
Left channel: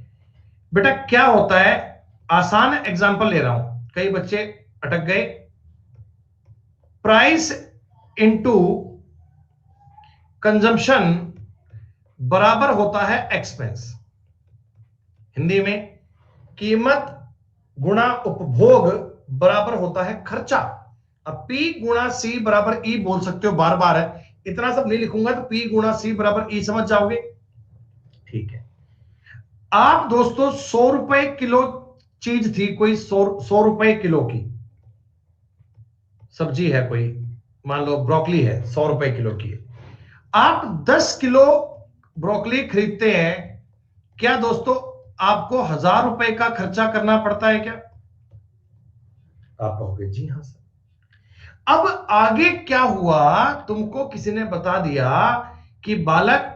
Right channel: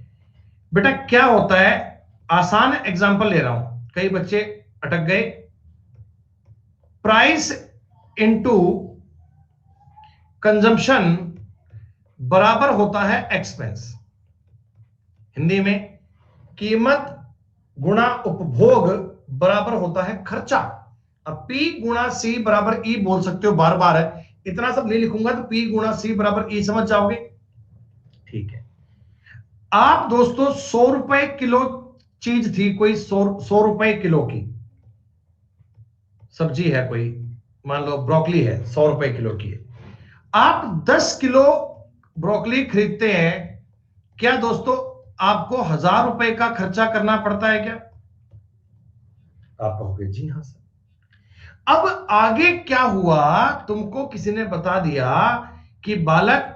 बेटा क्या होता है, आसान एग्जांपल ले रहा हूं, कई बच्चे अटक गए। प्राइस इनटू कंजम्पशन बराबर होता है एक्सपेंस। हिंदी में कीमत गुणा उपभोग बराबर होता है खर्चा। अब P गुणा C बराबर E बोल सकते हो, बार बार है, इतना सब नहीं लिखूंगा तो P गुणा C बराबर E समझ जाओगे, ठीक है। आप दोस्तों 100 रुपए किलो चीज थी कोई, 100 रुपए किलो की सब्जी है कोई, मान लो ब्रोकली है, 100 रुपए किलो की है। आप 10 किलो ब्रोकली खरीदते हैं, क्या दोस्तों आपको 1000 रुपए का खर्चा करना पड़ता है क्या? आप कहोगे जी हां सर। अब आगे क्या हुआ, तुमको किसी ने बता दिया कि बालक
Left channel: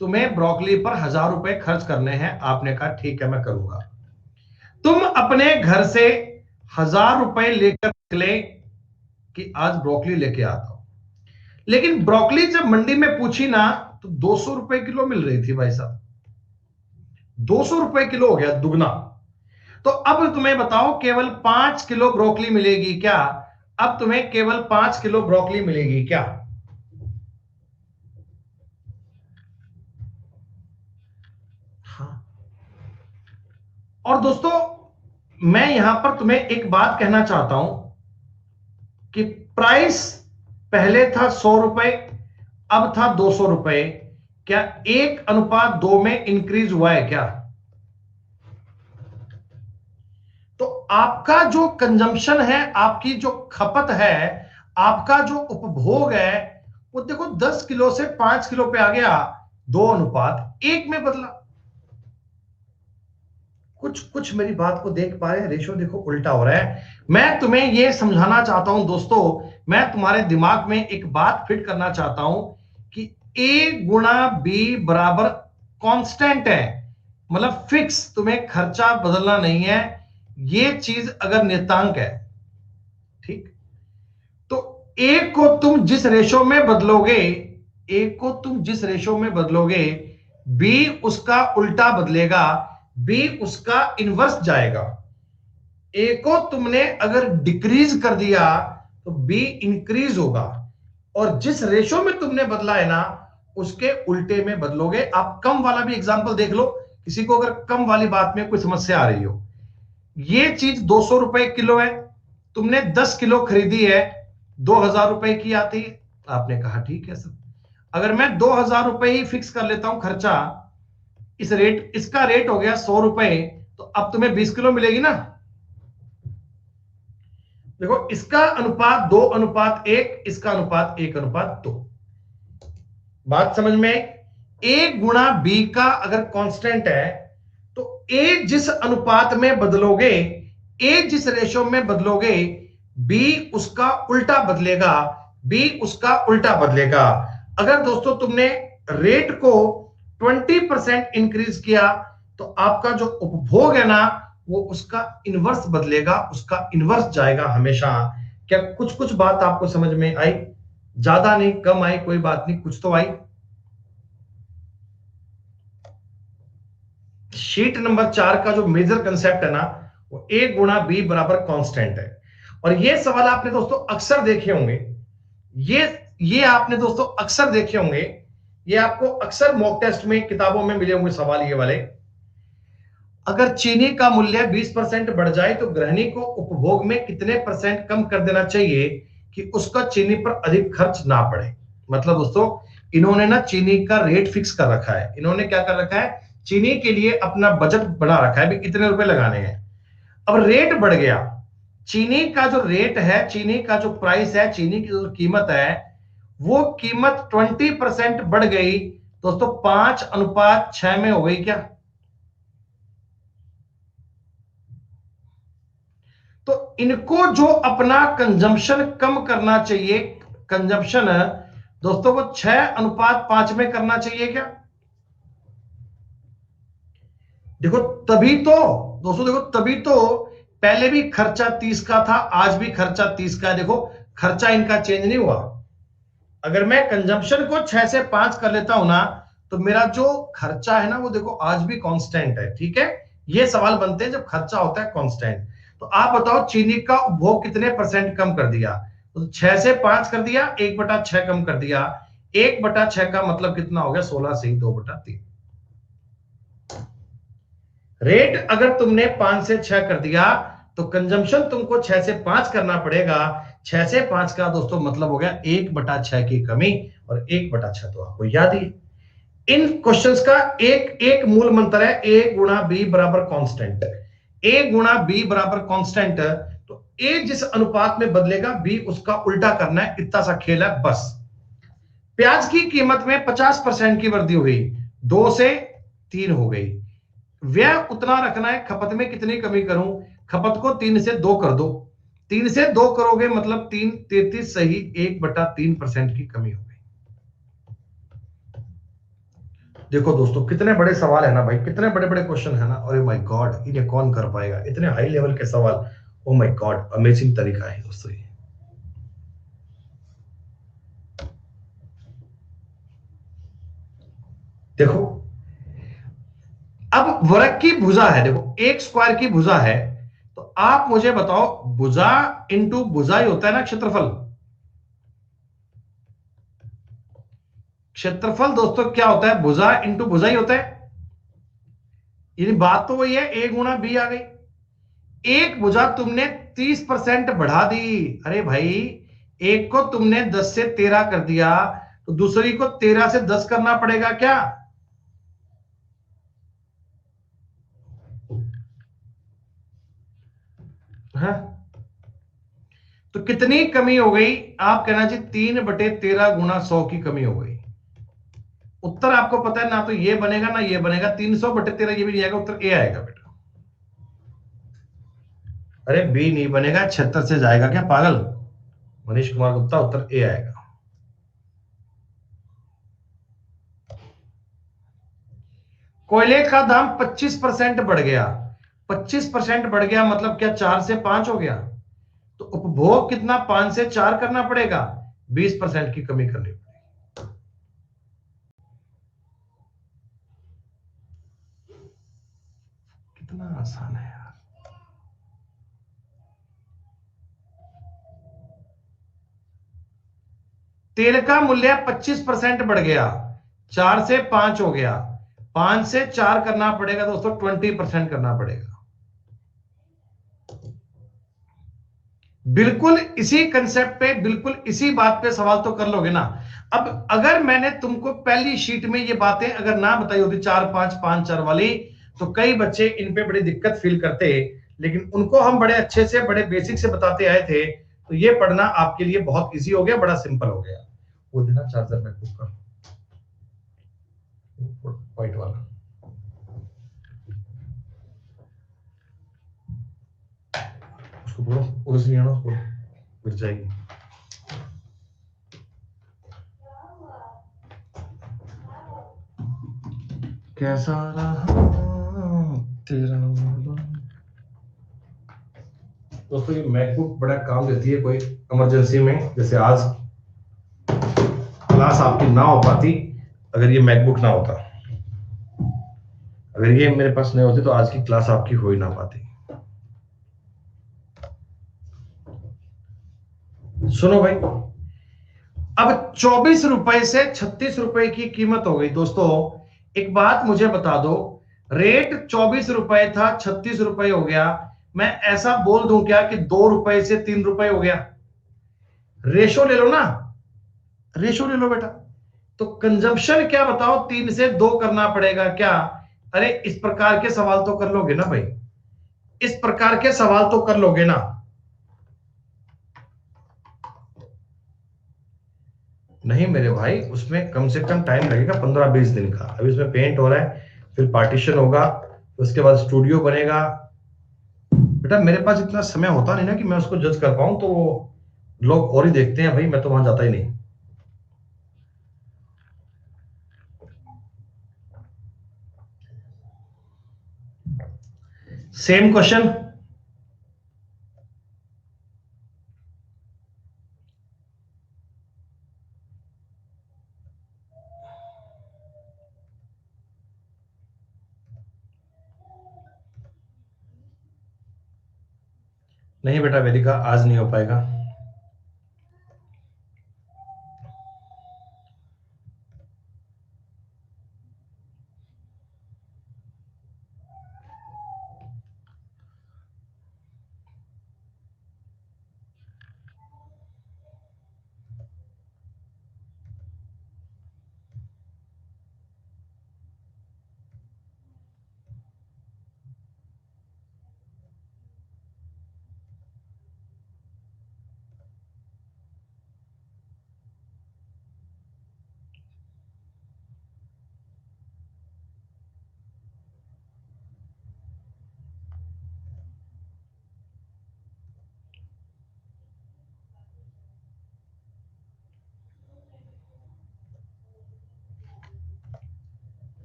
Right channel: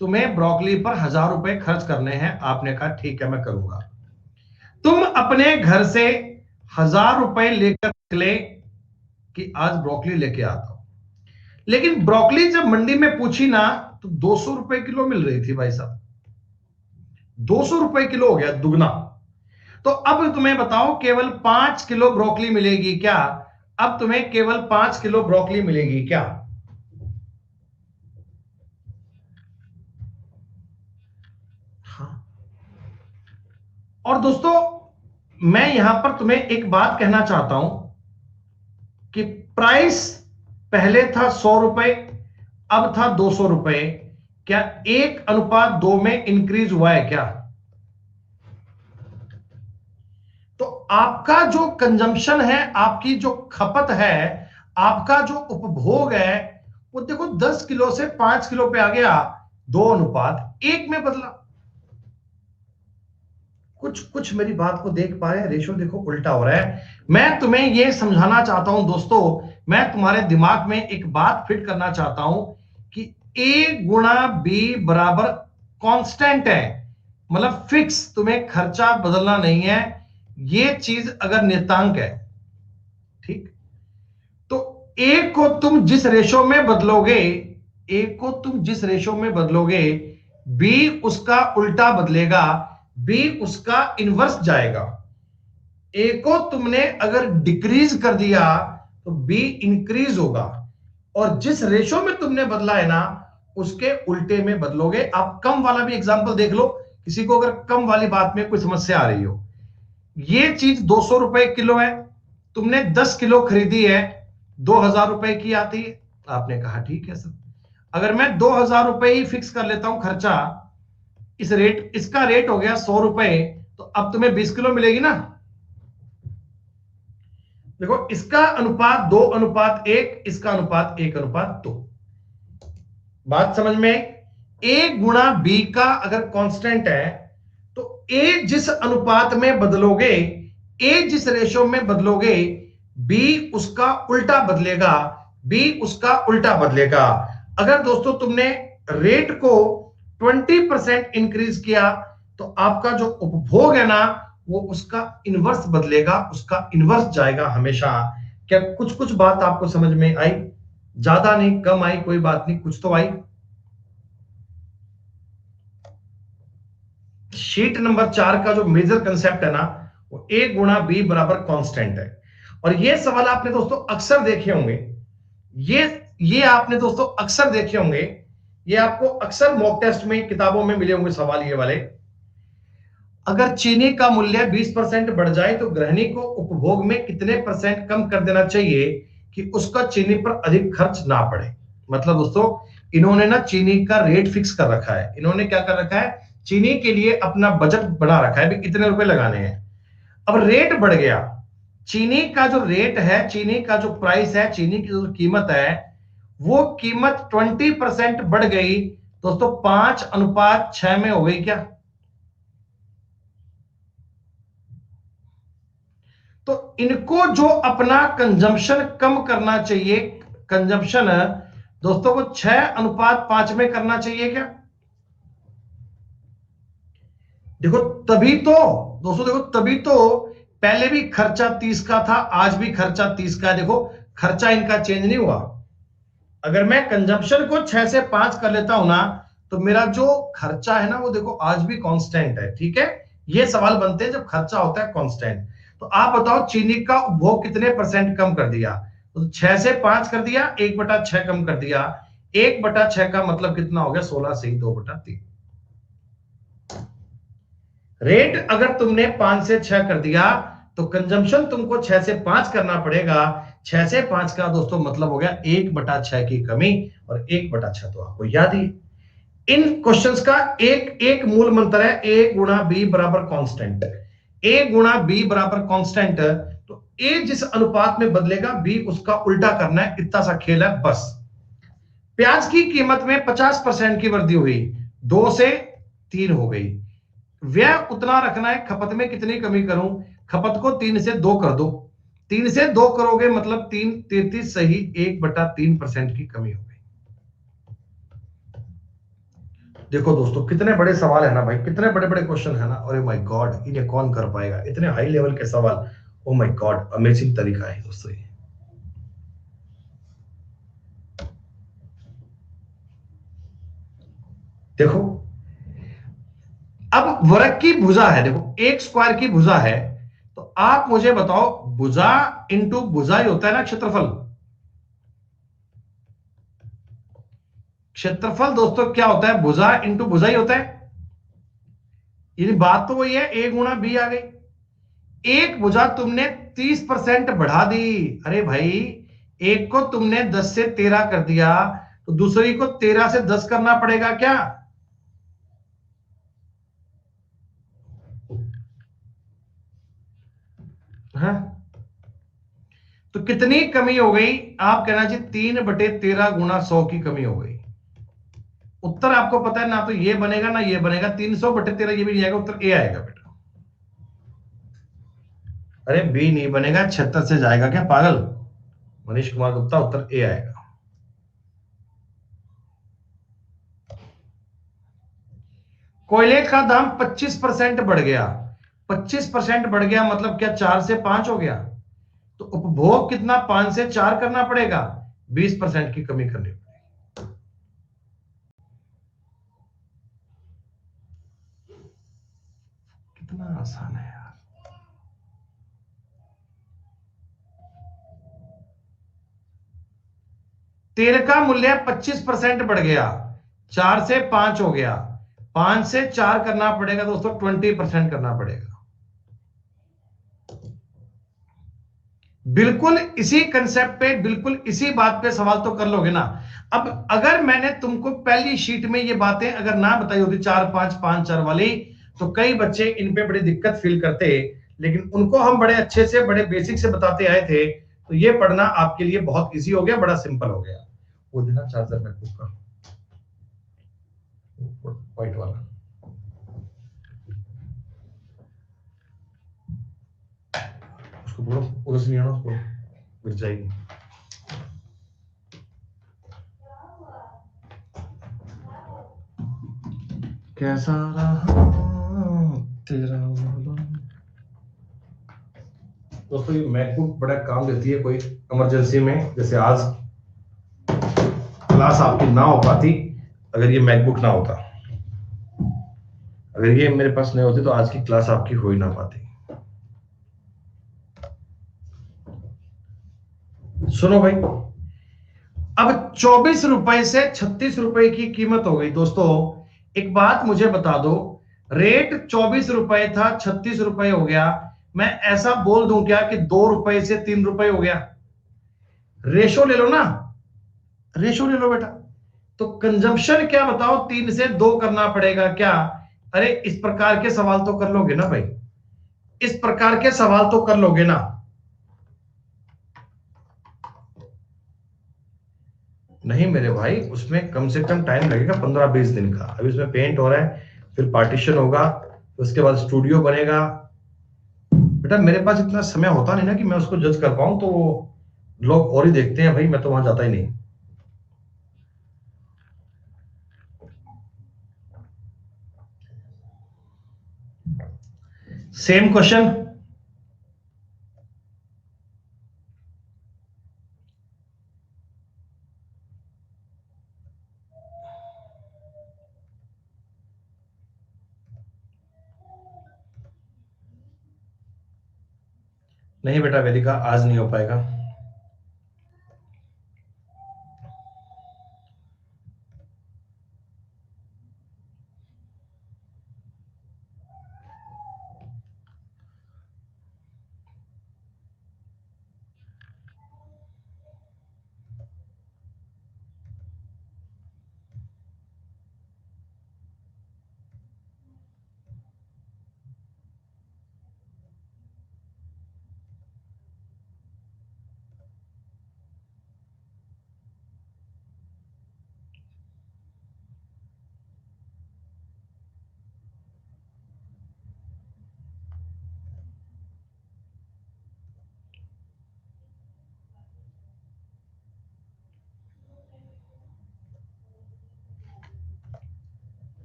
तुम्हें ब्रोकली पर 1000 रुपए खर्च करने हैं। आपने कहा ठीक है मैं करूंगा। तुम अपने घर से 1000 रुपए लेकर निकले कि आज ब्रोकली लेके आता हूं, लेकिन ब्रोकली जब मंडी में पूछी ना तो 200 रुपए किलो मिल रही थी भाई साहब। 200 रुपए किलो हो गया, दुगना। तो अब तुम्हें बताओ केवल 5 किलो ब्रोकली मिलेगी क्या? अब तुम्हें केवल 5 किलो ब्रोकली मिलेगी क्या? हाँ। और दोस्तों मैं यहां पर तुम्हें एक बात कहना चाहता हूं कि प्राइस पहले था 100 रुपए, अब था 200 रुपए। क्या 1:2 में इंक्रीज हुआ है क्या? तो आपका जो कंजम्पशन है, आपकी जो खपत है, आपका जो उपभोग है, वो देखो 10 किलो से 5 किलो पे आ गया, 2:1 में बदला। कुछ कुछ मेरी बात को देख पा रहे हैं? रेशो देखो उल्टा हो रहा है। मैं तुम्हें यह समझाना चाहता हूं दोस्तों, मैं तुम्हारे दिमाग में एक बात फिट करना चाहता हूं कि A गुणा B बराबर कांस्टेंट है, मतलब फिक्स, तुम्हें खर्चा बदलना नहीं है। ये चीज अगर नियतांक है, ठीक, तो A को तुम जिस रेशो में बदलोगे, A को तुम जिस रेशो में बदलोगे, B उसका उल्टा बदलेगा, B उसका इनवर्स जाएगा। A को तुमने अगर डिक्रीज कर दिया तो B इंक्रीज होगा। और जिस रेशो में तुमने बदला है ना, उसके उल्टे में बदलोगे। आप कम वाला भी एग्जांपल देख लो, किसी को अगर कम वाली बात में कोई समस्या आ रही हो। ये चीज 200 रुपए किलो है, तुमने 10 किलो खरीदी है, 2000 रुपए की आती है। आपने कहा ठीक है सर, अगर मैं 2000 रुपए ही फिक्स कर लेता हूं खर्चा, इस रेट, इसका रेट हो गया 100 रुपए, तो अब तुम्हें 20 किलो मिलेगी ना। देखो इसका अनुपात 2:1, इसका अनुपात 1:2। बात समझ में आई? ए गुणा बी का अगर कांस्टेंट है, तो ए जिस अनुपात में बदलोगे, ए जिस रेशो में बदलोगे, बी उसका उल्टा बदलेगा, बी उसका उल्टा बदलेगा। अगर दोस्तों तुमने रेट को 20% इंक्रीज किया, तो आपका जो उपभोग है ना, वो उसका इनवर्स बदलेगा, उसका इनवर्स जाएगा हमेशा। क्या कुछ कुछ बात आपको समझ में आई? ज्यादा नहीं, कम आई, कोई बात नहीं, कुछ तो आई। शीट नंबर 4 का जो मेजर कंसेप्ट है ना, वो ए गुणा बी बराबर कांस्टेंट है। और ये सवाल आपने दोस्तों अक्सर देखे होंगे, ये ये आपने दोस्तों अक्सर देखे होंगे, ये आपको अक्सर मॉक टेस्ट में, किताबों में मिले होंगे सवाल ये वाले। अगर चीनी का मूल्य 20% बढ़ जाए, तो गृहिणी को उपभोग में कितने परसेंट कम कर देना चाहिए कि उसका चीनी पर अधिक खर्च ना पड़े। मतलब दोस्तों, इन्होंने ना चीनी का रेट फिक्स कर रखा है। इन्होंने क्या कर रखा है, चीनी के लिए अपना बजट बना रखा है भी कितने रुपए लगाने हैं। अब रेट बढ़ गया, चीनी का जो रेट है, चीनी का जो प्राइस है, चीनी की जो कीमत है, वो कीमत 20% बढ़ गई दोस्तों, 5:6 में हो गई क्या? तो इनको जो अपना कंजम्पशन कम करना चाहिए, कंजम्पशन दोस्तों वो 6:5 में करना चाहिए क्या? देखो तभी तो, दोस्तों देखो तभी तो, पहले भी खर्चा 30 का था, आज भी खर्चा 30 का है। देखो खर्चा इनका चेंज नहीं हुआ। अगर मैं कंजम्पशन को 6 से 5 कर लेता हूं ना, तो मेरा जो खर्चा है ना, वो देखो आज भी कांस्टेंट है। ठीक है, ये सवाल बनते हैं जब खर्चा होता है कांस्टेंट। तो आप बताओ चीनी का उपभोग कितने परसेंट कम कर दिया? तो 6 से 5 कर दिया, 1/6 कम कर दिया। 1/6 का मतलब कितना हो गया? 16 से 2/3। रेट अगर तुमने 5 से 6 कर दिया, तो कंजम्पशन तुमको 6 से 5 करना पड़ेगा। 6 से 5 का दोस्तों मतलब हो गया 1/6 की कमी, और 1/6 तो आपको याद ही। इन क्वेश्चंस का एक एक मूल मंत्र है, ए गुणा बी बराबर कांस्टेंट। ए गुणा बी बराबर कांस्टेंट, तो ए जिस अनुपात में बदलेगा, बी उसका उल्टा करना है, इतना सा खेल है बस। प्याज की कीमत में 50% की वृद्धि हुई, 2 से 3 हो गई। व्यय उतना रखना है, खपत में कितनी कमी करूं? खपत को 3 से 2 कर दो। 3 से 2 करोगे मतलब 3 33 सही, 1/3% की कमी हो गई। देखो दोस्तों कितने बड़े सवाल है ना भाई, कितने बड़े बड़े क्वेश्चन है ना। अरे माय गॉड, इन्हें कौन कर पाएगा, इतने हाई लेवल के सवाल। ओ माय गॉड, अमेजिंग तरीका है दोस्तों ये। देखो अब वर्ग की भुजा है, देखो एक स्क्वायर की भुजा है, तो आप मुझे बताओ, भुजा इंटू भुजा ही होता है ना क्षेत्रफल। क्षेत्रफल दोस्तों क्या होता है? भुजा इंटू भुजा ही होता है। यानी बात तो वही है, ए गुणा बी आ गई। एक भुजा तुमने 30% बढ़ा दी। अरे भाई, एक को तुमने 10 से 13 कर दिया, तो दूसरी को 13 से 10 करना पड़ेगा क्या? हाँ? तो कितनी कमी हो गई? आप कहना चाहिए 3/13 गुणा 100 की कमी हो गई। उत्तर आपको पता है ना, तो ये बनेगा ना ये बनेगा, 300/13 ये भी नहीं आएगा, उत्तर ए आएगा बेटा। अरे बी नहीं बनेगा, 76 से जाएगा क्या पागल? मनीष कुमार गुप्ता, उत्तर ए आएगा। कोयले का दाम 25% बढ़ गया। 25% बढ़ गया मतलब क्या? 4 से 5 हो गया। तो उपभोग कितना? 5 से 4 करना पड़ेगा, 20% की कमी करनी पड़ेगी। कितना आसान है यार। तेल का मूल्य 25% बढ़ गया, 4 से 5 हो गया, 5 से 4 करना पड़ेगा दोस्तों, 20% करना पड़ेगा। बिल्कुल इसी कंसेप्ट पे, बिल्कुल इसी बात पे सवाल तो कर लोगे ना। अब अगर मैंने तुमको पहली शीट में ये बातें अगर ना बताई होती 4-5-5-4 वाली, तो कई बच्चे इन पे बड़ी दिक्कत फील करते, लेकिन उनको हम बड़े अच्छे से, बड़े बेसिक से बताते आए थे, तो ये पढ़ना आपके लिए बहुत इजी हो गया, बड़ा सिंपल हो गया। वो देना चार्जर मैकबुक का, व्हाइट वाला। उसको बोलो उधर से नहीं आना, उसको गिर जाएगी। कैसा रहा तेरा दोस्तों, ये मैकबुक बड़ा काम देती है कोई इमरजेंसी में, जैसे आज क्लास आपकी ना हो पाती अगर ये मैकबुक ना होता, अगर ये मेरे पास नहीं होती तो आज की क्लास आपकी हो ही ना पाती। सुनो भाई, अब 24 रुपए से 36 रुपए की कीमत हो गई दोस्तों। एक बात मुझे बता दो, रेट 24 रुपए था, 36 रुपए हो गया, मैं ऐसा बोल दूं क्या कि 2 रुपए से 3 रुपए हो गया? रेशो ले लो ना, रेशो ले लो बेटा। तो कंजम्पशन क्या बताओ, 3 से 2 करना पड़ेगा क्या? अरे इस प्रकार के सवाल तो कर लोगे ना भाई, इस प्रकार के सवाल तो कर लोगे ना। नहीं मेरे भाई, उसमें कम से कम टाइम लगेगा 15-20 दिन का। अभी उसमें पेंट हो रहा है, फिर पार्टीशन होगा, उसके बाद स्टूडियो बनेगा। बेटा मेरे पास इतना समय होता नहीं ना कि मैं उसको जज कर पाऊं, तो लोग और ही देखते हैं भाई, मैं तो वहां जाता ही नहीं। सेम क्वेश्चन, नहीं बेटा वेदिका आज नहीं हो पाएगा।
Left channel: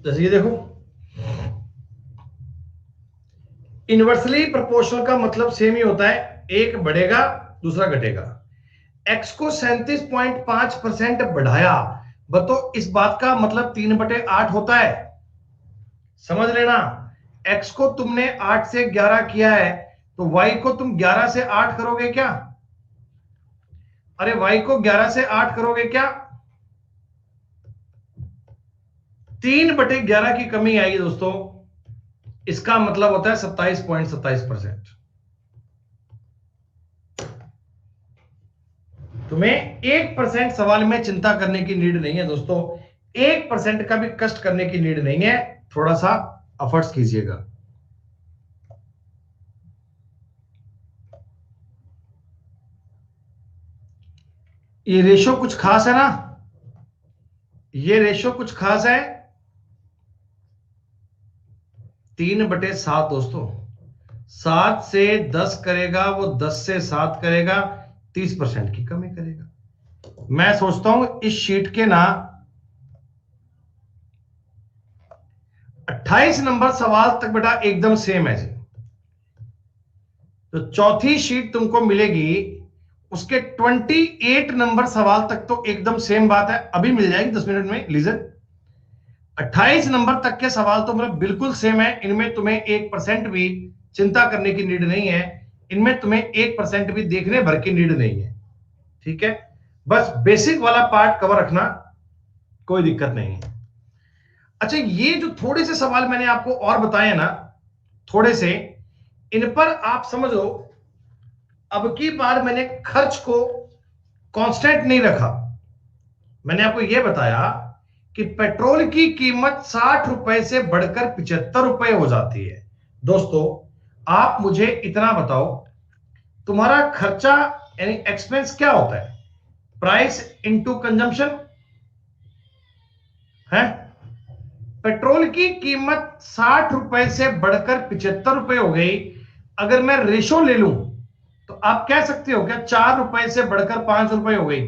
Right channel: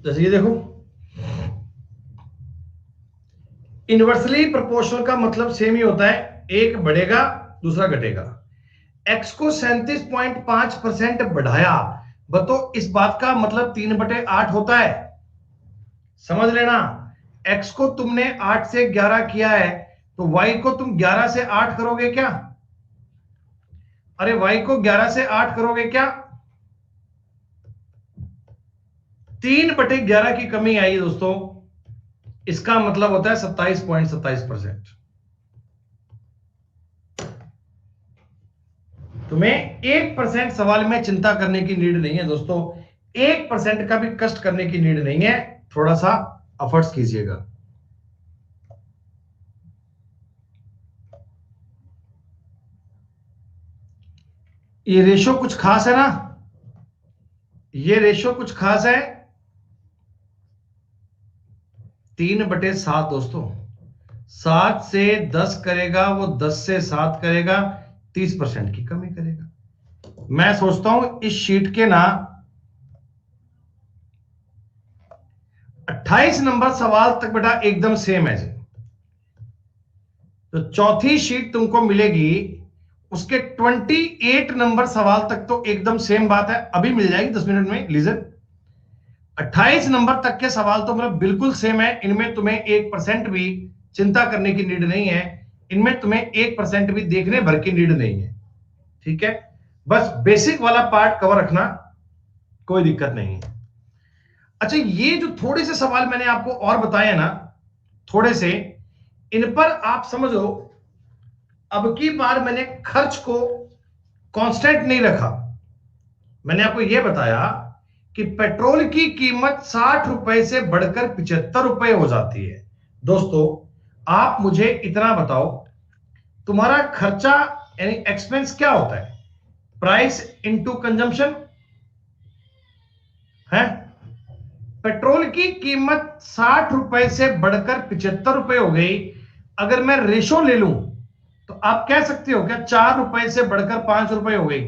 जैसे ये देखो, इनवर्सली प्रोपोर्शनल का मतलब सेम ही होता है, एक बढ़ेगा दूसरा घटेगा। एक्स को 37.5% बढ़ाया, बताओ इस बात का मतलब 3/8 होता है, समझ लेना। एक्स को तुमने 8 से 11 किया है, तो वाई को तुम 11 से 8 करोगे क्या? अरे वाई को 11 से 8 करोगे क्या? 3/11 की कमी आई दोस्तों, इसका मतलब होता है 27.27%। तुम्हें 1% सवाल में चिंता करने की नीड नहीं है दोस्तों, 1% का भी कष्ट करने की नीड नहीं है, थोड़ा सा एफर्ट्स कीजिएगा। ये रेशो कुछ खास है ना, ये रेशो कुछ खास है, 3/7 दोस्तों। 7 से 10 करेगा वो, 10 से 7 करेगा, 30% की कमी करेगा। मैं सोचता हूं इस शीट के ना 28 नंबर सवाल तक बेटा एकदम सेम है। तो चौथी शीट तुमको मिलेगी, उसके 28 नंबर सवाल तक तो एकदम सेम बात है, अभी मिल जाएगी 10 मिनट में लीजर। 28 नंबर तक के सवाल तो मतलब बिल्कुल सेम है, इनमें तुम्हें 1% भी चिंता करने की नीड नहीं है, इनमें तुम्हें 1% भी देखने भर की नीड नहीं है, ठीक है। बस बेसिक वाला पार्ट कवर रखना, कोई दिक्कत नहीं है। अच्छा, ये जो थोड़े से सवाल मैंने आपको और बताए ना, थोड़े से, इन पर आप समझो, अब की बार मैंने खर्च को कांस्टेंट नहीं रखा। मैंने आपको यह बताया कि पेट्रोल की कीमत 60 रुपए से बढ़कर 75 रुपए हो जाती है। दोस्तों, आप मुझे इतना बताओ, तुम्हारा खर्चा यानी एक्सपेंस क्या होता है? प्राइस इनटू कंजम्पशन है। पेट्रोल की कीमत 60 रुपए से बढ़कर 75 रुपए हो गई। अगर मैं रेशो ले लूं तो आप कह सकते हो क्या 4 रुपए से बढ़कर 5 रुपए हो गई?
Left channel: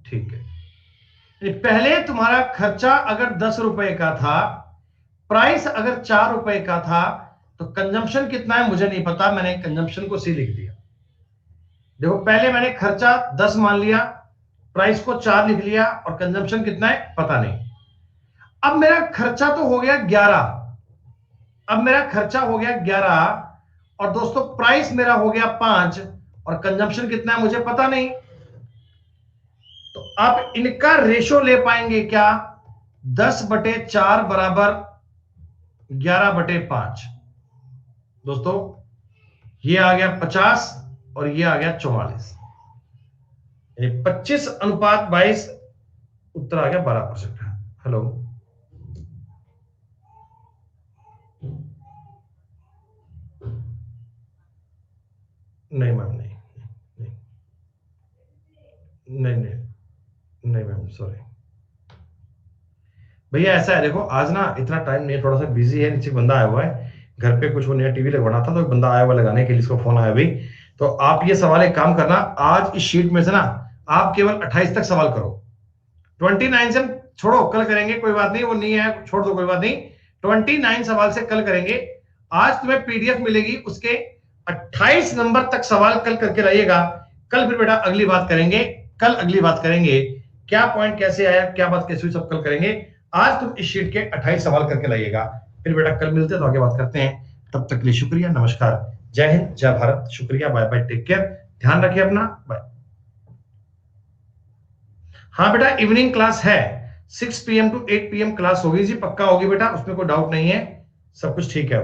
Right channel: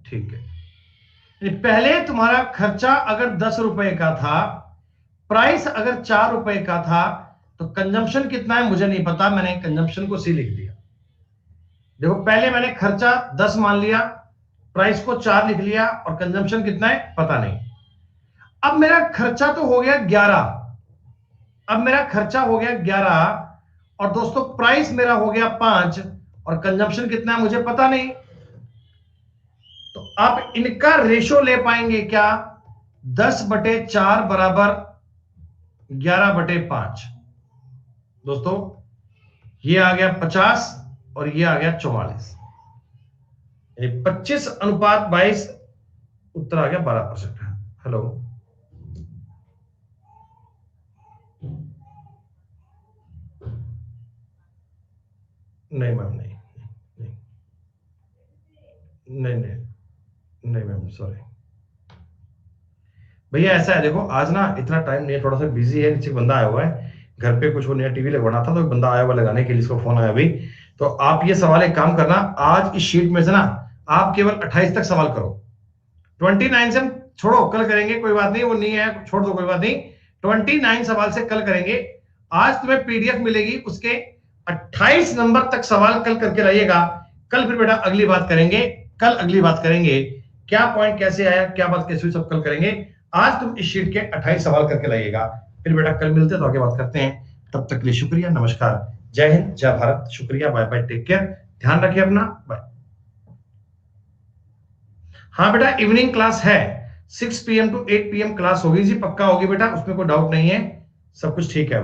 ठीक है। पहले तुम्हारा खर्चा अगर 10 रुपए का था, प्राइस अगर 4 रुपए का था, तो कंजम्पशन कितना है मुझे नहीं पता, मैंने कंजम्पशन को सी लिख दिया। देखो, पहले मैंने खर्चा 10 मान लिया, प्राइस को 4 लिख लिया, और कंजम्पशन कितना है पता नहीं। अब मेरा खर्चा तो हो गया 11, अब मेरा खर्चा हो गया 11, और दोस्तों प्राइस मेरा हो गया 5, और कंजम्पशन कितना है मुझे पता नहीं। तो आप इनका रेशो ले पाएंगे क्या? 10/4 बराबर 11/5। दोस्तों, ये आ गया 50 और ये आ गया 44, 25/22, उत्तर आ गया 12%। हेलो, नहीं मैम, नहीं नहीं नहीं नहीं नहीं मैम, सॉरी भैया। ऐसा है, देखो आज ना इतना टाइम नहीं है, थोड़ा सा बिजी है, नीचे बंदा आया हुआ है घर पे, कुछ वो नया टीवी लगवाना था, तो एक बंदा आया हुआ लगाने के लिए, इसको फोन आया अभी। तो आप ये सवाल एक काम करना, आज इस शीट में से ना आप केवल 28 तक सवाल करो। 29 से छोड़ो, कल करेंगे, कोई बात नहीं, वो नहीं है छोड़ दो, कोई बात नहीं। 29 सवाल से कल करेंगे। आज तुम्हें पीडीएफ मिलेगी, उसके 28 नंबर तक सवाल कल करके रहिएगा। कल फिर बेटा अगली बात करेंगे, कल अगली बात करेंगे, क्या पॉइंट कैसे आया, क्या बात कैसे हुई, सब कल करेंगे। आज तुम इस शीट के 28 सवाल करके लाइएगा, फिर बेटा कल मिलते हैं तो आगे बात करते हैं। तब तक के लिए शुक्रिया, नमस्कार, जय हिंद, जय भारत, शुक्रिया, बाय बाय, टेक केयर, ध्यान रखिए अपना, बाय। हाँ बेटा, इवनिंग क्लास है, 6 PM to 8 PM क्लास होगी जी, पक्का होगी बेटा, उसमें कोई डाउट नहीं है, सब कुछ ठीक है।